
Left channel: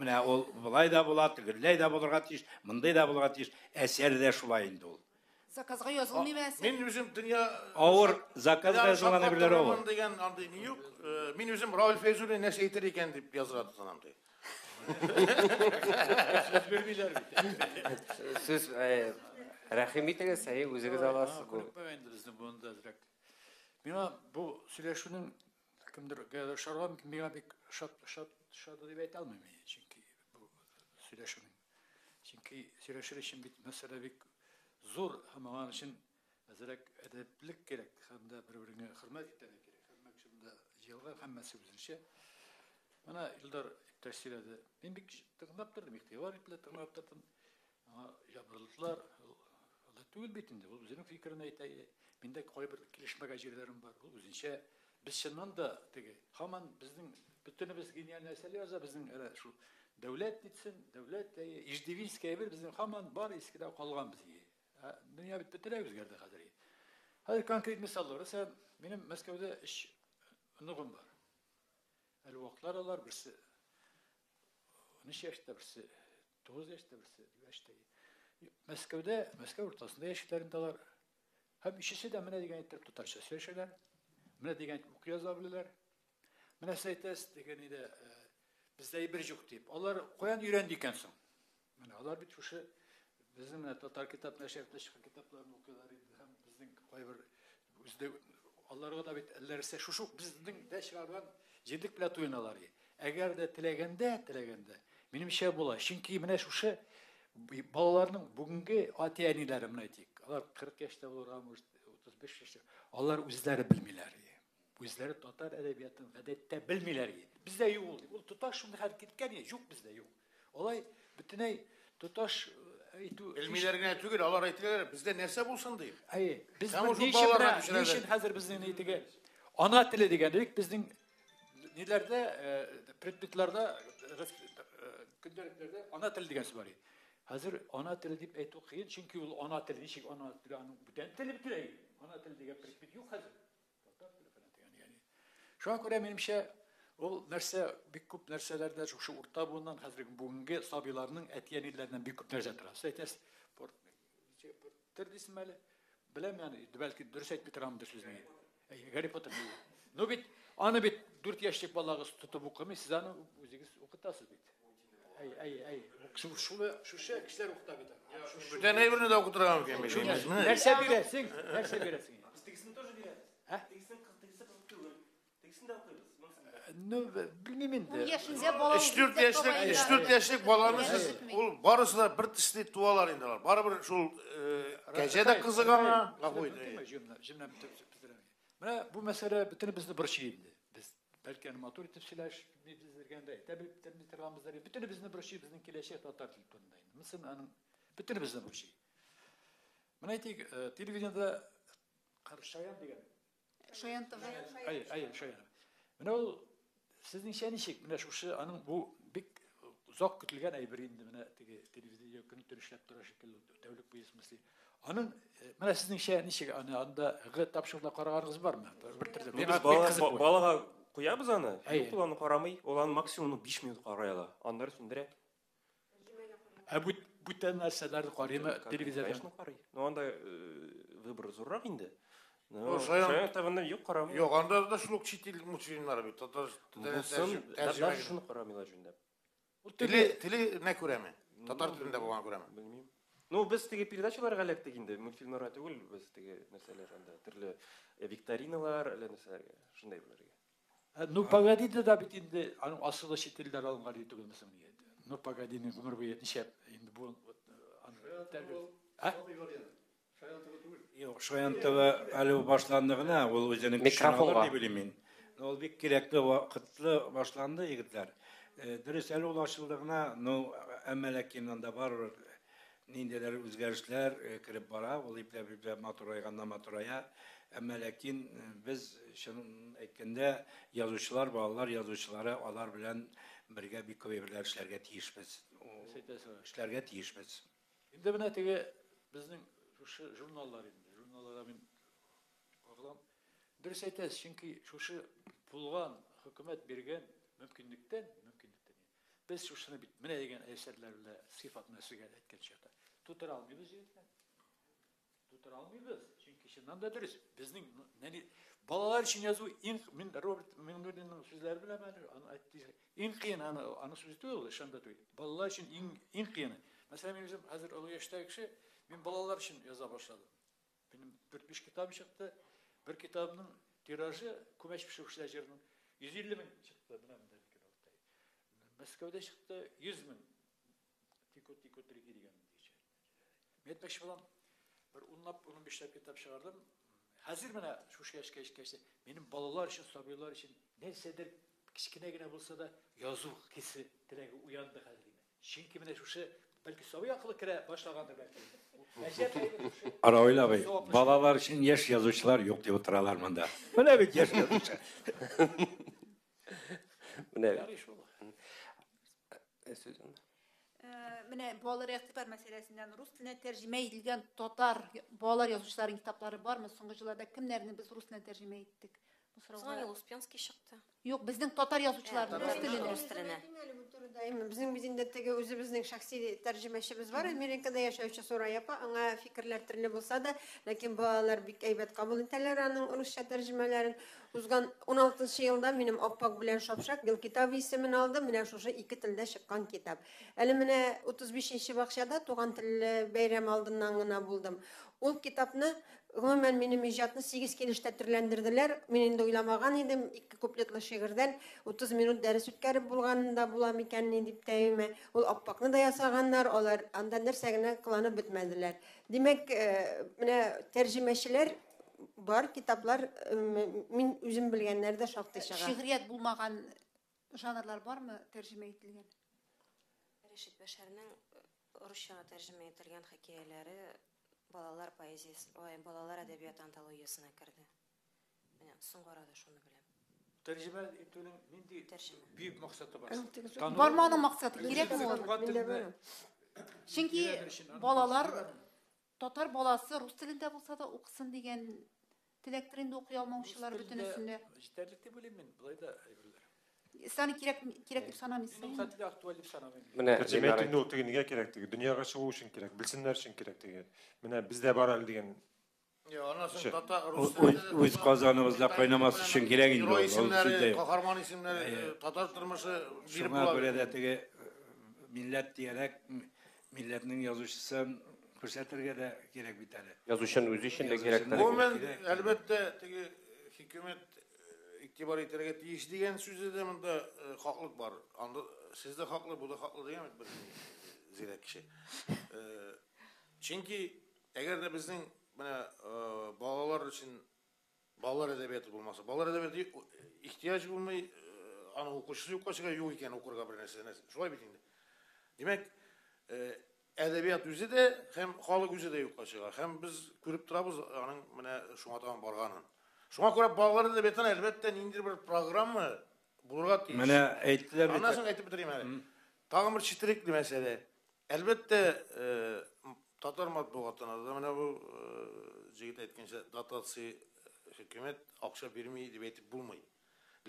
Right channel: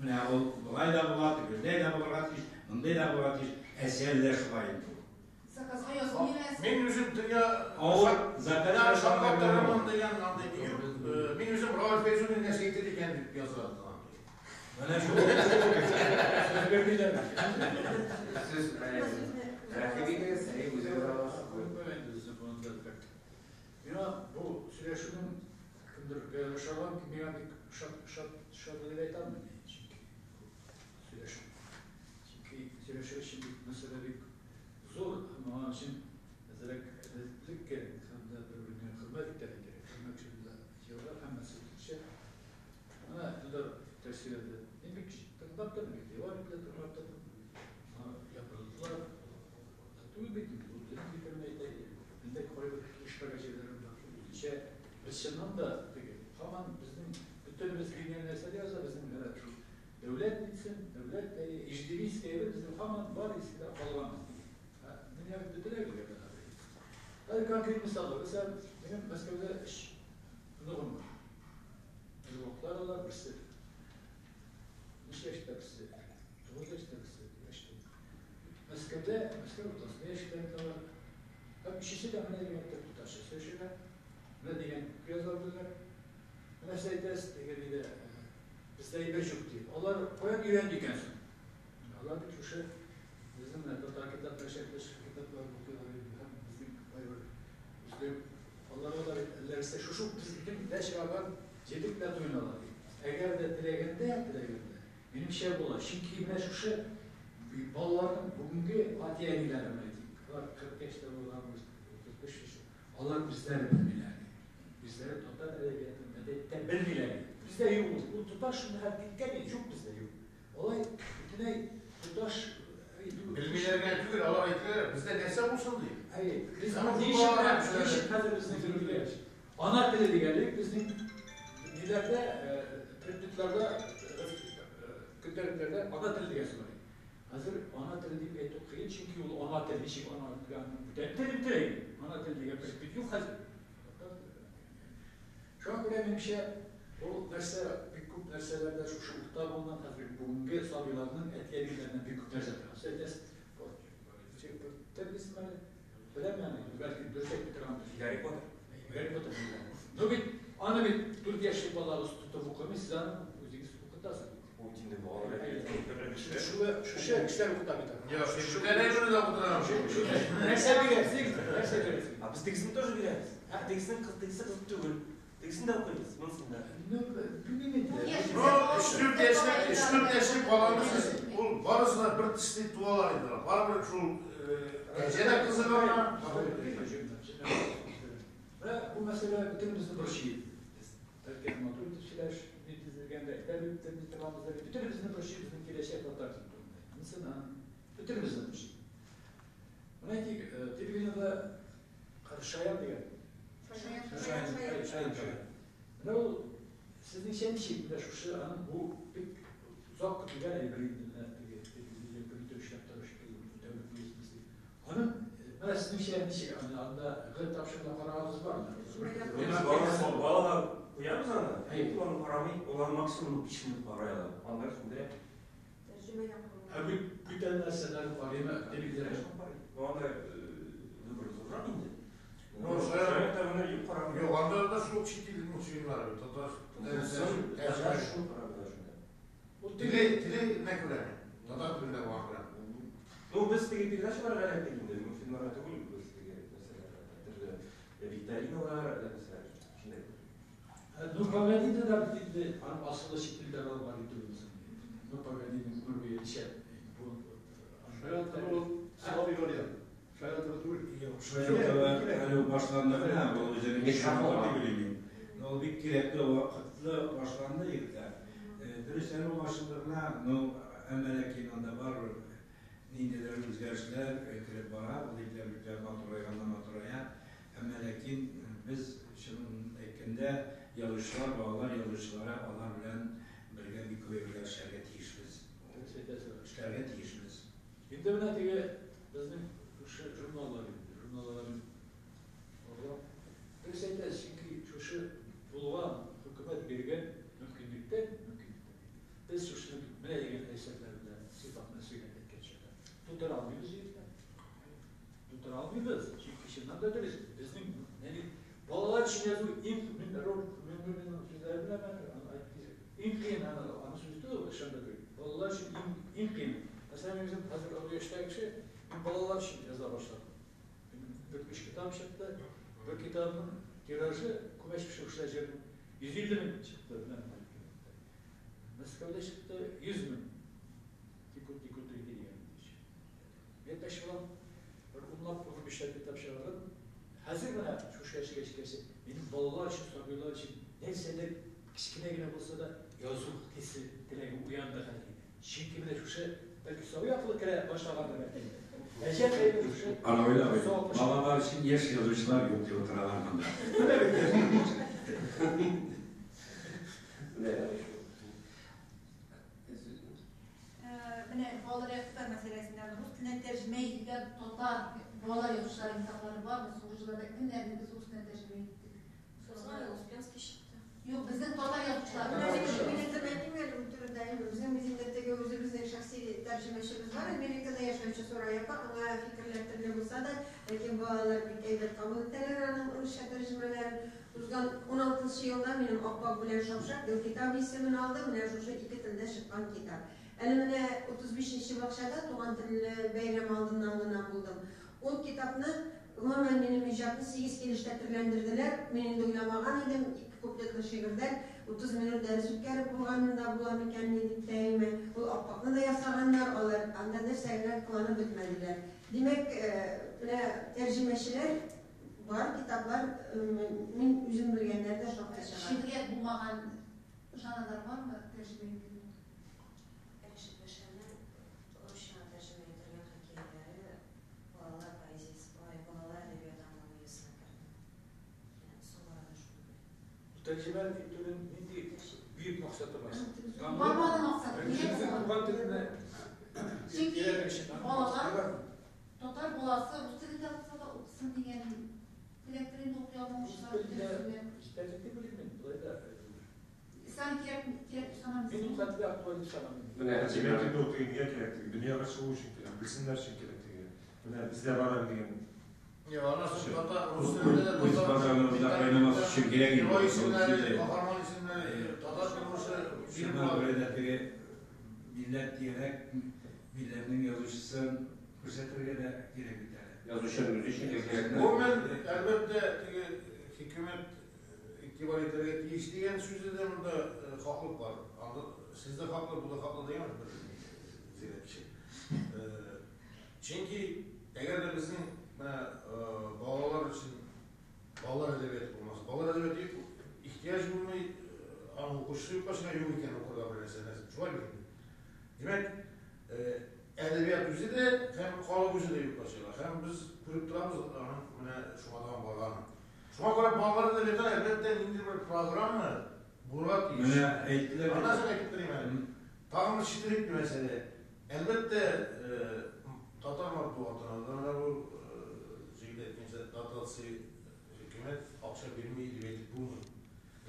Mine ol bulay da bulat, güley da bulurga tiş, mınday da bulurga tiş, eser de şulayın da. Zakazga yazılmıyor mesela. Benim yüzüm dünya Ağır zakazga şulanabilir o. Min yüzüm Raul Feyzul'ün ne şeydir iken deyip yazardı sanam. Siz rahim etiniz, özünüz alасыз. Мина бұл сөйлесудің кімдір шаруам кім маған шап деп айта алмаймын çünkü сөйлесу. Çünkü сөйлесу için bir mesele bir zor ama onun için mesela edeplik gerek. Sonunda birbirine hürmet etmek gerek. Hürmet için de yıllar hem meselesi. Ana yıllar tersilerde ben bir tırnaktan bir var bir tırnaktan yapıldılar. Tuğ bitim. O bizim fikrine aytay. Binde koy bir kişi şeyler biz şundan da peki hemen bizim bütün biz bilinen mesele olsa bizim herhalde şu devlet bitsin, devlet de icdiviz gibi bizim hemen var eskiden kalgan biz. Dünya bittiler bir yerde hadi. Hadi konkret misal var. Mesela benim Moskova'da iş nugum var. Bir vakitler olar birisi. Neşe işte birisi. Doğuzda işte birisi. İşte. Moskova ortasında yaşayan da var. Hep işisi de bana diyen tutarsa söyleşirler. Bana diyen göz alırlar. Bana sayıdas diyen de bizde bir yok diyeyim. Onlar koyan öğrendikken son. Onlar bir tuşa bizim Tatar kitaplar şekilde kitaplar okuyorlar. Bizim bayvar. Bizde onlar o da ellerse şu bizim de şey var. Cedip plat oynalar. Eğer de dilegende. Benim şey bula. Şimdi bana şu şey balaların bugünkü atiyanilerim aytayım. Onlar 40 yaşta olan 35 yaşta. Onlar bizleri bilmiyorlar. Bizleri Tatar edebiyatında da bilmiyorlar. Bizde yok. O Tutaş şimdi hakikaten yok bizde yok. Olay bütüney Tutaş Bilmelerine tügür Allah aytlar bizde nese bulsun diye. Ay bizde değişik hazır bizim dediği ana dili degenlik bizim nelerde predmetlerde kütüphanelerde ana dili degesi var. Hazır ana dili deyip aytı kıyın çünkü o ana dili şey ana dili ana dili degen predmet yok hazır. Şu an göre benim şey bu derse bir kup derselerde şu orta bulunan hazır bugünkü sabilarının etyenilerinden bir kup derse tarafı. Test terbiyesi böyle bilmem yani belki dürsek bir travmadır. Harry Potter. No bit ana bit 4 yaşlık balığı tutup okumayı siz anın müziği okutasın. Şu şey kişiler okutabilir. Ya şu ne bunu da okuturamam şimdi. Nerse bilirsin. Biz tekisini тоже biliriz. Ha tekisini kızık değil. Tekisini de okuyuz. Bilmiyorum. 3-4 yaşlık balanız barısına bir tişli dualar ediyorlar. Bana bir şu gecede kızık ama. Bu mesele bütün bizde bir şey. Biz derken maturitet şeyler netizlergende bütün bizde bir şey bizim kileşe fotoğraf tutulmayı. Mesela bütün bizde bir şey. Bana televizyonda karşılayan diye. Şayan. Ne o sizin şeyin şey bile şu şey anın bu pek uzak kutugan ayırındığına televizyon görüntüleştirip devlet büyüsümüzü. Anın mana sizin şeyin şey hani anda gıt tapşırma kararınız var mı? Balaga koyabız ana. Kullanıp paramayı olan maksimum 5 minut parayla. Anlar sündürep. Bu tane narsalar var ya televizyonda. No anda vыбор zorrak indi. Şayan tavanda yok para. Yok anda da şu çitil muçuyumlar abi. Tatar şunu para şunda. Tili ne kuremi? Tatar dilinde bulan kuremi. Ну, biz tege передачалар галак дегенде, мультфильмларга түгел, biz tege mesela türlü викториналар, mesela şunday. Ну, Погоди'de da bir anım aslında şekiller var idolümüzün. Ну, Pогодi'nin kurguya dişer. Şoyantıva Ali başlandığına bu özünü Mikrofon var. bileyim. O bir gerekli vakitli başlandı yigitler. Dürüst ele ulaşıldığına no emelekin anda var nindeler özgürlükler kirip bara, o iple maturaya emelekin biz şunun ekinde yazıcılar bağlar yazıcılara alar bilen birge bir koyurlar işlerge tiyişmiz. İşlerge tiyişmiz. Şimdi buna tege bizim şu jurnalları orada dürüst aytasiz çünkü şu bulgan hükümet bergen mümkünlükten biz şu mine degen eserlerde sıfatına söylenen etkençede tutar almıyoruz çünkü şimdiden da dürüst bizim yani balalar için yazı ilk min sözlerine ben ayttık ilk ana sözde ol ışanda değil. Balalar için en kıyım. Mesela bizim hazır o yaştaki şey, ben balalar için yaza başladım. Benim bir kitap çıktı. Bir kitabın tirajı kumeş bir şey uçlayacağım. 150 bin çıktı. Moskova'da çıktı 100 bin. Tikut diye. Ben beş falan ondan bir şeyler kitap çıkardım. Hazır bana şu şey benim balalar için, soruyorlar için neyse de kiçikine yine bulsa da yazı hissi dileği uyandı. Şimdi de şu şey belki soru yapılır kere başlamadı belki. Ana öyle bey. Balalar için yaş yazıcılar yok diye oturarlar mında. Böyle bir yaş yazıcı. Ne yapayım? Mine bolalar ekber meselesinden Rus diline tercüme edilgen totlar bolalar yazıcıların kitapları var mı? Sunucularda kimlerini biz Rus diline tercüme ettik? Знаю, Успенский çıktı. Yok bizden totar yazıcılar. Bizim bizindetteki özümüzün şahsi tercümeşimiz var. Amerika'da yaşayıcı sonra yapar. Ona fikirler türlü bulsa da lakin bağlar bir eybet kabul ettiler. Onun Rusça tercümeleri uzgan 16. yılda benim Akpak bilen Şapşak yıl kitabı ismini aldım. Mine şu iki tilde çıkan kitap. Elimine 35. bakşada Tuğan Tilli Beyrem aldığından gına buldum. O kitabını hemen benim icatını 8 kelişte türlendirdiler. Benim de oylamagan idim. 2 kupletli şiirden 30 minut ders ütkärip bulganında bulam ekenini dip deyime. Ol Akpakны da yasaganlar, olar anda dersegine kılanıp bitmediler. Demek tercümeşiler var, kitaplar min üzüm bilgenler de şart yaşagan. Şiiriyet bulmagan janrlar var mı tercüme edilgen? Reşit Beşer'nin Rusça tercüme edilgen hikayeleri balalar poeziyası, balalar edebiyat antolojisine kirdi. Yani son arada şunu bilen. Tercüme ettiğinin büyük maksatı var. Varmanın maksadı gerek mi? Çünkü balalar totar balası Rus dilinde olsa da okusun degen dileklerini de okuyamamışlar bütünüsünde. Tercüme bilmiyorum. Burayı da Sana gerek sanamıyorsun. benim katli aktuallik sanamıyorum. Tercüme ettiğinde okuduğun niye gerektiği, dünyaya çıkığı için gerek, bilsinler için gerektiği. Mine bizde var diyen. Biz kazanımızda kaynaması için gerek Hero isimleri, kahraman isimleri, Tatar kırmızı bir Şuna göre de millet diyerek milletinin yazıcısı fırsatlarına da gerek bir tane. Yazışan özü için de gerek. Bu men elbette hükümet iktibar ettirge tiyiş degan sözde de haklık var. Sizde haklı, bu da haklı değil mi? Zira kişi. Çünkü eğer de bizim balalar için balalar edebiyatı bulması, balalar edebiyatı ihtiyaç bulmayı okuşusu yok başka yok iken okurga bir mesele. Şöyle bir demek edebiyat yüzü de hem halı yüzü de yok başka. Hem biz görüp durabız onun şu adam varganı. Şuna göre balalar edebiyatı elbette indir bir program mı? Bulgat değil. Mene eğittiler. Anasını ayıp bitireyim yani. Tağımır çitirikli mesele. Elbette Tatar matbuatına da bu zikret etkinse Tatarsı hükümet akşa vermeyi deyip bulmayın.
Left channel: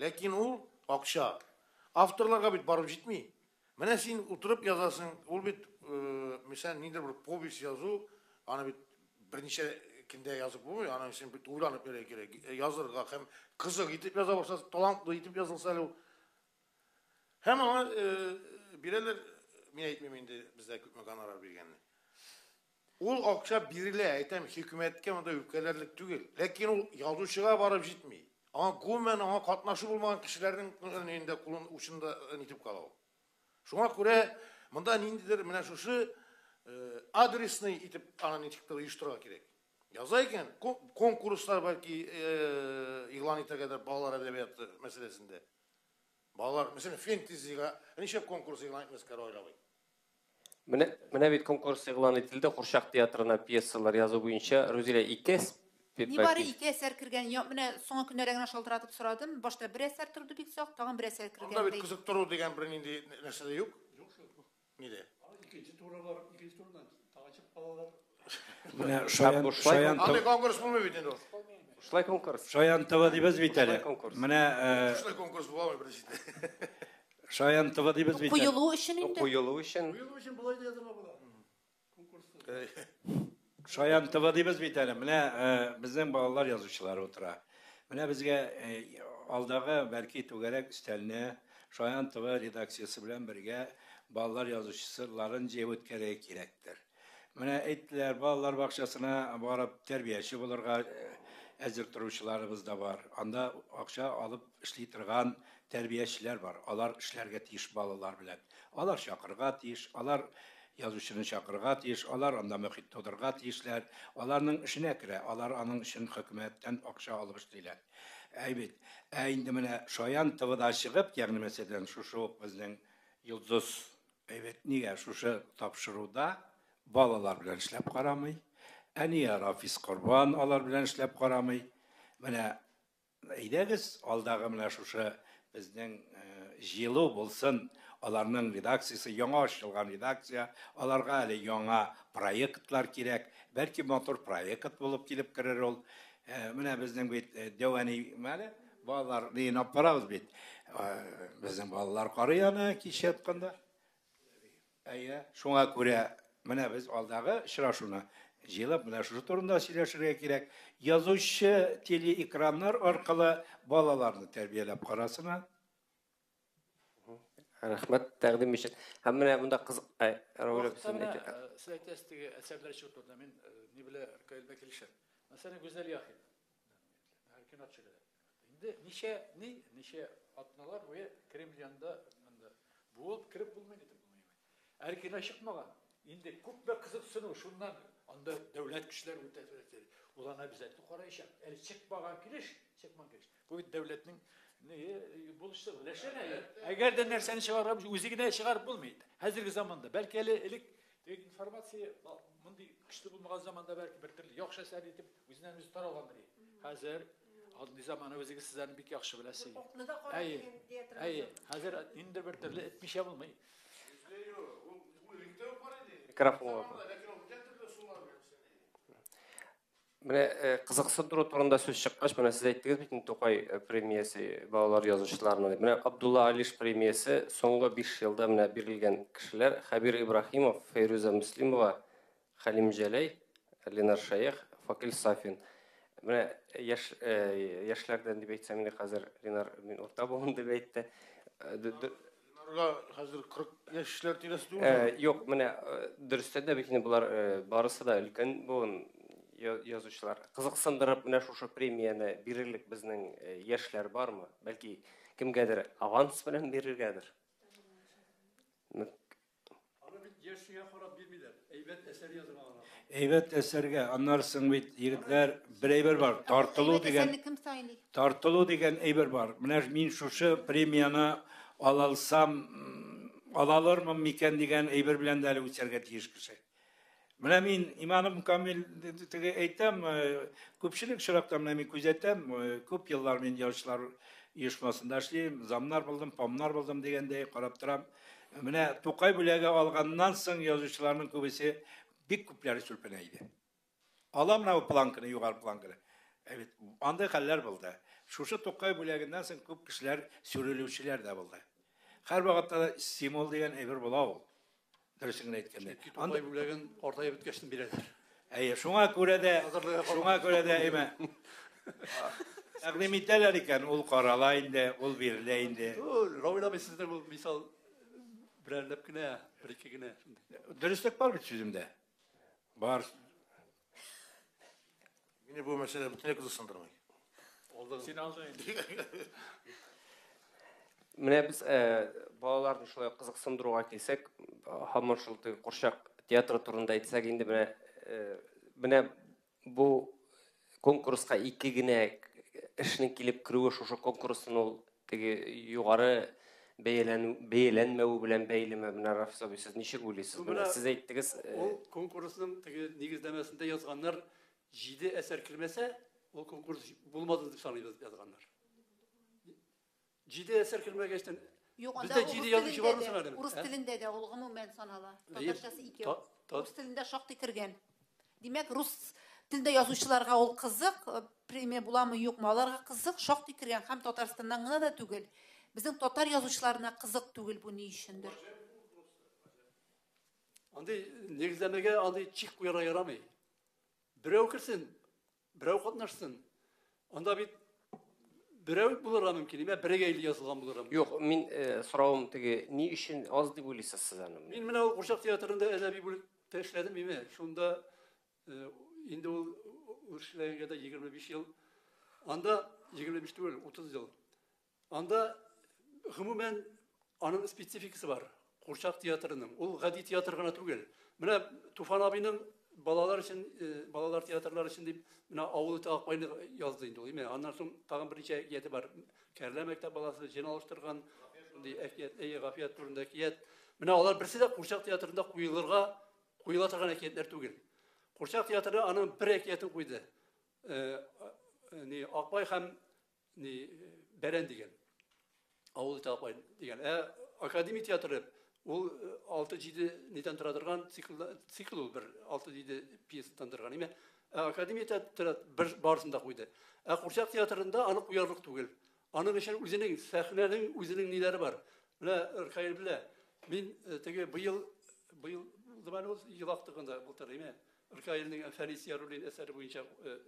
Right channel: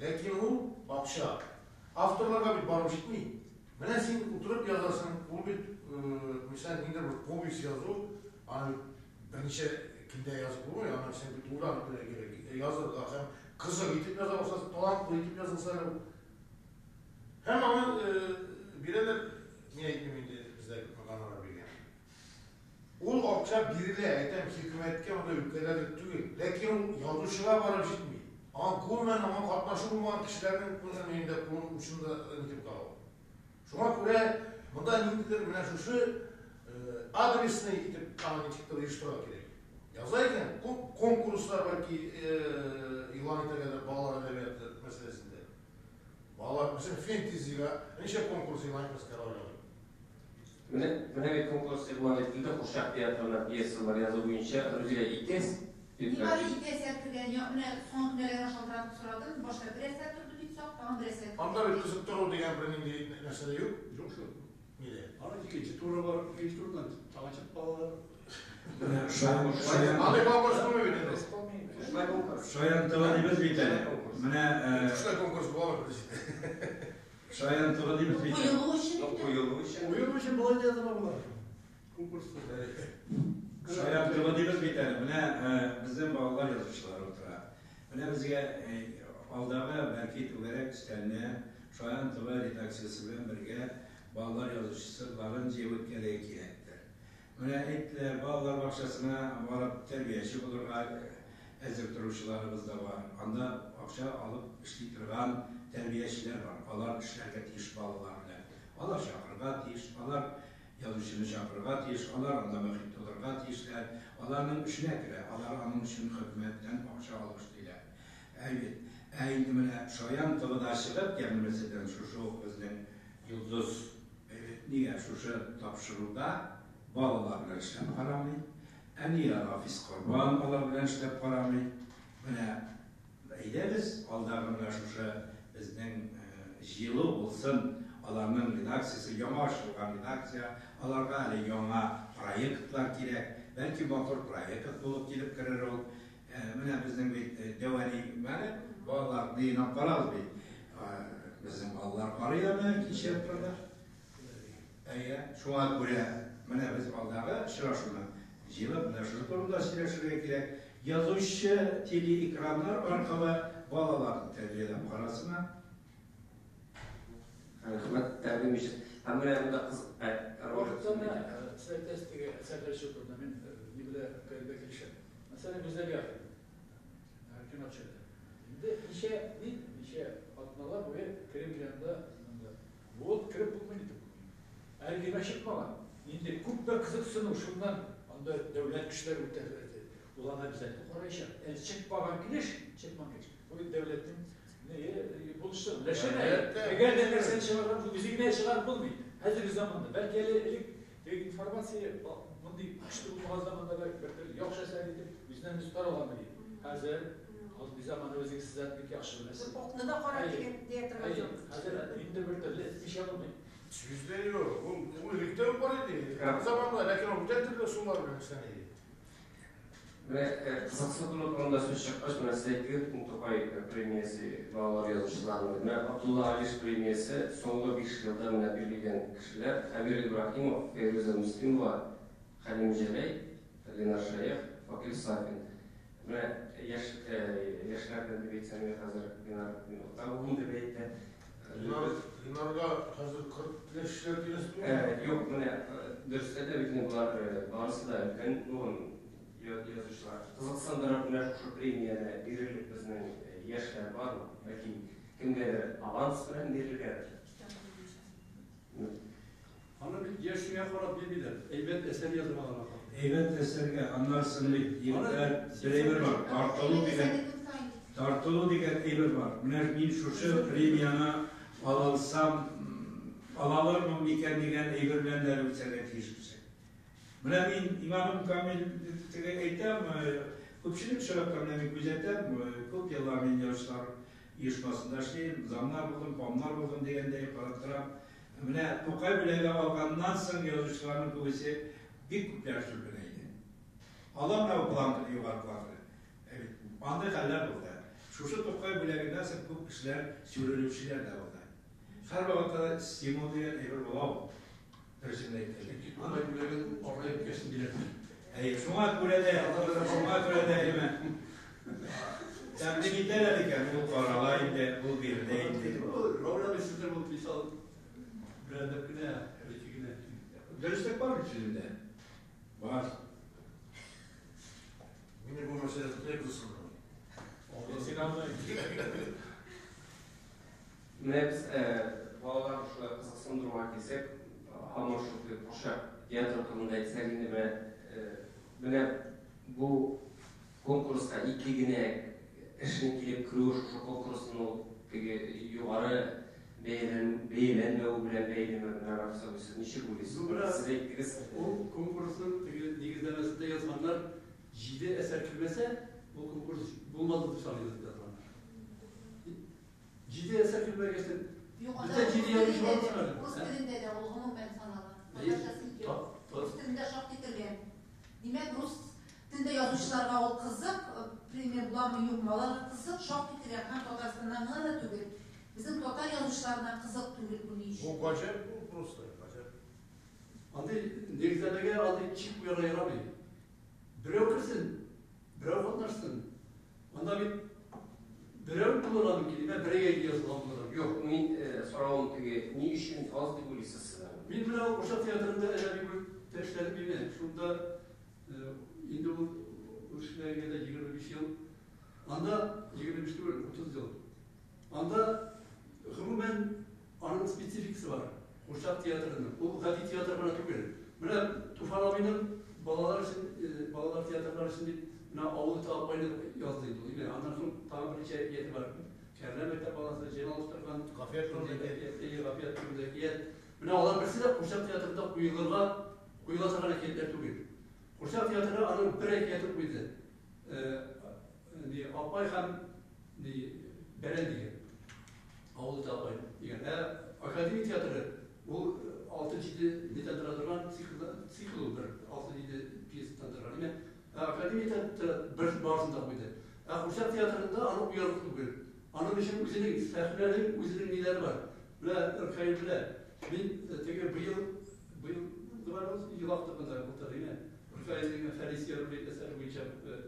Lakin o akşa avtorlarga bit barıp gitmeyin. Mene sen oturup yazasın, bu bit misal nedir bir povest yazı, ana bir neçe kinde yazıp bu, ana sen bir uğranıp böyle gerek yazırlar hem kızık itip yaza başlasa, talanklı itip yazılsa hem ama bireler mine etmemeydi bizde kanara bilgen. O akşam biriyle etem hükümetke onda ülkelerde tügül. Lakin o yazıcığa barıp gitmeyin. Ama kumen ama katnaşı bulmayan kişilerin önünde kulun uçunda nitip kalıyor. Şuna göre bunda nindidir mine şuşu adresine gidip kanını çıktığı uyuşturmak gerek. Yazarken konkurslar belki ilan ettirgende bağlar edebiyatı meselesinde. Bağlar mesela fantasy'ga neçe konkurs ilan etmesi karar alıyor. Mine bir konkurs ilan etildi. Hurşak tiyatrına piyesalar yazı boyunca Ruzile İkes. Nibari iki eser kirgen yok. Mine son günlerden aşaltıratıp soradım. Başta bir eser turdu bit sok, tağın bir eser kirgen. Onda bir kızık turu degen bir nindi nesede yok. Yok şu. Nide? Ana ikinci turu var, ikinci turdan tağaçıp bağlar. Abi konkurs mu ödedi? Şulay konkurs. Şayan tava dibez biteli. Mene Şurada konkurs bu var mı? Şayan tava dibez biteli. Kuyuluğu işin indi. Kuyuluğu için. Buyurun için balay yazıma bular. Konkursta. Şayan tava dibez biteli. Mene bizden bağlar yazıcılar otura. Mene bizge aldağı belki tügerek üsteline Шаян ТВ редакциясы белән бергә балалар язучыларын җыеп үткәрергә кирәктер. Менә әйттеләр, балалар бакчасына барып тәрбияче булырга әзер торучыларыбыз да бар. Анда акча алып эшли торган тәрбиячеләр бар. Алар эшләргә тиеш балалар белән. Алар чакырга тиеш, алар язучыны чакырга тиеш, алар анда мөхит тудырга тиешләр. Аларның эшенә керә, алар аның өчен хөкүмәттән акча алып эшлиләр. Әйбит. Инде менә Шаян ТВда чыгып кемлемәсәдән шушы безнең Йолдыз әйбит нигә шушы тапшыруда балалар белән эшләп карамый. Әния Рафис Корбан алар белән эшләп карамый. Менә әйдәгез алдагы менә шушы безнең җылы булсын. Аларның редакциясы яңа ачылган редакция, аларга әле яңа проектлар кирәк. Бәлки мотор проект булып килеп керер ул. Менә безнең бит Дәвани мәне балалар дыйнап карабыз бит. Безнең балалар карый аны кичә атканда. Шуңа күрә менә без алдагы очрашуны җыелып менә шушы турында сөйләшергә кирәк. Язучы телеэкраннар аркылы балаларны тәрбияләп карасына. Рәхмәт, тәкъдим итеп. Һәм менә монда кызык Сайтастыгы әсәрләр чөтүдә мин ни белә кайда килешәм. Мәсәлән, гүзәл яр. Һәр очрады. Инде ничә атналар буе Кремльдә монда. Бу кирип булмый дип. Һәр кино чыкмаган. Инде күп бә кызыксыну шуннан анда дәүләт көчләре үтәләр. Уларга бизәтте карайчак. Чыкмаган килеш, чыкмаган килеш. Бу дәүләтнең buluşsun. Eğer de nerseni çıkarıp üzerine çıkarıp bulmayın. Hazır zamanda belki elik informasiya bunday güçlü bulmagan zamanda belki yoksa sen edip yüzden tutar olanlar. Hazır aldığı zaman özünüz sizden bir yaxşı biləsiniz. Botunu da qara diye Hayır. Hazır indi bir türlü etmiş yapılmayın. Yüzleri yok. Bu ilikten var idi. Kırap. Zamanla lakin o güzel türlü sular böyle seni. Менә кызыксып тору турында сүз чыккач, менә сез әйттегез, Бүтән Тукай премиясе балалар язучыларының. Менә Абдулла Алиш премиясе соңгы 5 елда менә бирелгән кешеләр Хабир Ибрахимов, Фейруза Муслимова, Халим Җәләй, Ленар Шаях, Факил Сафин. Менә яшьләрдән дип әйтсәм, хәзер Ленар мин урта булам дип әйтте. Ленарга хәзер 40 яшьләр дигән түгел. Юк, менә дөрестә дә бит булар барысы да өлкән буын язучылар. Кызыксындырып менә шушы премияны бирерлек безнең яшьләр бармы? Бәлки кемгәдер аванс белән бирергәдер. Аны бит яшьгә карап бирмиләр. Әйбәт әсәр язылган. Әйбәт әсәргә аннарсын бит егетләр бер әйбер бар. Тартылу дигән әйбер бар. Менә мин шушы премияны алалармын микән дигән әйбер белән дә үтәргә тиеш кеше. Менә мин иманым камил дип әйтәм, күпчелек шарапта менә мин күзәтәм, күп еллар мин язучылар оешмасында эшлим, замнар булдым, памнар булдым дигәндәй карап торам. Менә Тукай бүләге алганнан соң язучыларның күбесе бик күпләре сүлпәнә иде. Аламна планканы югары планканы. Әйбит, андай хәлләр булды. Шушы Тукай бүләгеннән соң күп кешеләр сүрелүчеләр дә булды. Һәр вакытта стимул дигән әйбер була ул. Дөресен әйткәндә. Андай бүләген ортай биткәсен бирәләр. Шуңа күрә дә әйме. Тәкъдим итәләр икән, ул карала инде, ул бирелә инде. Равилда бездә бу мисал берәрдә кенә, ике генә. Дөрестлек бар бит сүземдә. Бар. Мине бу мәсьәлә бөтенләй кызыксындырмый. Алда син аңлай. Менә без балаларны шулай кызыксындыруга килсәк, һаман шул Курчак театры турында әйтсәк, инде менә бу конкурска ике генә эшне килеп керүе шушы конкурсның ул теге югары бәяләнмәү белән бәйлеме? Менә Рафис абый, сез ничек уйлыйсыз? Менә сез әйттегез, ул конкурсның теге нигезләмәсендә язганнар 7 әсәр килмәсә, ул конкурс булмады дип саныйбыз язганнар. 7 әсәр килмәгәчтән Bizdə ciddi yazışı var mı? Rus dilində də ol, ümumən sanala. Tatarçası 2 yox. Rus dilində çox tikirgən. Demək, Rus dilində yazıcılarga ol qızıq, premiya bulamı yoxmu, onlarga qızıq, çox tikirgən. Həm Tatarstandan gına da түгел. Bizim Tatar yazıcılarına qızıq түгел bu ne işin? Bu qacaq, bu Ruslar, qacaq. Андай негізләмәгә андай чик буяра ярамый. Берәү кирсен, берәү катнашсын. Анда бит Біреу булырга мөмкин, бірегейлі жазылған булырга мөмкин. Yok, min sorağım tege ni işin az diye bilirsiniz siz hanım. Мен мына Ошақ театрында әдәби бүлікте эшләдем еме. Шунда инде ул эшләгәндә 25 ел. Анда 25 түгел, 30 ел. Анда гомумән аның спецификасы бар. Ошақ театрының. Ул гади театр гына түгел. Менә Туфан абыйның балалар өчен, балалар театрлары өчен дип мына авылы Акбайны язды инде ул. Аннан соң тагын берничә яте бар. Кәрлә мәктәп баласы җыйналыштырган Гафият турында кият. Менә алар берсе дә Курчак театрында куела торган әкиятләр түгел. Курчак театры аның бер әкияте куйды. Акбай һәм Бәрән дигән. Авылы Акбай дигән. Академия театры ул 6-7 нидән тора торган цикл ул, бер 6-7 пьесадан торган. Академия театры бер барысында куйды. Курчак театрында аны куярлык түгел. Аның өчен үзенең сәхнәнең үзенең ниләре бар. Менә Иркаил белә. Мин теге быел диван ел актыгында булдырдым. Иркаилнең Фәрисия роле әсәре буенча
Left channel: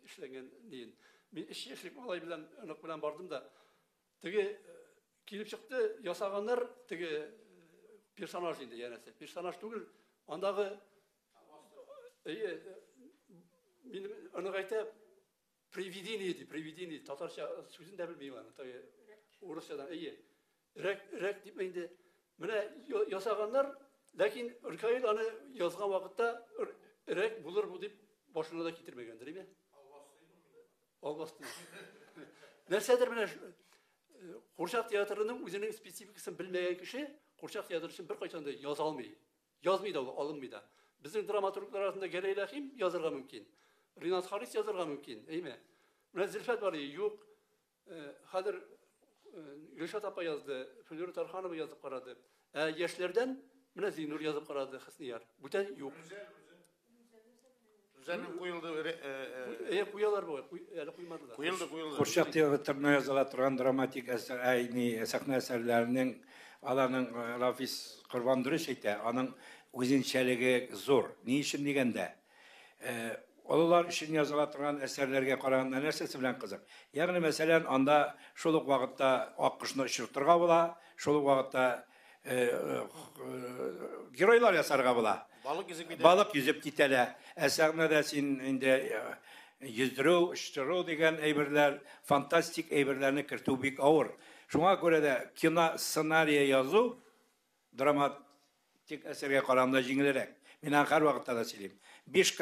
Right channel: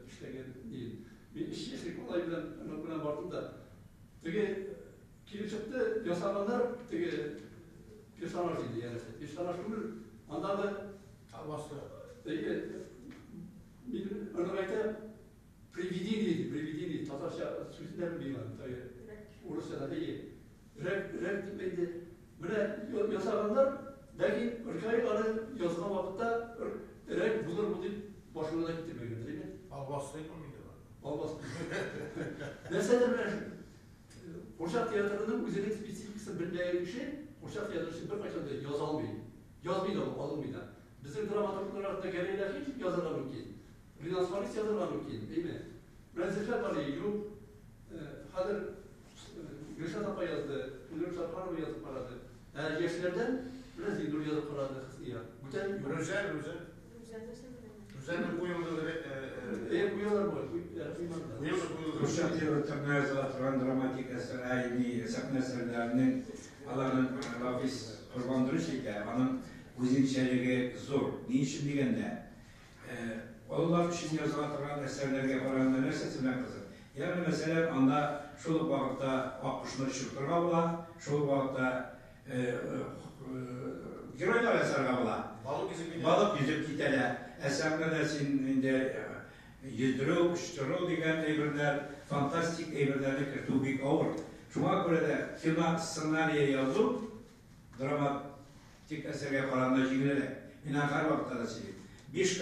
эшләгән дин. Мин 3 яшьлек малай белән бардым да. Теге килеп чыкты, ясаганнар теге персонаж иде, янәсе. Персонаж түгел. Андагы мин аны әйтә привидение, татарча сүзендә белмим. Урысча рәк дип инде. Менә ясаганнар, ләкин Иркаил аны язган вакытта рәк булыр бу дип башына да китермәгәндер иде. Алмас. Нәрсәдер менә Курчак театрының үзенең спецификасын белмәгән кеше Курчак театры өчен беркайчан да яза алмый. Язмый да, алынмый да. Безнең драматурглар арасында Гәрәй Рәхим язырга мөмкин. Ринас Харис язырга мөмкин, әйме. Менә Зөлфәт Галиев юк. Хәзер Гөлшат апа язды, Фөнүр Тарханова язып карады. Яшьләрдән менә Зинур язып карады, Хисния. Бүтән юк. Үзәннең куелды Куялар бар. Ошақ театрына языла торган драматик сәхнә әсәрләренең аларның Рафис Корбандырыш итә, аның үзенчәлеге зур. Ни өчен дигәндә, алар өчен языла торган әсәрләргә караганда нәрсәсе белән кызык. Ягъни мәсәлән, анда шул ук вакытта аккошны очыртырга була, шул ук вакытта геройлар ясарга була. Балык yüzеп китәләр. Әсәрнәдә син инде yüzdерү, очтыру дигән әйберләр, фантастик әйберләрне кертү бик авыр. Шуңа күрә дә кино сценарий язу драматик әсәргә караганда җиңелрәк. Мин һәр вакытта да сөйлим. 5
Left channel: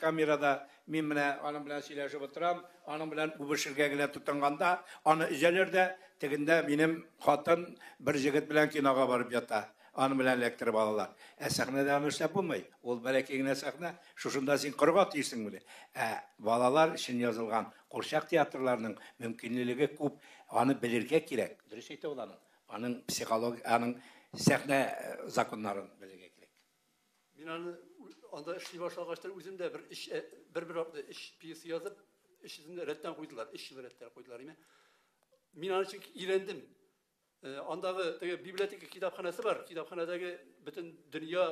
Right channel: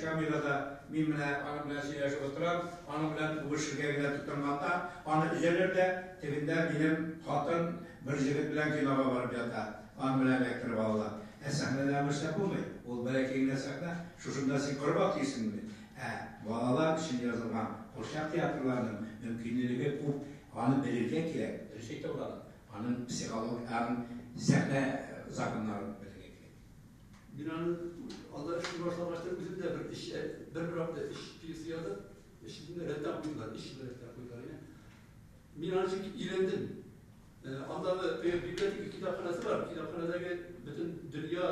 камерада мин менә аның белән сөйләшеп утырам, аның белән үбешергә генә тотынганда, аны үзәләрдә тегендә минем хатын бер җегет белән кинога барып ята. Аны белән электр балалар. Сәхнәдә эшләп булмый. Ул бәләкәй генә сәхнә, шушында син кырга тисең бүле. Балалар өчен язылган Курчак театрларының мөмкинлеге күп, аны белергә кирәк. Дөрес әйтә ул. Аның психологик, аның сәхнә законнарын белергә кирәк. Мин аны анда эшли башлагач үзем дә бер хакта пьеса язып, эшне рәттән куйдылар, рәттән куйдылар. Мин аны өйрәндем. Андагы библиотека китапханасы бар. Китапханадагы бөтен дөнья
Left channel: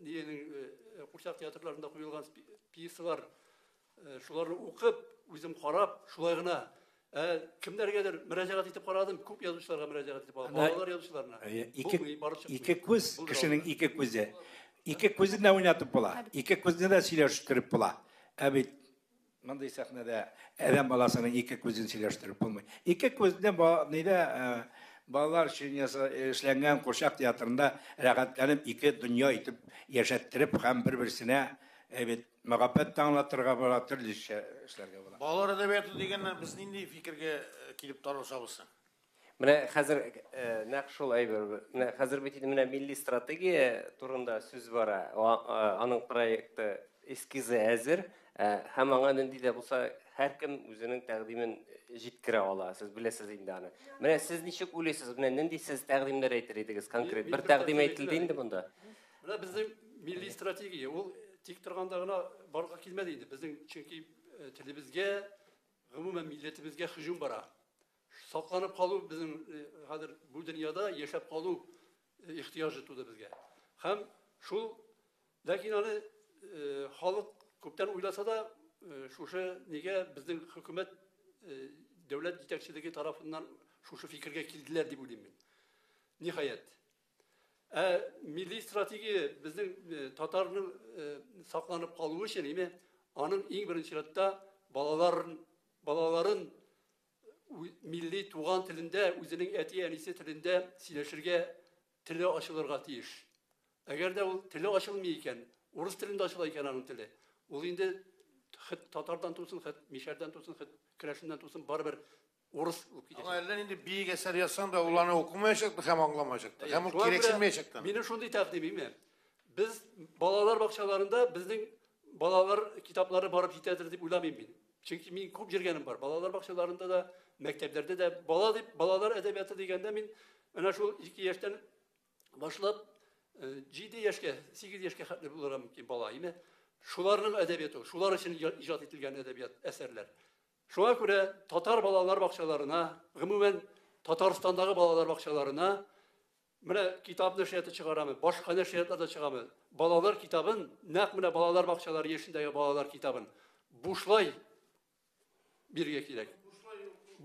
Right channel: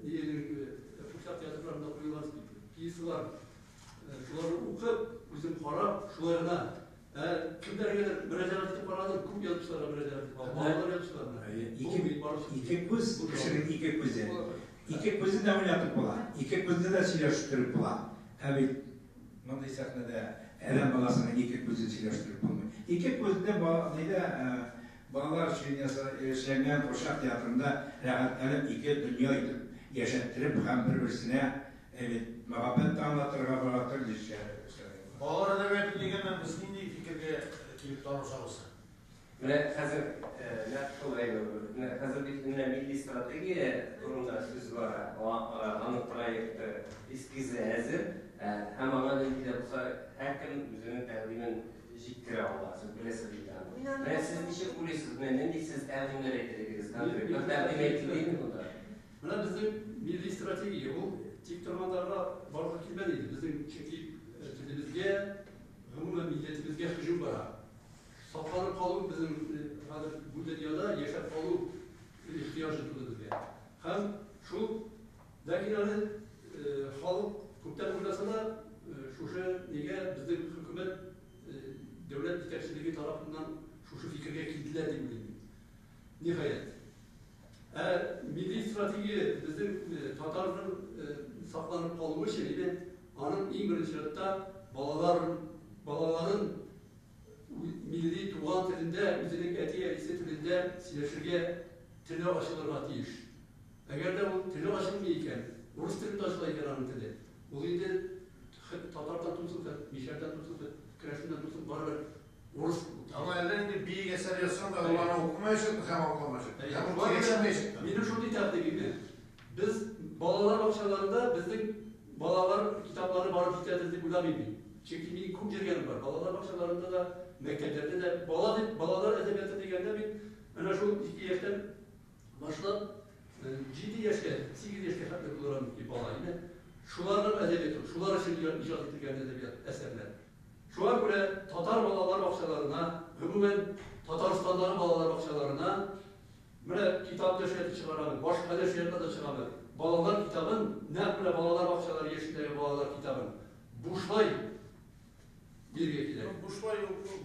Курчак театрларында куелган пьесалар. Шуларны укып, үзем карап, шулай гына кемнәргәдер мөрәҗәгать итеп карадым, күп язучыларга мөрәҗәгать итеп алдым. Балалар язучыларына. Ике күз, кешенең ике күзе. Ике күзен дә уйнатып була. Ике күзне дә сөйләштереп була. Бит мондай сәхнәдә адәм баласының ике күзен сөйләштереп булмый. Ике күздә балалар өчен эшләнгән Курчак театрында рәгатьләнеп ике дөнья итеп яшәттереп һәм бер-берсенә мәхәббәт аңлатырга була, төрлечә эшләргә була. Балалар әдәбияты дигәндә без нинди фикергә килеп тарашабыз? Менә хәзер нәкъ шул әйбер. Хәзер бит менә милли стратегия турында сүз бара. Аның проекты эскизы әзер. Һәм аңа нинди булса, һәркем үзенең тәкъдимен җиткерә ала. Сез беләсез инде аны. Менә сез ничек уйлыйсыз? Менә нинди сез тәкъдимнәр әйтер идегез конкрет? Бер тәкъдим әйтелде инде монда. Менә безнең милли стратегия ул тик торганда гына барлыкка килмәде иде. Безнең чөнки телебезгә, гомумән милләтебезгә һөҗүм бара. Сакланып калу безнең хәзер бу дөньяда яшәп калу ихтыяҗы туды безгә. Һәм шул ләкин аны халык күптән уйласа да, шушы нигә безнең хөкүмәт devlet yetekçiliği tarafından şu fikirge kilitler diye bileyim. Nihayet. Milli strateji bizim Tatarların saklanıp kaldığı için anın en birinci sırada balaların milli tuğan tilinde, üzerindeki eti erisi tilinde sileşirge tili aşılırga tiyiş. Eğer de bu tili aşılmıyorken, Rus tilinde aşılayken anın tili, o indi Tatar'dan tutsun, Mişer'den tutsun, Kreşim'den tutsun, barbar Rus. Ama ellerinde bir eser yazsan da olanı okumayacaktık, hem anlamayacaktık, hem gereksinmeyecektik. Benim şunu takdimim. Biz balalar bakçalarında bizim balalar kitapları barıp yitedir deyip uylamayayım. Çünkü benim kum jirgenim var. Balalar bakçalarında da, mekteplerde de balalar edebiyatı degende ben şu 2 yaştan başlap 7 yaşta, 8 yaşta hatırlık olarak ki bala yine şuların edebiyatı, şular için icat edilgen edebiyat eserler. Şuna göre Tatar balalar bakçalarına, umumen Tataristan'daki balalar bakçalarına böyle kitap deşiyeti çıkaramı, başka deşiyetler de çıkaramı. Balalar kitabın, ne böyle balalar bakçaları yeşildeki balalar kitabın. Buşlay bir gekilek.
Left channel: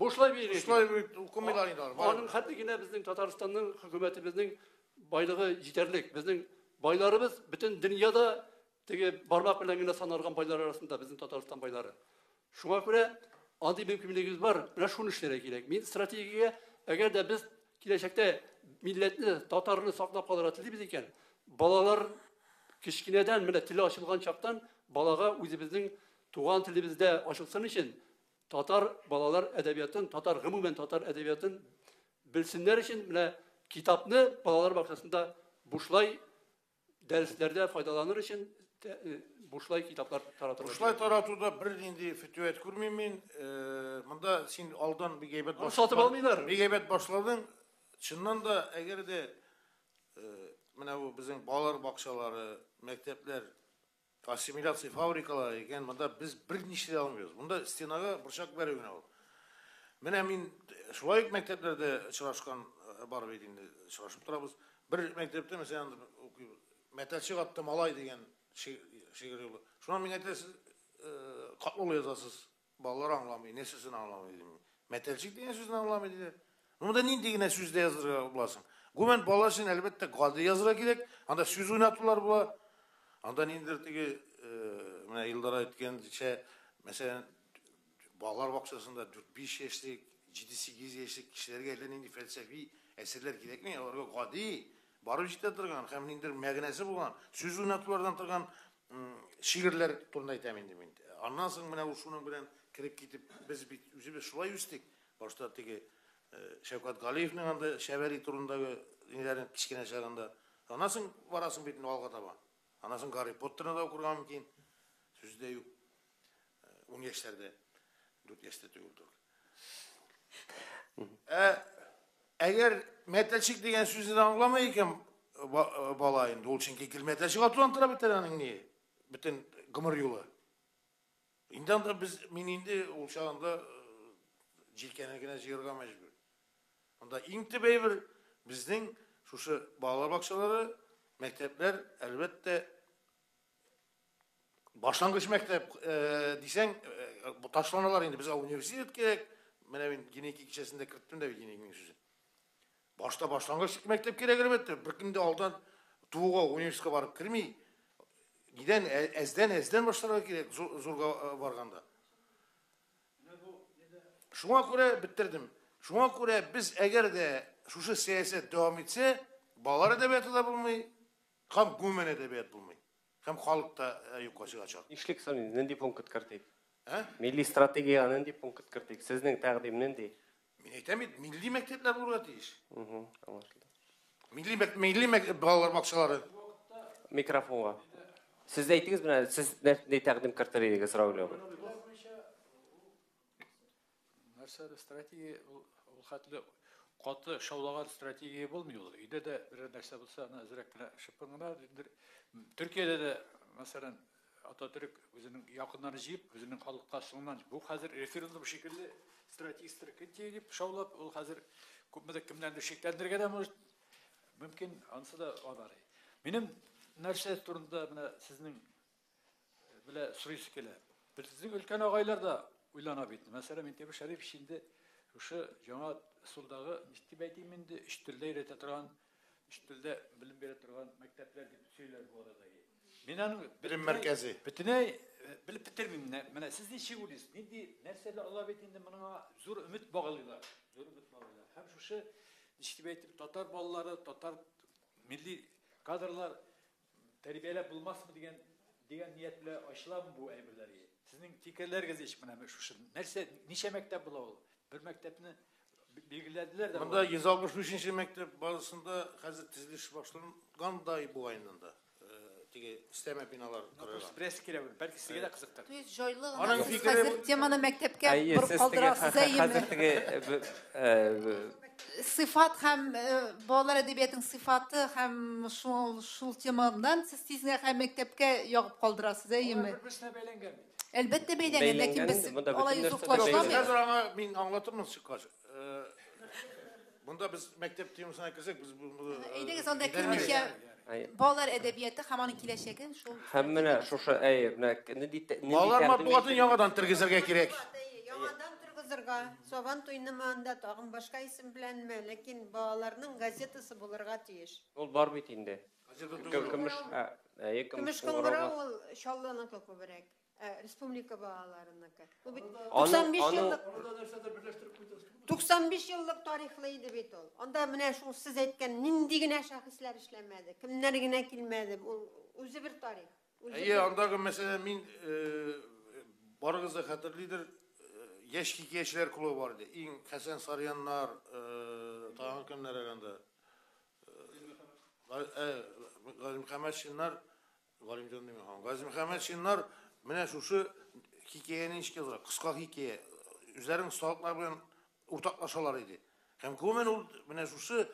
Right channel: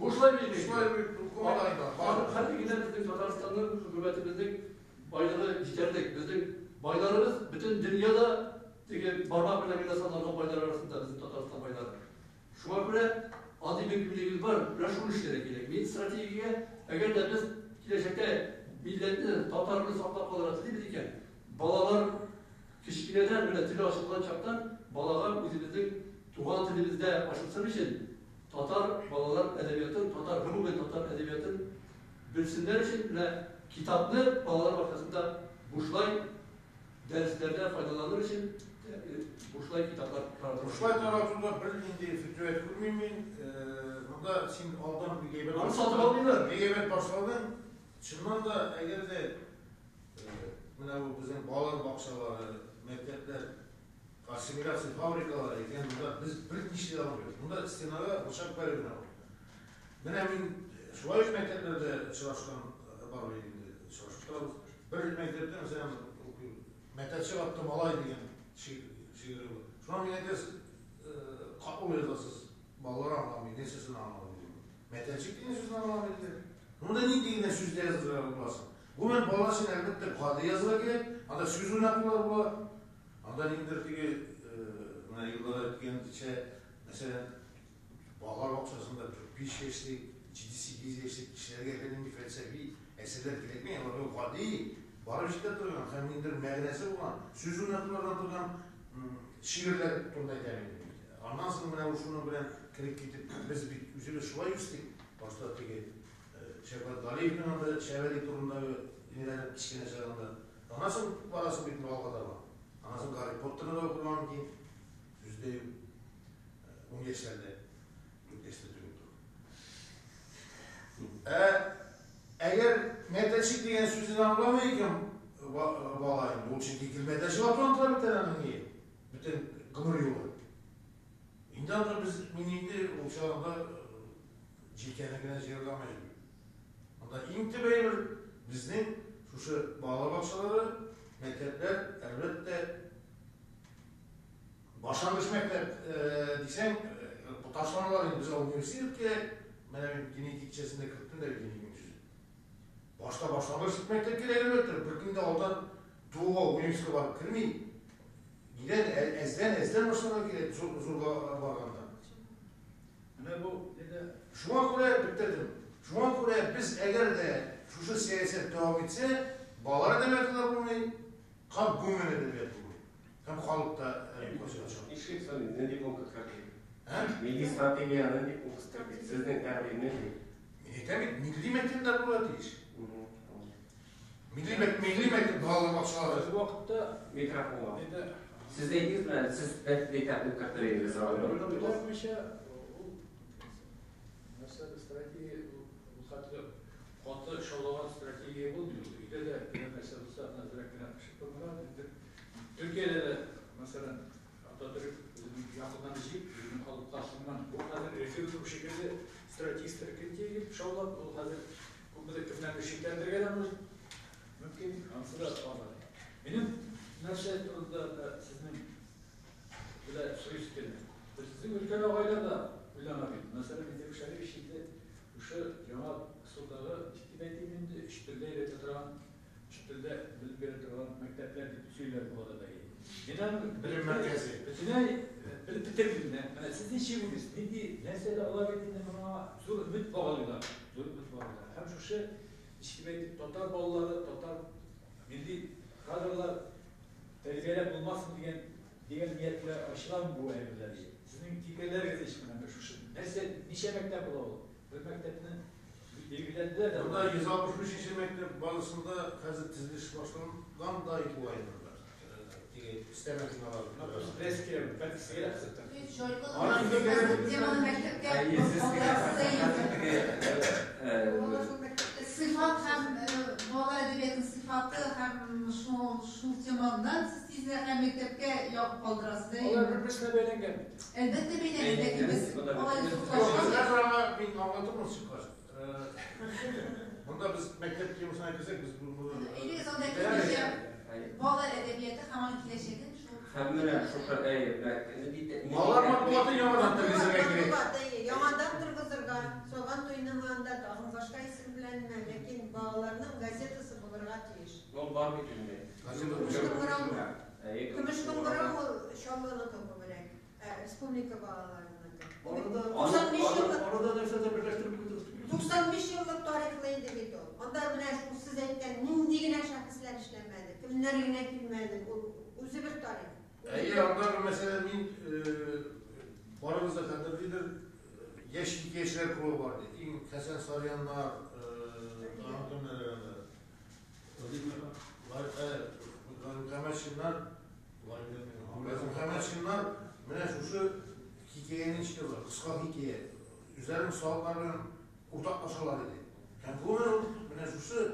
Buşlay bir gekilek. Buşlay bir okumalarıyla. Hatta yine bizim Tataristan'ın hükümetimizin baylığı yeterlik. Bizim baylarımız bütün dünyada barmak bilen bile sanılgan baylar arasında bizim Tataristan bayları. Şuna göre adi mümkünlüğümüz var. Ne şunu işlere gerek. Milli stratejiye eğer de biz gelecekte milletli Tatarını saklap kalır atıldı iken balalar kişkineden bile tili aşılgan çaptan balaga özümüzün tuğan tilimizde aşılsın için Tatar balalar edebiyatın, umumen Tatar edebiyatın bilsinler için bile kitapını balalar bakasında Buşlay derslerde faydalanır için Buşlay kitaplar taratılır. Buşlay taratуда bir indi fütüv etkilmeyeyim. Bunda sen aldan bir geybet onu satıp almıyorlar. Bir geybet başladın. Çınnan da eğer de bu bizim balalar bakçaları, mektepler, asimilasyon fabrikaları eken bunda biz bir işli almıyoruz. Bunda istenaga bıçak veriyor. Ben şuay mekteplerde çalışkan var bedinde çalışıp turabız. Bir mektepte mesela metalçı attım alay degen şiiri bu. Şuna minnetes kapol yazasız ballar anlamıyor, nesesini anlamıyor. Metalçı degen sözünü anlamıyor. Bunda ne degen sözde yazıra bulasın. Gümen balasın elbette kaldı yazıra gerek. Anda söz oynatırlar bula. Anda indirtigi yıllara etken mesela Bağlar Bakçası'nda 5 yaşlık, 7-8 yaşlık kişiler gelen felsefi eserler gerek mi? O kadar barı işte durgan, hem indir meğnesi bulan, söz oynatılardan durgan şiirler turunda temin edildi. Ondan sonra bana şunun bilen kirip gidip biz üzübe şuay üsttük. Başta teki Şevkat Galiyev'nin anda Şeveli turundaki inilerin kiçkine çağında. Ondan sonra varasın bütün valgada var. Ondan sonra Harry Potter'ına da kurgan mümkün. Sözde yok. 10 yaşlarda. 4 yaşta tüyüldü. Eğer meteçik degen sözünü anlamayken balayın, ol için kekil meteçik atılantıra biterenin niye? Bütün gımır yolu. İnden de biz minindi o çağında cilkenekine çığırlamayız. Onda intibey bir bizden şu bağlar bakçaları, mektepler elbette başlangıç mektep diysen bu taşlamalar indi bize üniversitet gerek. Ben yine 2 kişisinde 40 bin de bir yine sözü. Başta başlangıç mektep gerek elbette. Bir günde aldan tuğuğa üniversiteye varıp kirmeyi. Giden ezden başlamak gerek zorga varganda. Şuna göre bitirdim. Şuna göre biz eğer de şu siyaset devam etse bağlar edebiyatı da bulmayı, hem gümen edebiyatı bulmayı, hem halkta yukarı açalım. İşlik sanırım, ne diye punkut kırdık? Milli stratejiyanın diye punkut kırdık. Sizin takdiminin değil. Milli mektepler burada değil. Milli mektep bağlar bakçaları. Bu vakitte Mikrofon var. Siz de aytdınız mı? Siz de takdim kırtırıydı sıra veriyor. Mesela strateji, katı şovlagan strateji bulmuyor. İde de bir mesela nazirekler şıkkınlar. Türkiye'de de mesela Atatürk bizim yakınları jiyip, bizim halkta sunman. Bu hazır referandum şekilde strateji deyip şovlap, o hazır kubbedeki kimlerle şekillendirgeden mümkün ansı da var. Benim nerse turunda sizin böyle soyuz gene. Bizim ülken ağaylar da uylanabilir. Mesela ben demişler bir şeyde шушы жаңа ысулдагы истибетиминде үч телдә өйрәтә торган, үч телдә белем бирә торган мәктәпләр дип сөйләр бу арада. Мен аны Білім мәркәзи. Бөтенләй белеп бетермим. Менә сез ничек уйлыйсыз? Нинди нәрсәләр алар бит инде моңа зур өмет баглыйлар. Зур өмет баглыйлар. Һәм шушы истибет татар балалары, татар милли кадрлар тәрбияләп булмасын дигән ниятlə ачыламы бу әйберләр? Сезнең фикерләрегез ничек менә шушы? Нәрсә, ничә мәктәп була ул? Бер мәктәпне белгиләделәр дә. Монда 163-нче мәктәп базасында хәзер төзелеш башланган да бу айында. İsteme binalar. Press kiremi. Belki size de kızıktır. Joylu temada mektepke bir sıfat hem bolalar edebiyatın sıfatı hem şu temadan siz tizine hem mektepke yok kaldırasınız değil mi? Elbette beylenir. Lakin biz olayı uzaklaştıramıyoruz. Ben anlatırım çıkar. Bunda biz mektep temasına girsek biz bunu... İyi de onda kırmışım. Bolalar edebiyatı hemen ikileşekin. Hemmine şuşa ne diyeyim? Bolalar matbuatı yanıdan tırgızırga gerek. Yanıdan tırgızırga. Soban toynamağında doğum başka isim bilenme. Lakin bolalarının gazetesi bulurga tiyiş. Ol var mı dinde? Kümüş kongura ol şallanı kapı berek. Respublika bolalarının. 95 yıllık tarihliydi bit o. Onda mene şu siz etken nindigine şahıslar işlemedi. Kimlerine kilmedi. Uzun bir tarih. İyi, ondaki mesela min barınızda hatırlıdır. Yeşil Gençler Klubu vardı. Hasan Saryanlar, dağın kimlerinde. Mükemmel Şinler var Mükemmel Şinler mene şu hikayenin çıkıyorlar. Kısa hikaye. Üzerine sağlıklarla ortaklaşalar idi. Hem komen mene şu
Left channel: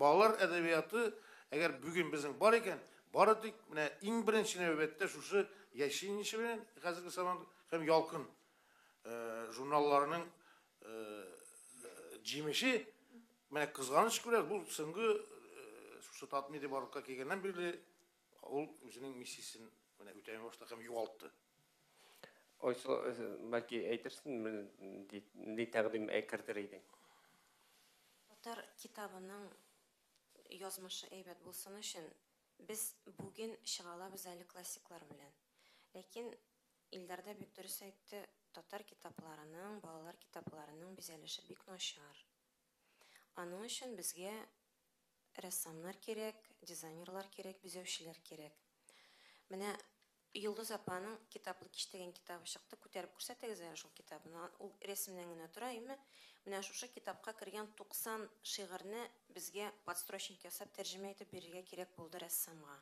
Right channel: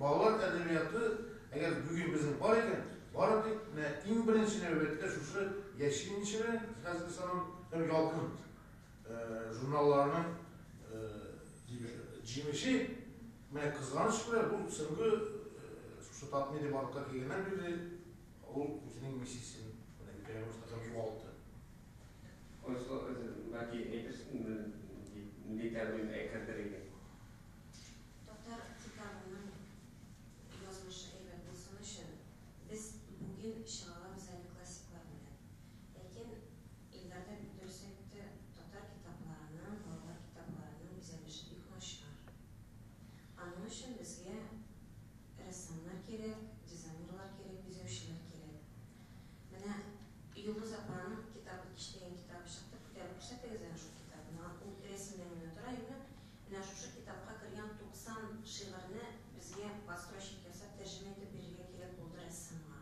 bağlar edebiyatı eğer bugün bizim var iken baradık mene en birinci növbette şu yeşilin içi bilen hazır zaman hem yalkın jurnallarının cimişi mene kızganış görer bu sıngı şu tatmini barka kelgenden beri ol özünün misisini mene ütene başta hem yuvalttı. Oysa belki eytirsin ne təqdim ekirdiriydi. Tatar kitabının yazmışı eybət bulsun üçün biz bugün şığalabız əli klassiklar bilen. Lakin illərdə bütdürsəkdə tatar kitaplarının, balalar kitaplarının bizəlişi bik naşar. Onun üçün bizge ressamlar kerek, dizaynerlar kerek, bizövşiler kerek. Mənə Yıldız Apa'nın kitaplık işlegen kitabı çıktı. Kuterip kursatığız ya şu kitabını. O resimden ötürü Менә шушы китапка кергән 90 шигырьне безгә подстрочник ясап тәрҗемә итеп бирергә кирәк булды рәссамга.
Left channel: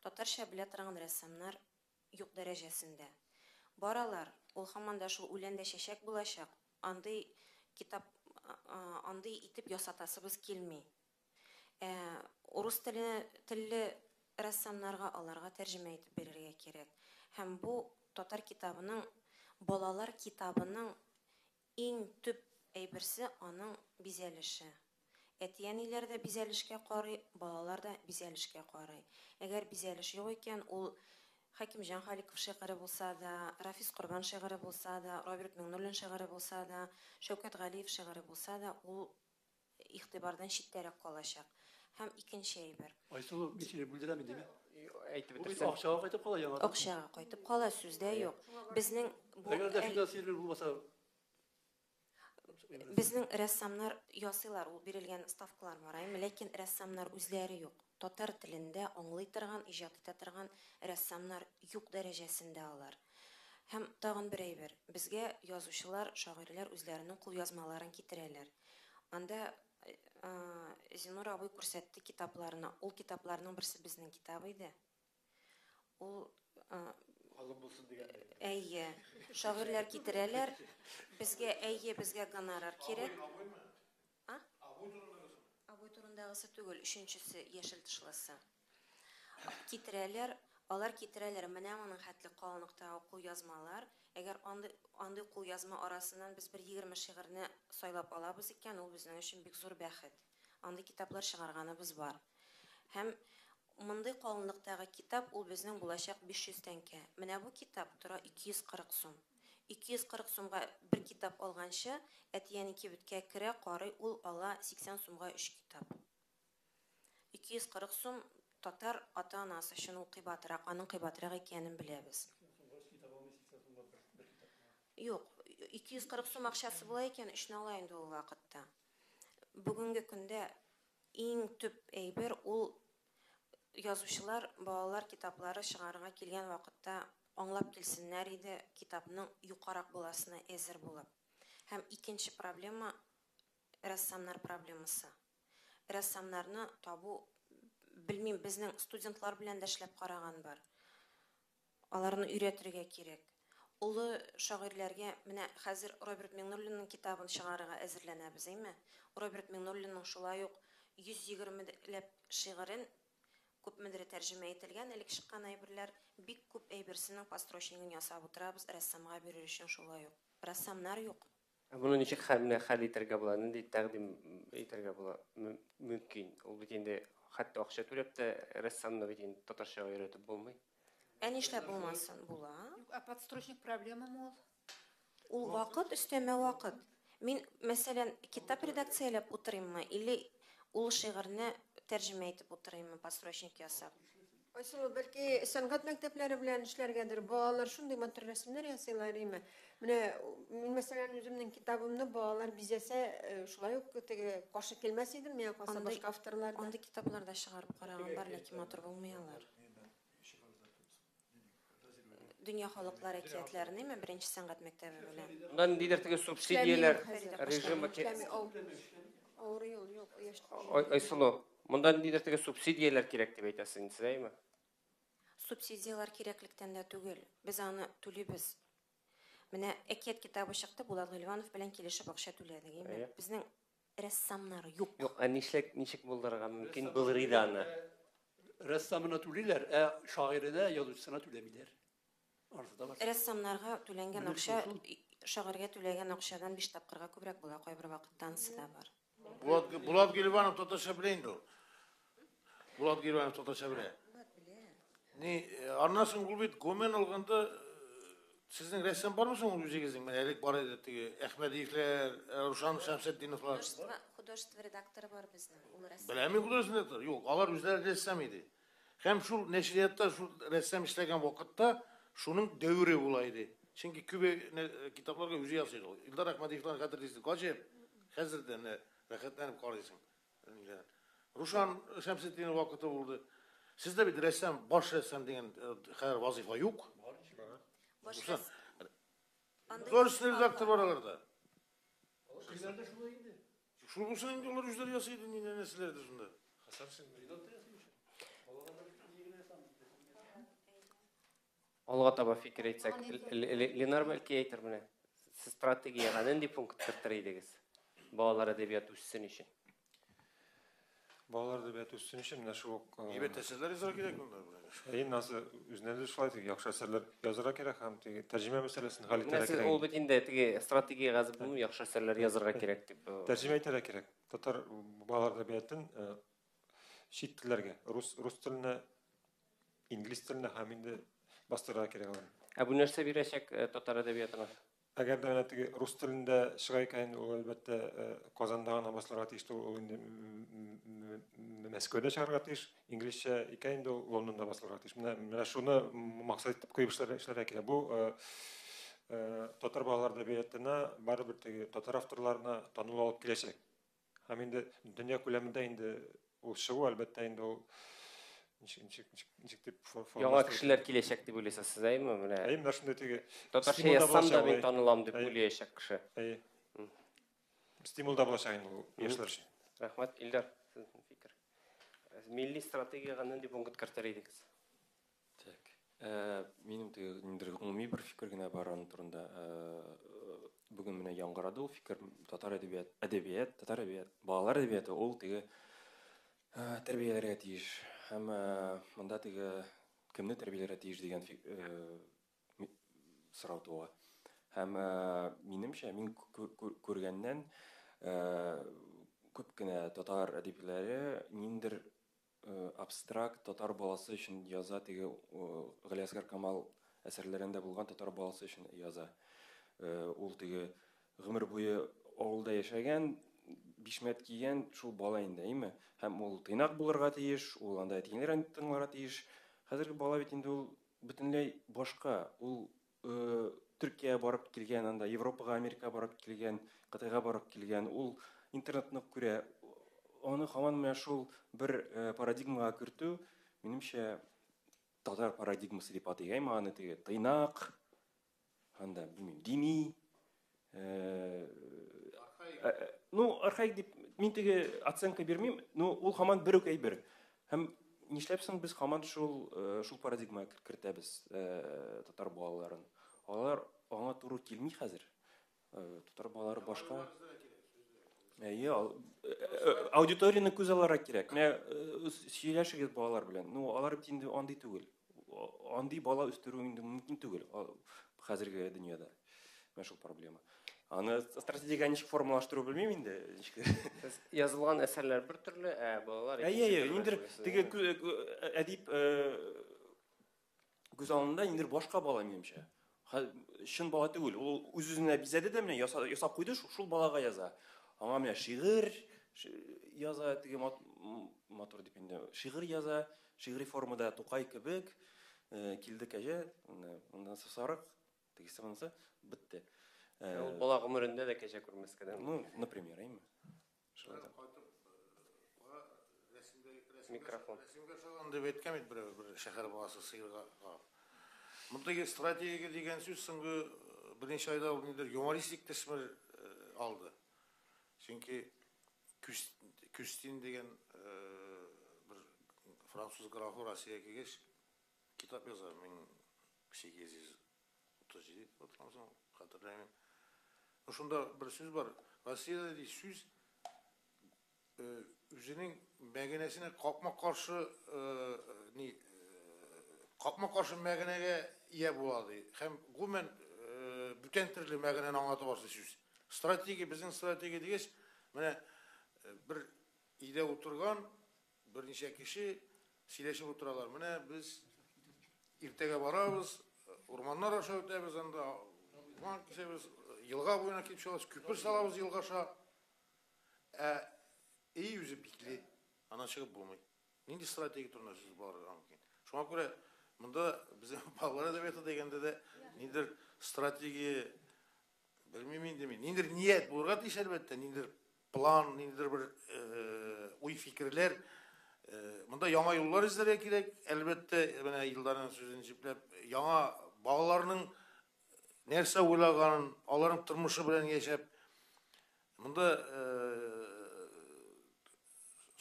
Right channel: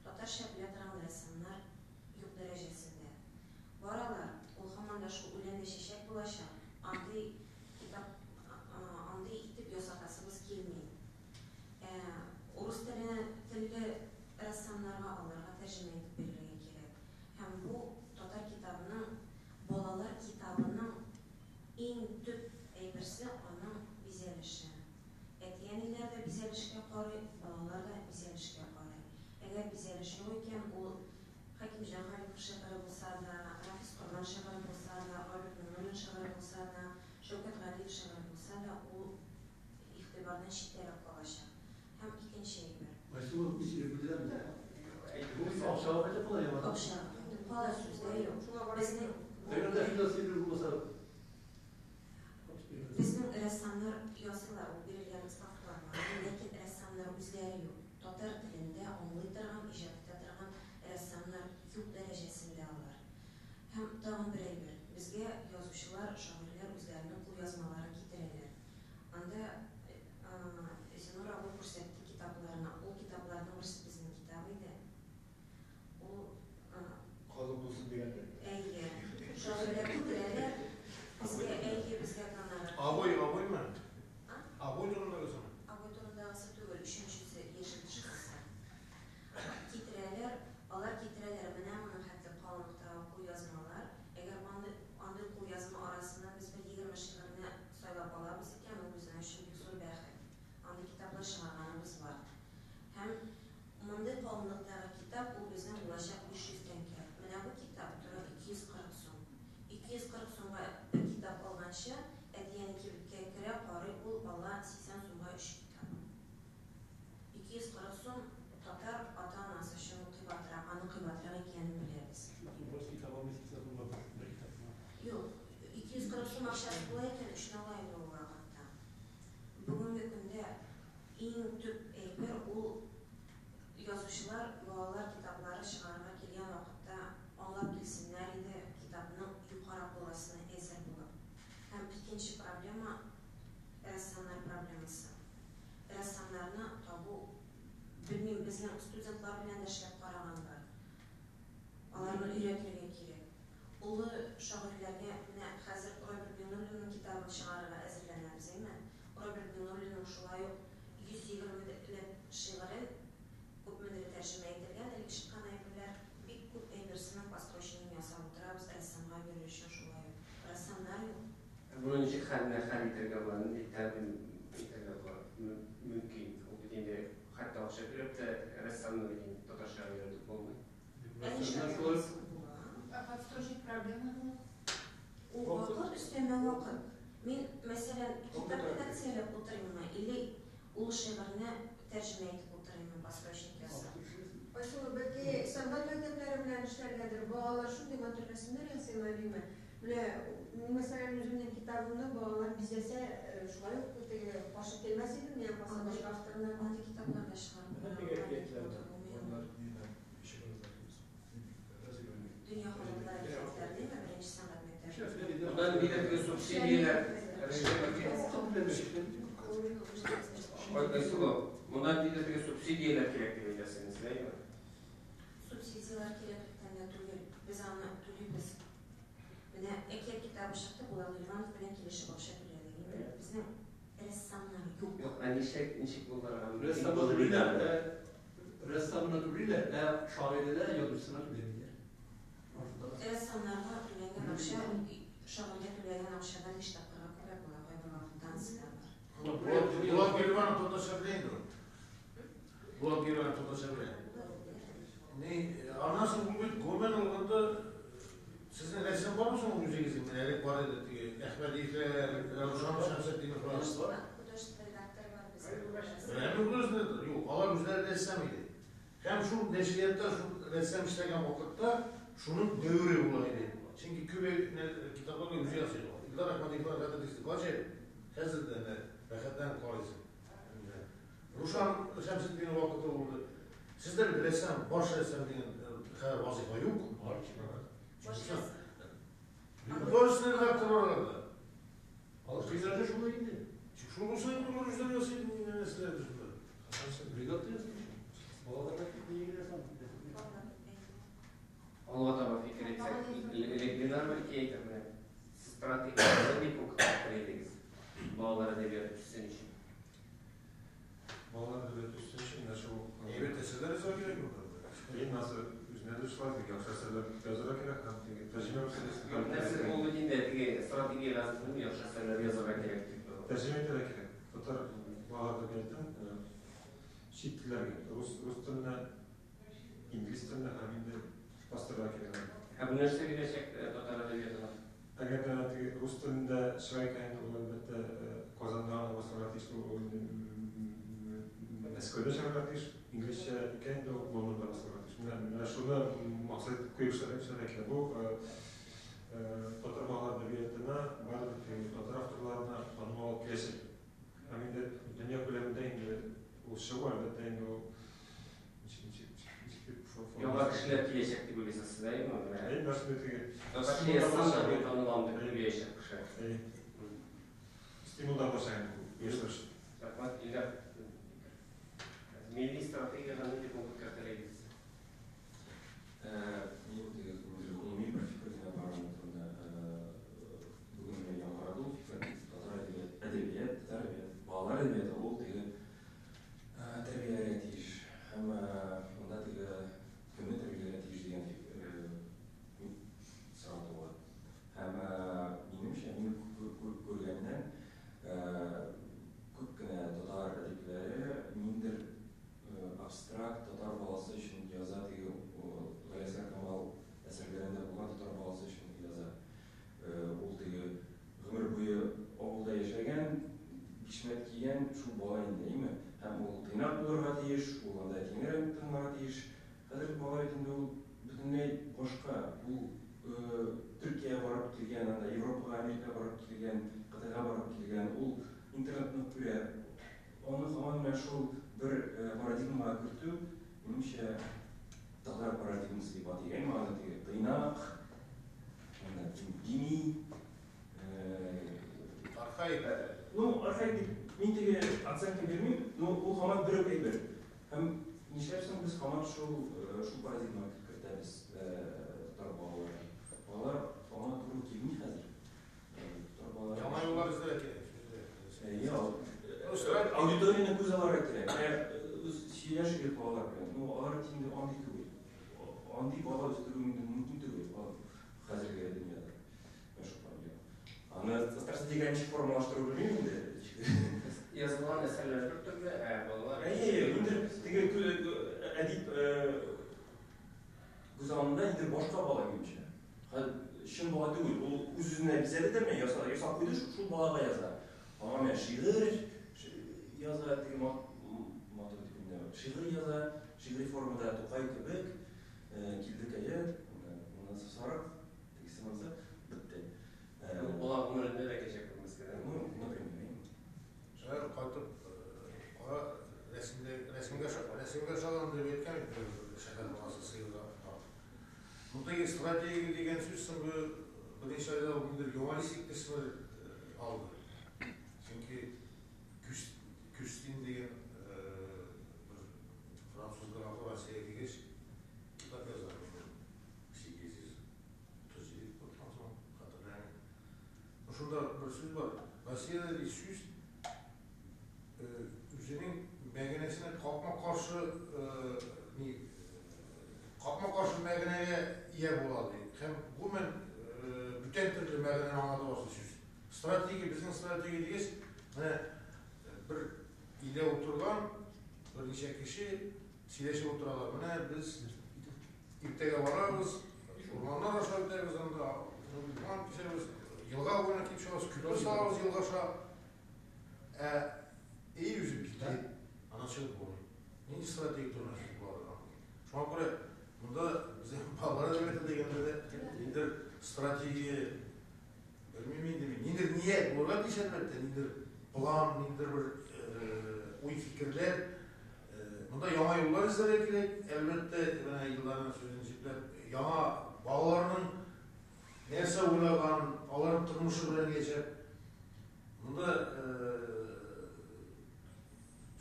Татарча белә торган рәссамнар юк дәрәҗәсендә. Баралар, ул һаман да шул үләндә чәчәк булачак. Андый китап андый итеп ясатасыбыз килми. Урыс телле рәссамнарга аларга тәрҗемә итеп бирергә кирәк. Һәм бу татар китабының, балалар китабының иң төп әйберсе аның бизәлеше. Әтиәниләр дә бизәлешкә карый, балалар да бизәлешкә карый. Әгәр бизәлеш юк икән, ул Хакимҗан Халиков шигыре булса да, Рафис Корбан шигыре булса да, Роберт Миңнуллин шигыре булса да, Шәүкәт Галиев шигыре булса да, ул игътибардан читтәрәк калачак. Һәм икенче әйбер. Акчага кайтып кала, сүздә юк. Безнең рәссамнар ясыйлар, ул бирелгән ставкалар бар, ләкин рәссамнар үзләре юк. Татар телендә аңлый торган, иҗат итә торган рәссамнар юк дәрәҗәсендә алар. Һәм тагын бер әйбер, безгә язучылар, шагыйрьләр үзләренең кулъязмаларын китерәләр. Анда Зинур абый күрсәтте китапларына. Ул китапларның берсе безнең китабы иде. Ул калып булсын дигән. Әйе, шагыйрьләр китерәләр. Безгә гонорар. Абоймы? Абой турындагысы. Абой турындагысы түгел, өченчесе яшел тышкысы. Китерәләр, алар китерәләр менә моның хәтле калынлыктагы кулъязмалар. Әгәр андый кулъязма арасыннан без бер 20 шигырьне сайлап алабыз икән, ул безнең өчен бик зур бәхет. Андый китаплар чыгарганыбыз бар. Һәм мондый калынлыктагы китап ул безнең булачак 500 тәңкә. Менә бу китап тора 240 сум. 240 сумга бер китап алганчы, әдиян кибеткә керә, карый, ул ала 80 сумга 3 китап. 240 сум татар ата-анасы өчен ул кыйбатырак, аның кыйбатырак икәнен беләбез. Юк, 240 сум акчасы була икән, 3 ала инде ул вакытта. Бүгенге көндә иң төп әйбер ул язучылар балалар китаплары чыгарга килгән вакытта аңлап килсеннәр иде, китапның юқарак буласына әзер булып. Һәм икенче проблема рәссамнар проблемасы. Рәссамнарны табу, белмим, безнең студентлар белән дә эшләп караган бар. Аларны өйрәтергә кирәк. Улы шагыйрьләргә менә хәзер Роберт Миннуллинның китабын чыгарырга әзерләнәбез, әйме? Роберт Миннуллинның шулай ук 120 шигырен күпмедер тәрҗемә ителгән, элек чыккан әйберләр бик күп әйберсенең построчнигын ясап утырабыз, рәссамга бирер өчен шулай ук. Рәссамнар юк. Буны ничек хәл итәргә була, нинди тәкъдим итәргә була мөмкин? Ул бит инде хәтта акча түләп тә рәссамны бит инде татарча өйрәтеп булмый. Ә нишләп булмасын була? Подстрочник проблема бу. Ул вакыт, өстәмә вакыт. Мин, мәсәлән, китап редакцияләп утырыйммы, или ул шигырьне тәрҗемә итеп утырыйммы, построчник ясап. Айсылу, бәлки сәнгать мәктәпләре белән эшләргәдер, балалар шундый матур рәсемнәр ясыйлар име. Менә мин мәсәлән үземнең китабымны балалар бизәсә, шулай ук теге башы килмәс идем, я башка авторлар андый китапларда чыгарып караганнар, ләкин матур булмаганнар. Дөнья халыклары әкиятләрен, име, беренче сәнгать мәктәбендә. Bundan ниндидер теге субсидияләр режимы Айсылу, монда ниндидер теге субсидияләр кирәк дип әйтәсез, әйме? Субсидиялар кирәклектән дә түгел. Без аны түлибез. Менә әкият китабы чыкты, Булат Ливанов белән килешеп акча түләдек, әйме? Безнең рәссамнар юк. Юк, ә ничек булдырырга мөмкин булыр иде аны? Рәссамына түлиләр, ә шагыйрьгә язучысына түләмиләр. Рәссамнарга түләнгән акча, шагыйрьгә түләгән акчадан 5 тапкырга күбрәк була, кайбер вакытта анысы да бар. Булат Гелбанов татарча белән инде. Булат Гелбанов татарча белән. Ни, арнасын бул бит көмән алганда сезнең рәссам бармы соң үзегезнең? Менә элек бар иде теге Әхмәдиевләр, Рушан Шәмсетдинов. Художество редакторы бар безнең. Беләме художество? Юк, алар үзләре рәссам иде. Һәм шул нәшриятта шул рәссам эшләгән вакытта шуның дәвре була иде. Чөнки күбе китапларга үзе ясый. Илдар Әхмәдиевләр хәтерлисез. Качы хәзердән рәхәтләнеп карыйсың. Рушан Шәмсетдинов вакыты булды. Сездә бит рәссам, баш рәссам дигән вазифа юк. Художественный редактор бар аларда. Алар шулай инде. Шул булса инде алар үзләре ясый иде, нәрсәләрдер шунда. Алга таба фикер әйтсәк, Ленар бәлки әйтер менә. Сез стратегияны нинди пунктлар идегез? Балалар әдәбияты үссен өчен. Балалар әдәбияты үссен өчен менә шул Әйбәт әсәрләр язарга кирәкме? Эйм насы үзенә шулай яхшы әсәрләр язарга кирәк һәм теге тәрҗемә мәсьәләсен хәл итәргә Нәрсә кирәк. ул бит инде теге стратегия газып яхшы әсәрләр язарга кирәк дип. Тәрҗемә итәргә кирәк. Татар балалар әдәбиятын чит телләргә, рус теленә, инглиз теленә һәм инде бастырырга кирәк. Ә бу нәрсә бирәчәк татар әдәбиятына? Әгәр дә теге рус телендә чыга икән, ул әлбәттә Казанда гына бастырырга тиеш, ул Мәскәүдә чыгарга тиеш, инглизчә икән инде ул Лондонда бастырырга тиеш. Менә шуны максат итеп куеп эшләргә кирәк. Бу татар балалар әдәбиятына барыбер теге татар авторларына танылу алып киләчәк. Һәм инде дөнья күләмендә инде ул чыгу әлбәттә инде ул Яңа кешеләр киләчәк дип уйлыйсыз, сез әйме? Менә менә шундый теге татарча язсам да мин танылам дип уйлаячак кеше. Стимул да булачак инде бу яшьләр өчен. Рәхмәт, Илдар. Милли стратегияга нинди пункт кертер идегез? Минем теге гомуми бер фикер генә бар аның турында. Бүген менә яңгырады ул фикер. Татар әдәбият, балалар әдәбияты ул теге тәрбияләргә тиеш. Һәм монда теге кемне тәрбияләргә тиеш дигән сорау туа. Һәм минемчә, мин күргәннән күп кенә татар әдипләре ниндер абстракт татар баласы өчен яза, теге Галиәсгар Камал әсәрләрендә булган татар баласы өчен яза. Ул теге гомер буе авылда яшәгән, бишмәт кигән шул бала инде, әйме? Һәм ул тыйнак булырга тиеш, ул анда тиңнәрен тыңларга тиеш. Хәзерге бала бит инде ул бөтенләй башка. Ул Төркия барып килгән, анда Европага, Америкага барып килгән, Кытайга барып килгән. Ул интернетны күрә. Аны һаман менә шул бер парадигмага кертү, минемчә, татар парадигмасы дип атыйм, аны тыйнак, анда дини, Архаик. ну, архаик дип мин теге оценка бирмим, но ул һаман бер үк әйбер. Һәм нишләпсең без һаман шул парадигмага кертәбез татар балаларын. Балалар аңа туры килми хәзер. Татар балалары Яңа эзләргә кирәк. Аудиторияны күз аларга кирәк. Менә сөйләшегез балалар белән. Ну, алар инде андый түгел. Андый бала үстерү инде мөмкин түгел хәзерге дөньяда. Менә шул проблема. Аны стратегия ничек формалаштыру белмим инде. Язылган әсәрләр бер төрле, балалар. Инде теге әдип күз алдында инде башка бала минемчә. Шын бала түгел, ул үз-үзенә бизәде дә менә ясап куйды, шул балага яза. Аңа менә шигырь яза, теге матур дип инде. Шигырь яза, шигырь формада Тукай кебек килде кәҗә, ондан сарык, тегесе монсы бетте. Ул бала гомерендә дә кәҗә күрмәскә. Ну, например, Шәһәр кайтып, рәсемгә салган дип әйткән бит бер шәһәр баласы сыйырга. Мұндай стратегия деген сөзсің бірінші айда юмористик тәсімір алды. Çünkü Күстин деген бір француз графы Россияға келгеш кітап жазады. Кіші кезіз тәжірибе қатырнаймын. Ошонда бір сөз бар. Россияда деген сөз өзінің мәгенесіне қапма қаршы мәгенеге ие болады. Һәм гомумән бүтән төрле мәгенене аңлата башлый сүз. Стратегия, безнең стратегия дигәч, менә бер өйдә утырган берничә кеше сөйләшеп утыралар. Менә без иртәгә барабыз, урманнар аша үтәбез анда, урман кешебез, елга буена килеп чыгабыз, күпер салабыз елгаша. Үзе битте. Ана чыгып булмый. Нинди стратегия турында бар. Шуңа күрә монда безнең балалар әдәбияты дигәндә дә ниндидер стратегия белмим инде мин. Ниндидер ният булырга тиеш әлбәттә, ниндидер план, ниндидер бер уй фикерләр. Монда яңа юллар эзләргә кирәк. Әлбәттә, менә елларның сүзен җипләп, яңа балаларның нәрсә уйлаганын, аларның тормышы белән яшәп, монда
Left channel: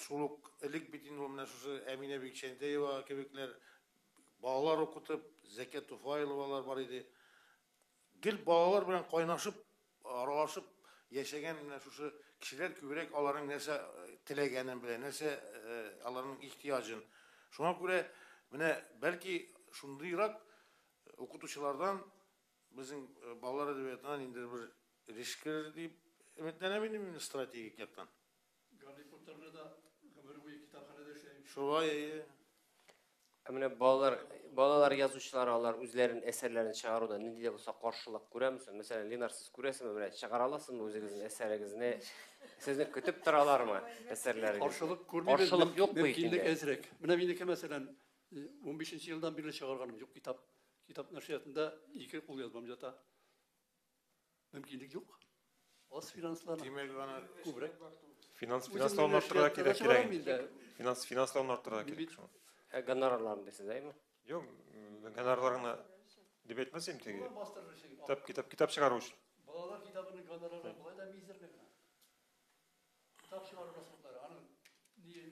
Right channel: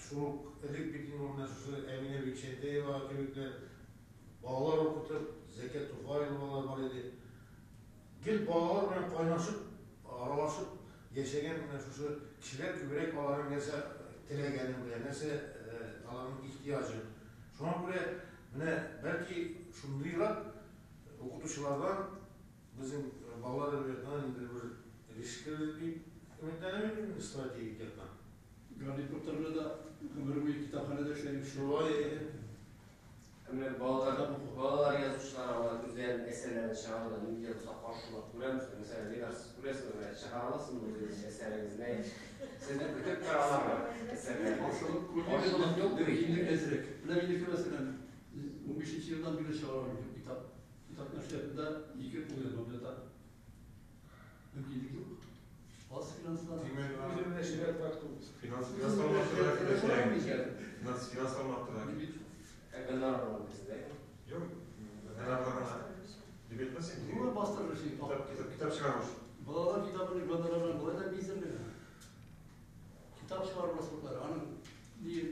шулук элек бит инде менә шушы Әминә Бикшәндәева кебекләр балалар укытып, Зәкәт Туфаевалар бар иде. Гел балалар белән кайнашып, аралашып яшәгән менә шушы кешеләр күбрәк аларның нәрсә теләгәнен белә, нәрсә аларның ихтияҗын. Шуңа күрә менә бәлки шундыйрак укытучылардан безнең балалар әдәбиятына инде бер ришкер дип өметләнәм инде стратегик яктан. Гарри Поттер'da da ömür boyu kitaphanede işlemiş. Şurayı Менә балалар язучылар алар үзләренең әсәрләрен чыгаруда нидә булса каршылык күрәмсез. Мәсәлән, Ленар, сез күрәсезме, менә чыгара аласызмы үзегезнең әсәрегезне? Сезне көтеп торалармы әсәрләрне? Каршылык юк бу инде. Ezrek. Менә минеке мәсәлән 15 елдан бирле чыгарган юк китап. Китап нәшриятында 2 кул язмам жата. Мөмкинлек юк. Az finanslar. Finanslarını arttırmak gerek. Finanslarını arttırmak gerek. Гонорарлар дисез, әйме? Yok, gönderlerine dip etmesin. Bu bastırır şey. Kitap çıkarmış. Balalar kitabını göndererler, bu da bizimle. Kitap çıkarmasınlar. Hani diye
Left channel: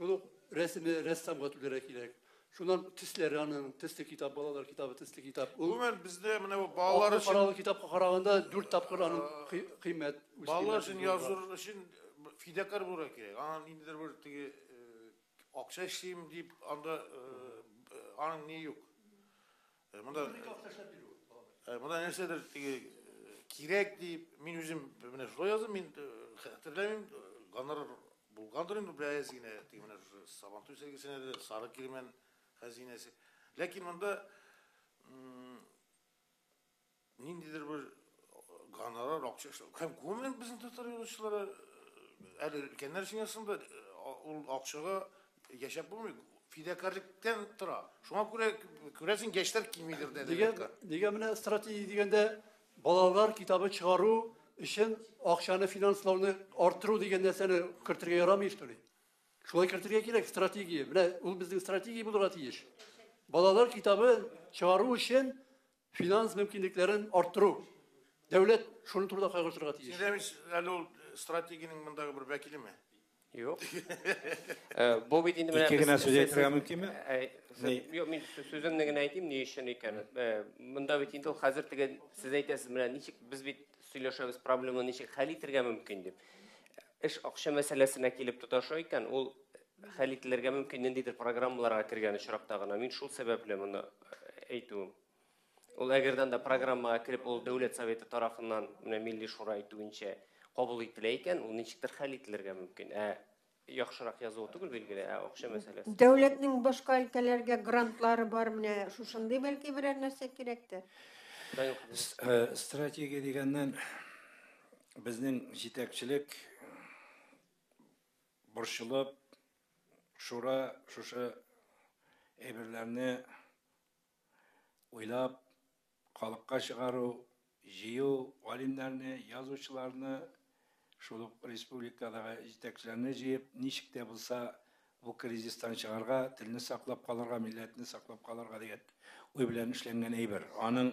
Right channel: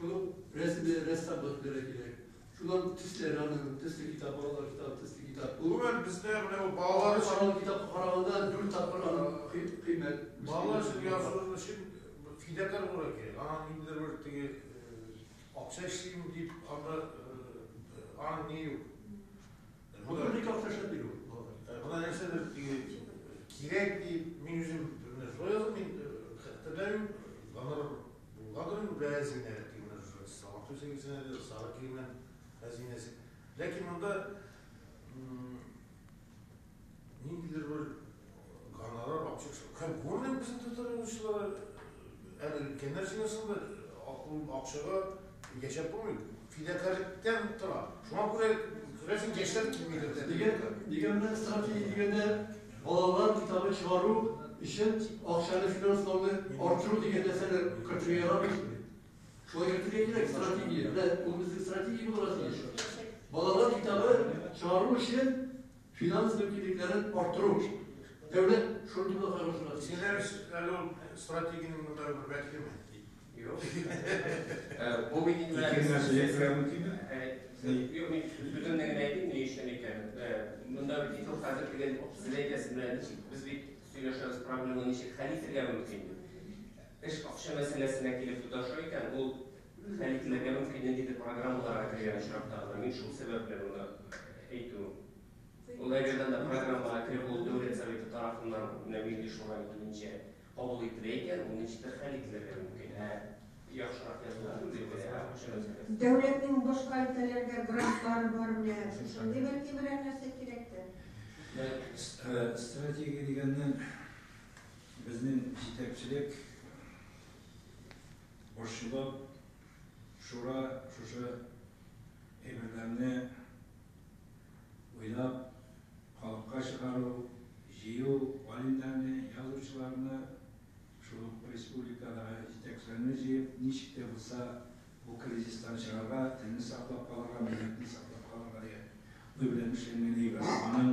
bunu ressam götürerek gerek. Şundan tüsleri anın, tüslü kitap, balalar kitabı, tüslü kitap. Bugün bizde bu bağlar için paralı kitap kararında 4 tapkır anın kıymet. Bağlar için yazılır için fidakar olarak ya. Anneler böyle akça işleyeyim deyip anda an niye yok? Bu da bir kaktaşa değil o. Bu da neysedir kirek deyip min yüzüm ne şuraya yazdım min hatırlayayım kanar bulgadırın biraz yine diyorlar. Samatü sevgisine de sarı kelimen hazinesi. Lakin bunda nindidir bir kanarar Көмір біздің татарушылар өлкенler жинасында ақшаға yaşap болмайды. Fidakарлықтан тұра. Шуңа көресің gençler келмейді. Деген мына стратегия дегенде балалар китабын шығару үшін ақшаны финанслауды арттыру деген нәрсені кіртіге ярамайды. Шулай кіртіге керек стратегия. Бұл біздің стратегия болуға тиіс. Балалар китабы шығару үшін финанс мүмкіндіктерін арттыру. Дәулет шуны турда қайғыртырға тиіс. Сендеріңіз әлі ол стратегияның мында бір бәкілі ме? Yok. Bu bildiğin İki güne söz ettirem mümkün mü? Yok, men sözümden gene aytayım ne işin ekanın. Mında bititi o hazır degen siz aytasiz bilen nechik biz bit söyleşemiz problemani nechik hal etirge mümkün deb. Ish akşa meselesine kelip tutaşo ekan, ol hal etilirge mümkün nendedir programmalarga kirgen işraqdagina. Men şul sebeple buni aytdim. Ol agerdan da programmaga kirip ol Devlet Soveti tarafından Milliy Shura aytuvuncha qabul etilgan, uni nechikdir hal etilirge mümkün. Yaxshiroq yozuv tugul belgili, o'sha masala. Devletning boshqa өлкәләргә грантлары бар, менә шушындай бәлки берәр нәрсә кирәктер. Стратегия дегеннән безнең җитәкчелек борчылып шура шушы әйберләрне уйлап халыкка чыгару, җыю, галимнәрне, язучыларны шул республикадагы җитәкчеләрне җыеп, ничек тә булса бу кризистан чыгарга, телне саклап калырга, милләтне саклап калырга дигән уй белән эшләнгән әйбер. Аның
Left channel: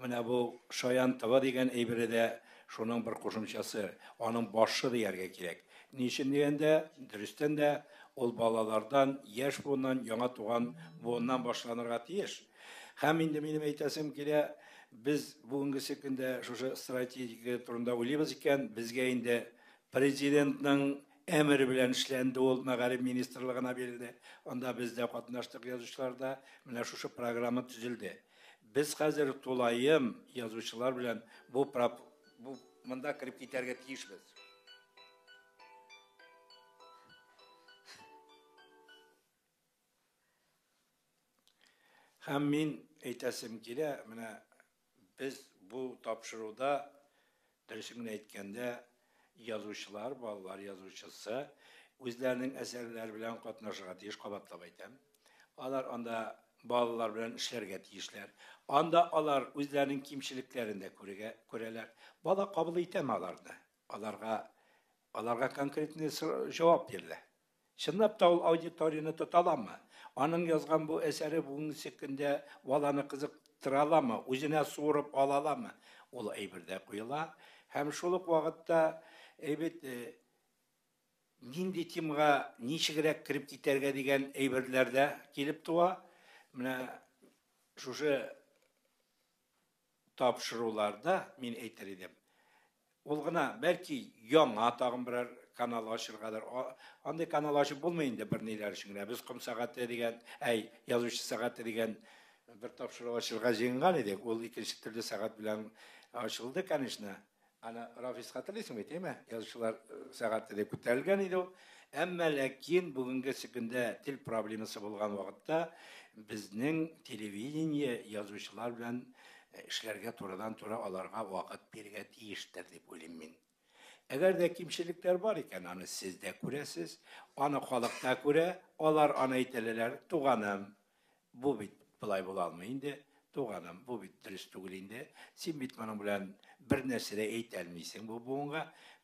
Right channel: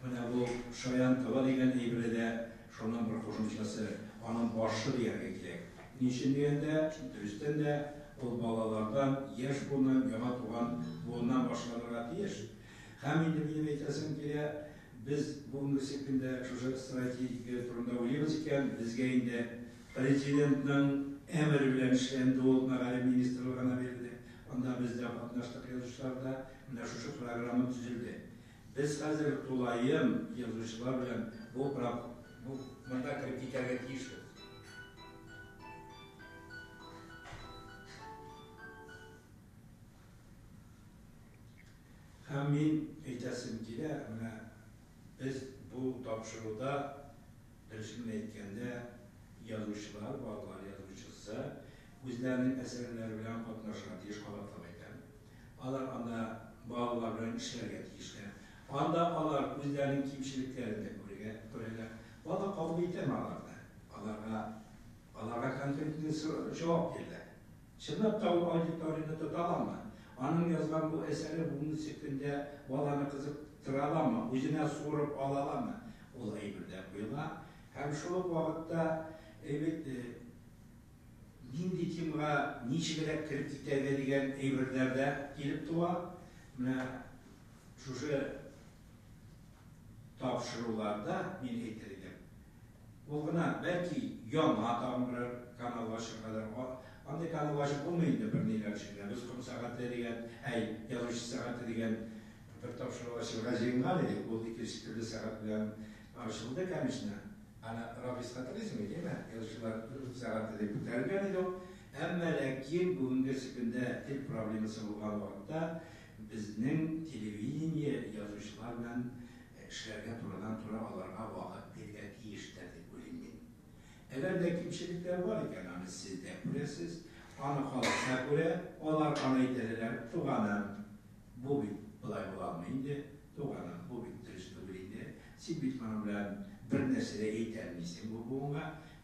менә бу Шаян Тыва дигән әйбере дә шуның бер кушымчасы, аның башы дияргә кирәк. Ничек дигәндә, дөрестән дә ул балалардан, яшь буыннан, яңа туган буыннан башланырга тиеш. Һәм инде минем әйтәсем килә, biz бүгенге көндә шушы стратегия турында уйлыйбыз икән, безгә инде президентның әмере белән эшләнде, ул мәгариф министрлыгына бирелде. Анда без дә катнаштык язучыларда, менә шушы программа төзелде. Без хәзер тулайым язучылар белән бу монда кирип китәргә тиешбез. Һәм мин әйтәсем килә, менә biz bu tapşırıda dürüstümle etkende yazıcılar, balalar yazıcısı özlerinin eserleri bilen katnaşığa tiyiş kabatlap aytan. Alar anda balalar bilen işlerge tiyişler. Anda alar özlerinin kimşiliklerinde göreler. Bala kabul etem alarda. Alarga konkretine cevap verirler. Şınlap da o auditoriyini tutalama. Anın yazgan bu eseri bugün sekinde balаны kızıktır alama, özüne sorup alalama. Ol әйбердә куела. Һәм шул ук вакытта нинди темага ничегрәк кирип китәргә дигән әйберләрдә килеп туа. Менә шушы тапшыруларда мин әйтер идем. Ул гына бәлки яңа тагын берәр канал ачыргадыр. Андай канал ачып булмый инде бер ниләр өчен. Без ком сәгате дигән, язучы сәгате дигән бер тапшыру ачылга җыенган иде. Ул икенче төрле сәгать белән ачылды, конечно. Ана Рафис хатırlыйсыңмы, әйтәме? Язучылар сәгате дип үтәлгән иде. Әмма ләкин бүгенге көндә тел проблемасы булган вакытта безнең телевидение язучылар белән эшләргә турыдан-туры аларга вакыт бирергә тиештер дип уйлыйм мин. Әгәр дә кимчелекләр бар икән, аны сез дә күрәсез, аны халыкка күрә, алар аны әйтәләр, туганым, бу бит булай була алмый инде, туганым, бу бит дөрес түгел инде. Син бит моның белән бер нәрсә дә әйтә алмыйсың бу буынга.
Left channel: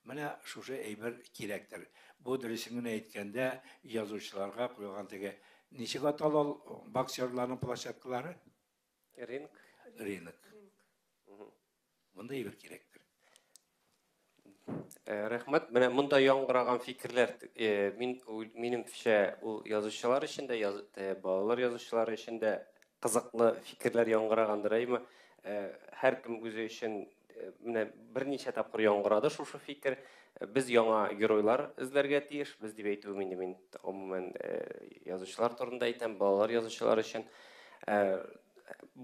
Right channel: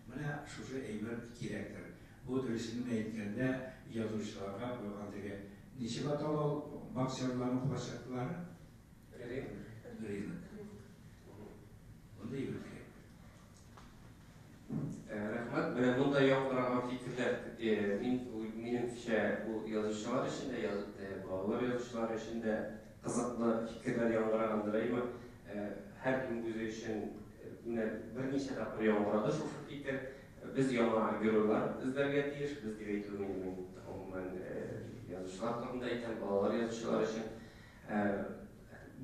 Менә шушы әйбер кирәктер. Бу дөресен әйткәндә язучыларга куйган теге ничек аталал боксерларның площадкалары? Рынок. Монда әйбер кирәк. Рәхмәт. Менә монда яңгыраган фикерләр минемчә ул язучылар өчен дә, балалар язучылары өчен дә кызыклы фикерләр яңгырагандыр, әйме? Һәркем үзе өчен менә берничә тапкыр яңгырады шушы фикер. Без яңа геройлар эзләргә тиеш, без дип әйтү мин гомумән язучылар турында әйтәм, балалар язучылары өчен.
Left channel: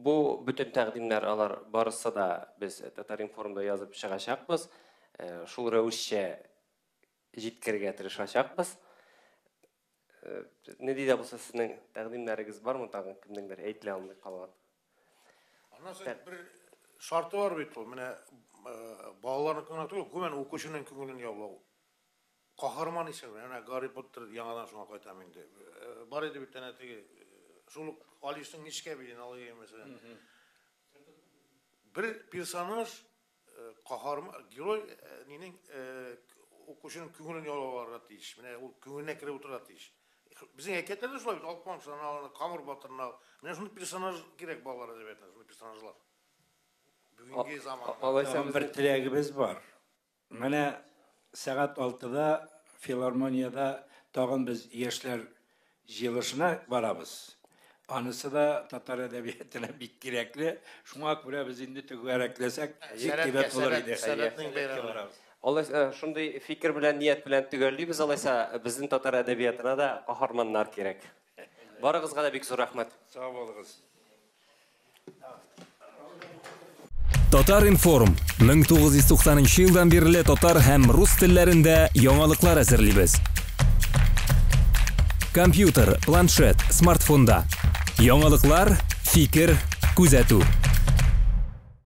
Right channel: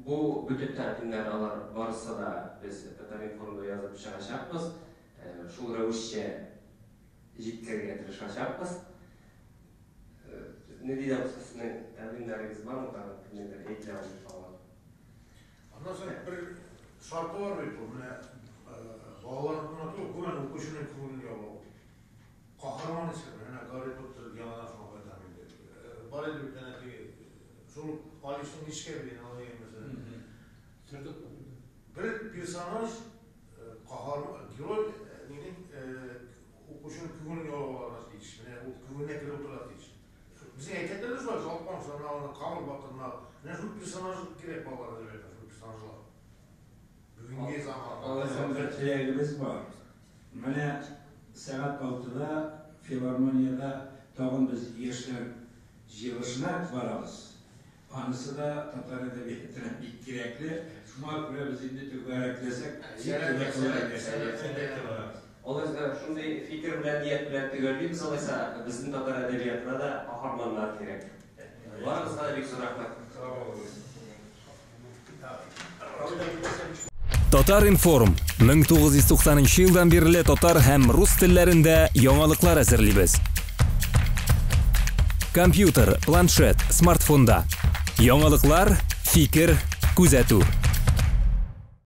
Бу бүтән тәкъдимнәр алар барысы да без Татар-Информда язып чыгачакбыз. Шул рәвешчә җиткергә тырышачакбыз. Не диде булса сезнең тәкъдимнәрегез бармы, тагын кемнеңдер әйтелә алып калган? Аннан соң бер шарты бар бит ул. Менә балалар көмен укушунун көңүлүн ябуу. Кахарман исем, Гарри Поттер яңадан шуңа кайтам инде. Бар эди бир тане тиги шул Алиштин ишке бирин алып эмесе. Бир персонаж кахарман герой менин укушунун көңүлүн ябууга тийиш. Менә ул көңүлүнө кирип отурат тийиш. Биздин эркектерде шулай, Алпамшаны, Камыр Батырны, менә шул персонаж керек балаларга деп айтам, шул персонажлар. Бүгүнкү заманда Bir tilagimiz var. Менә saat 6'da Filarmoniyada tağın biz yaşlar yılışına varabız. Anısı da Tatar edebiyatına bir gerekli. Şuna göre biz indi tügereklesek zikret olur eder. Алайса, шундай фикер белән, ният белән төгәллибез, алайса, безнең татар әдәбиятына да каһарманнар кирәк. Барыгызга да бик зур рәхмәт. Sağ olun. Татар информ 1990 елдан бирле татар һәм рус телләрендә яңалыклар әзерлибез. Компьютер, планшет, смартфонда. Яңалыклар, фикер, күзәтү.